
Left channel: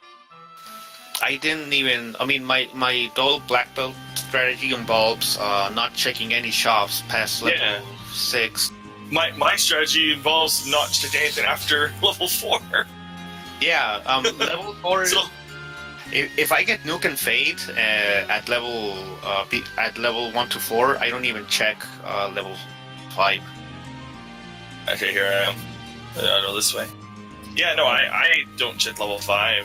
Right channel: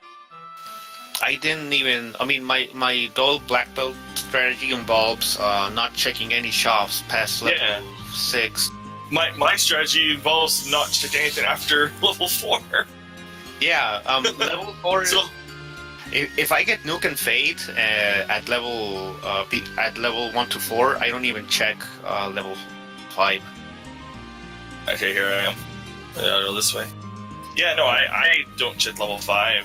I didn't even. I mean, my dual black belt strategy involves not checking any shops past level 6. My strategy involves not checking anything after level 4. Yeah, level 4. So, if I get Nuke and Fade at level 1 to 4, I don't even check level 5. okay, here I am. I'll go this way. Yeah, no, I don't check level 5.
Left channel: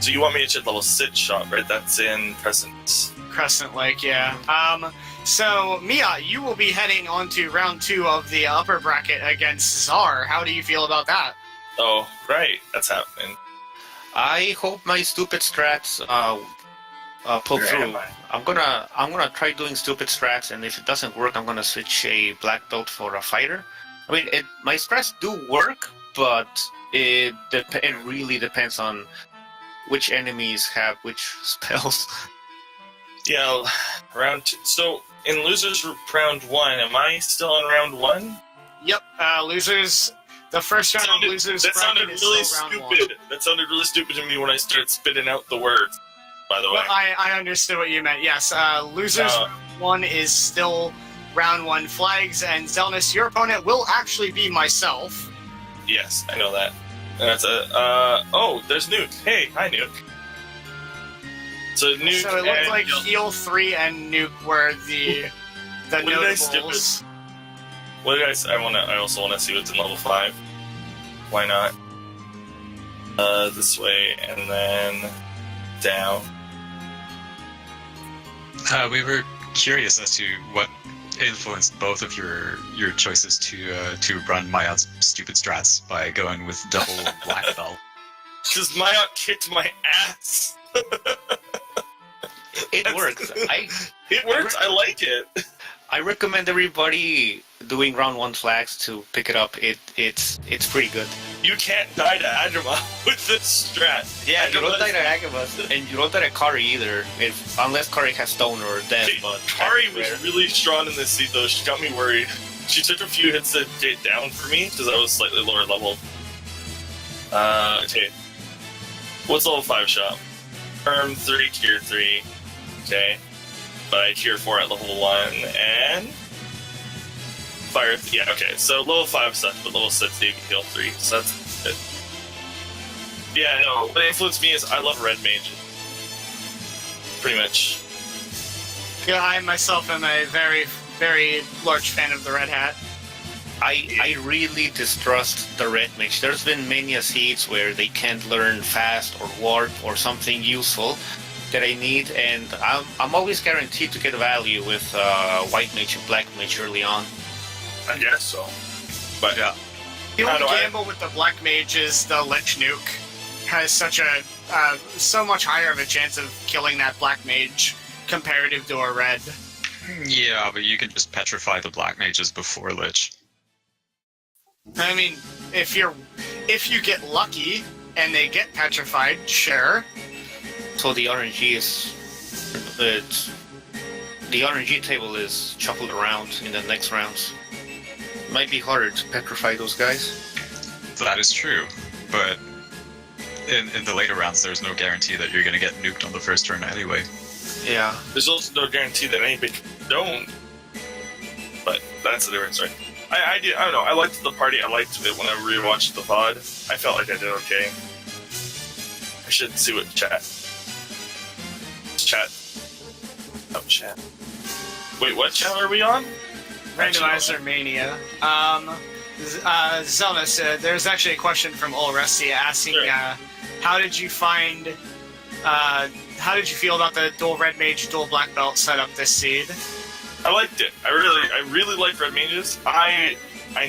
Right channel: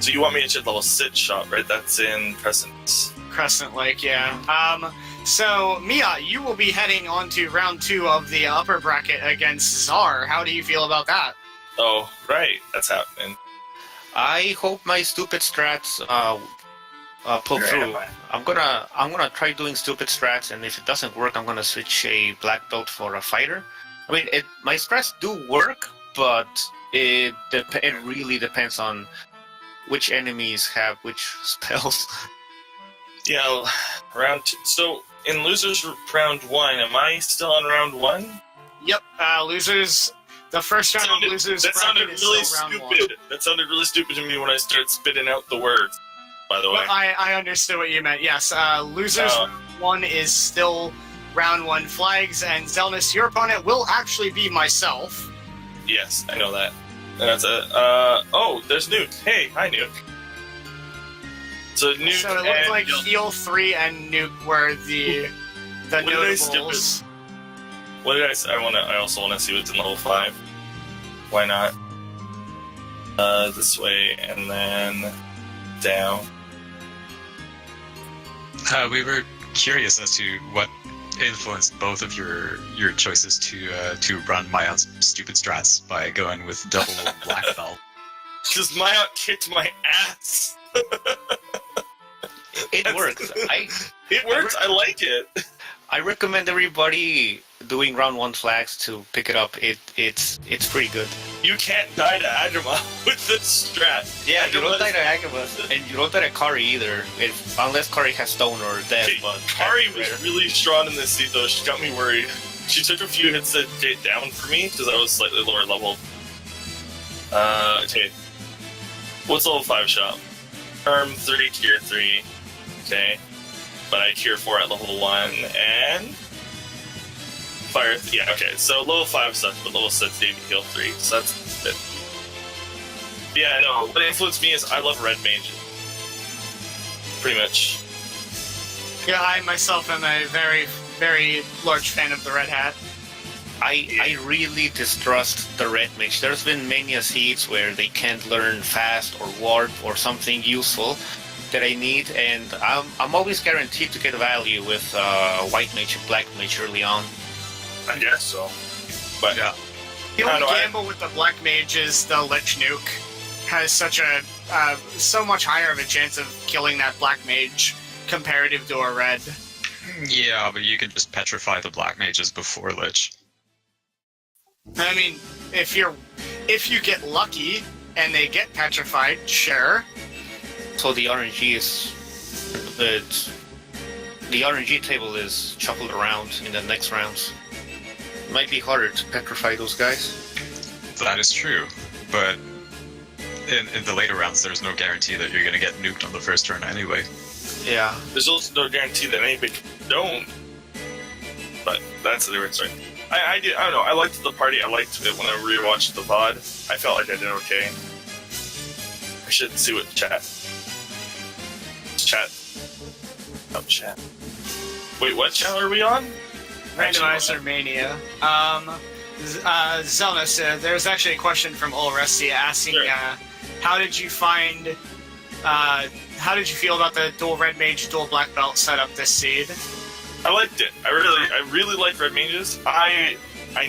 So you want me to check level 6 shop, right? That's in Crescent Lake, yeah. So Miaut, you will be heading on to round 2 of the upper bracket against Zar. How do you feel about that? Oh, right, that's happening. I hope my stupid strats pull Where through. am I? I'm gonna try doing stupid strats, and if it doesn't work, I'm gonna switch a black belt for a fighter. I mean, my strats do work, but it really depends on which enemies have which spells. Yeah, round 2. So in losers round 1, am I still on round 1? Yep, losers. The first round of losers That sounded bracket is really still round stupid. That sounded really stupid to me when I started spitting out the words. By the way. Well, I understood what you meant. Yes, losers Oh. 1 is still round 1 flags, and Xelnas, your opponent will actually be myself. Yes, I know that. And that's oh, there's Nuke. Hey, hi Nuke. So Nuke So it looked and like Heal 3 and Nuke were the What did I skip notables. What did I say? I also want to see what's in level 5. Why not? This way, and then down. We were curious as to what influenced both of your choices to run Miaut's stupid strats by going with double black belt. Because Miaut kicked my ass. It works. It works. I like it. I recommend everybody doing round 1 flags to pick it up. It's pretty good. You can't die to Agrima with this strat. Yeah, you don't Agrima- die to Agabus, and you don't die to Kari either, unless Kari has stone or death. Okay, But Kari that's was rare. really strong in this seat, though. She got me worried. She took a few hits to get down for me, because I was slightly lower level. Okay. What's level 5 shop? Term 3, tier 3. Okay. But I tier 4 at level 1, and... Fire... Yeah, okay. So level 5 stuff, but level 6 Davy heal 3, so that's it. Yeah, no, what influenced me is I love red mages. Pretty much. Yeah, I myself am a very, very large fan of the Red Hat. I really distrust the red mage. There's been many seeds where they can't learn fast or warp or something useful that I need, and I'm always guaranteed to get value with white mage and black mage early on. I guess so. But yeah. The I only know, gamble with the Black Mage is the Lich Nuke has so much higher of a chance of killing that Black Mage comparative to a Red. Yeah, but you can just petrify the black mages before Lich. I mean, if you get lucky and they get petrified, sure. So the RNG is the RNG table is shuffled around in the next rounds. It might be harder to petrify those guys. That is true, but in the later rounds, there's no guarantee that you're going to get nuked on the first turn anyway. Yeah. There's also no guarantee that anybody don't. But that's a different story. I don't know. I liked the party. I liked it when I rewatched the VOD. I felt like I did okay. I should see what chat. Oh, chat. Wait, what channel are we on? Randomizer Mania. Xelnas, there's actually a question from Ol Rusty asking, Sure. how did you feel about the dual red mage, dual black belt setup this seed? I liked it. I really like red mages. I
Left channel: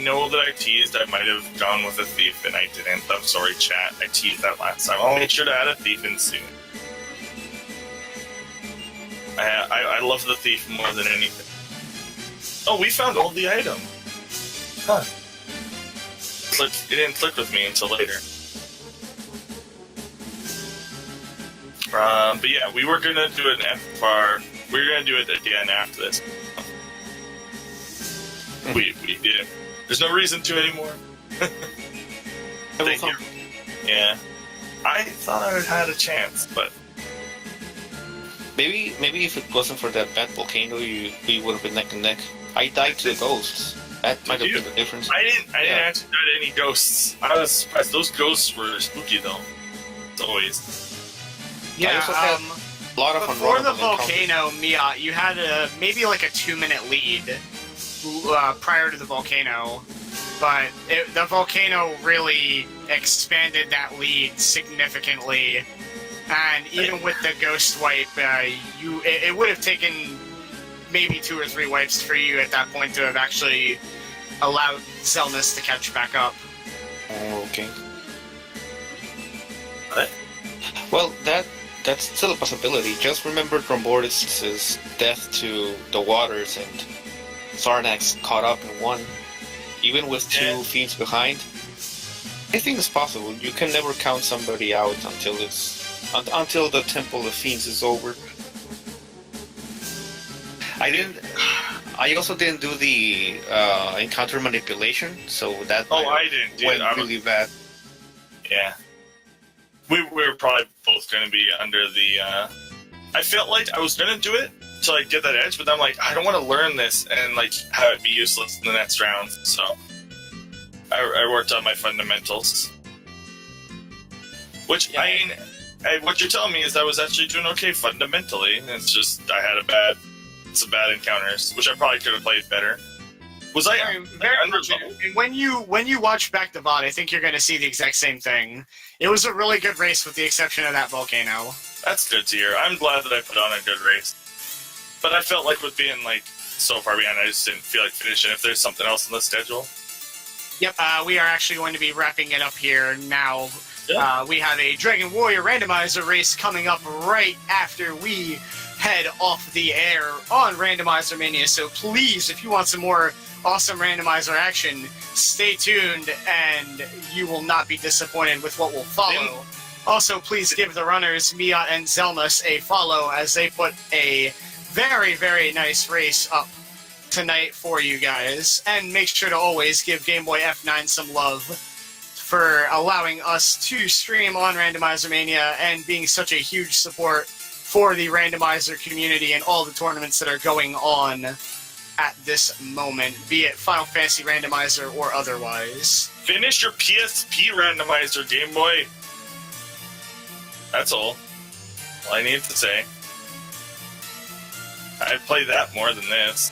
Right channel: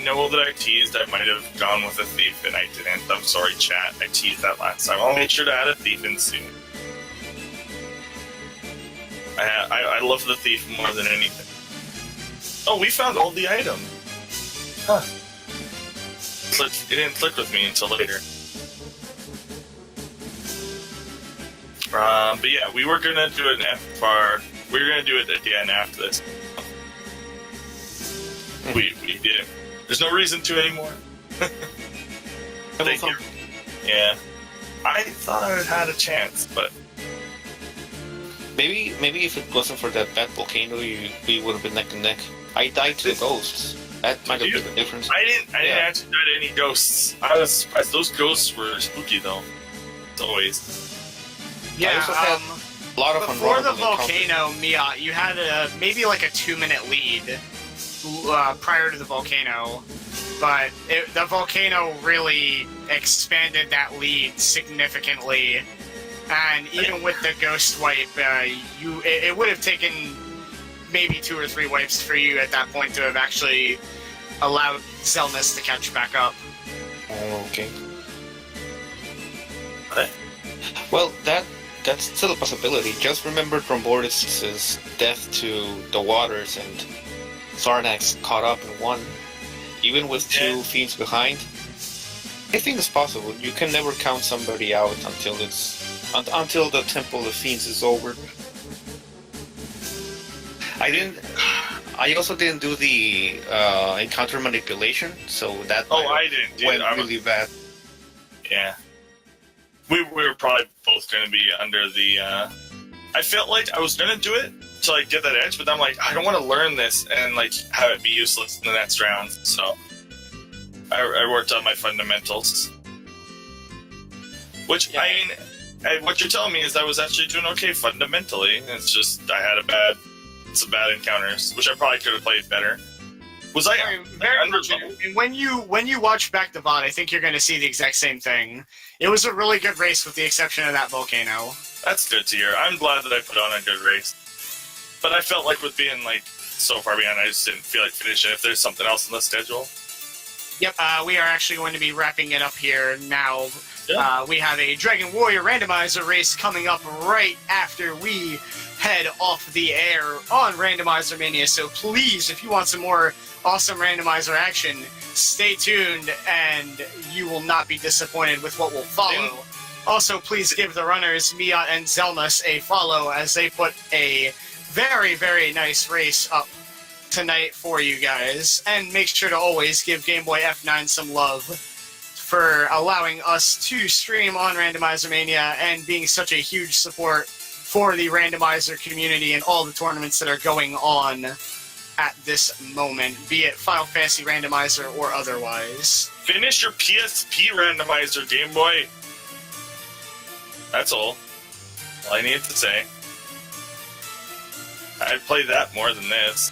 know that I teased. I might have gone with a thief, and I didn't. I'm sorry, chat. I teased that last time. I'll make sure to add a thief in soon. I love the thief more than anything. Oh, we found all the item. Huh. It didn't click with me until later. But yeah, we were gonna do an FR. We were gonna do it again after this. We didn't. There's no reason to anymore. Thank you. Yeah. I thought I had a chance, but Maybe if it wasn't for that bad volcano, we would have been neck and neck. I died to the ghosts. That might have been the difference. I didn't actually die to any ghosts. I was surprised. Those ghosts were spooky though. It's always. Yeah, also had a lot of before the unrunnable volcano, Miaut, you had maybe like a 2-minute lead prior to the volcano, but the volcano really expanded that lead significantly. And even with the ghost wipe, it would have taken maybe 2 or 3 wipes for you at that point to have actually allowed Xelnas to catch back up. Oh, okay. What? Well, that's still a possibility. Just remember Trombordis' death to the waters, and Sarnax caught up and won, even with 2 fiends behind. I think it's possible. You can never count somebody out until the Temple of Fiends is over. I also didn't do the encounter manipulation, so that I didn't. Dude, went really bad. Yeah. We were probably both going to be under the. I felt like I was going to do it to like get that edge, but I'm like, I don't want to learn this and like have it be useless in the next round. So I worked on my fundamentals. Which Yeah. I mean, what you're telling me is I was actually doing okay fundamentally. It's just I had some bad encounters, which I probably could have played better. Was I Very under much. level? And when you watch back the VOD, I think you're going to see the exact same thing. It was a really good race with the exception of that volcano. That's good to hear. I'm glad that I put on a good race. But I felt like with being like so far behind, I just didn't feel like finishing if there's something else on the schedule. Yep, we are actually going to be wrapping it up here now. Yeah. We have a Dragon Warrior Randomizer race coming up right after we head off the air on Randomizer Mania. So please, if you want some more awesome randomizer action, stay tuned and you will not be disappointed with what will follow. Also, please give the runners Miaut and Xelnas a follow as they put a very, very nice race up tonight for you guys. And make sure to always give Game Boy F9 some love for allowing us to stream on Randomizer Mania and being such a huge support for the randomizer community and all the tournaments that are going on at this moment, be it Final Fantasy Randomizer or otherwise. Finish your PSP randomizer, Game Boy. That's all I need to say. I played that more than this.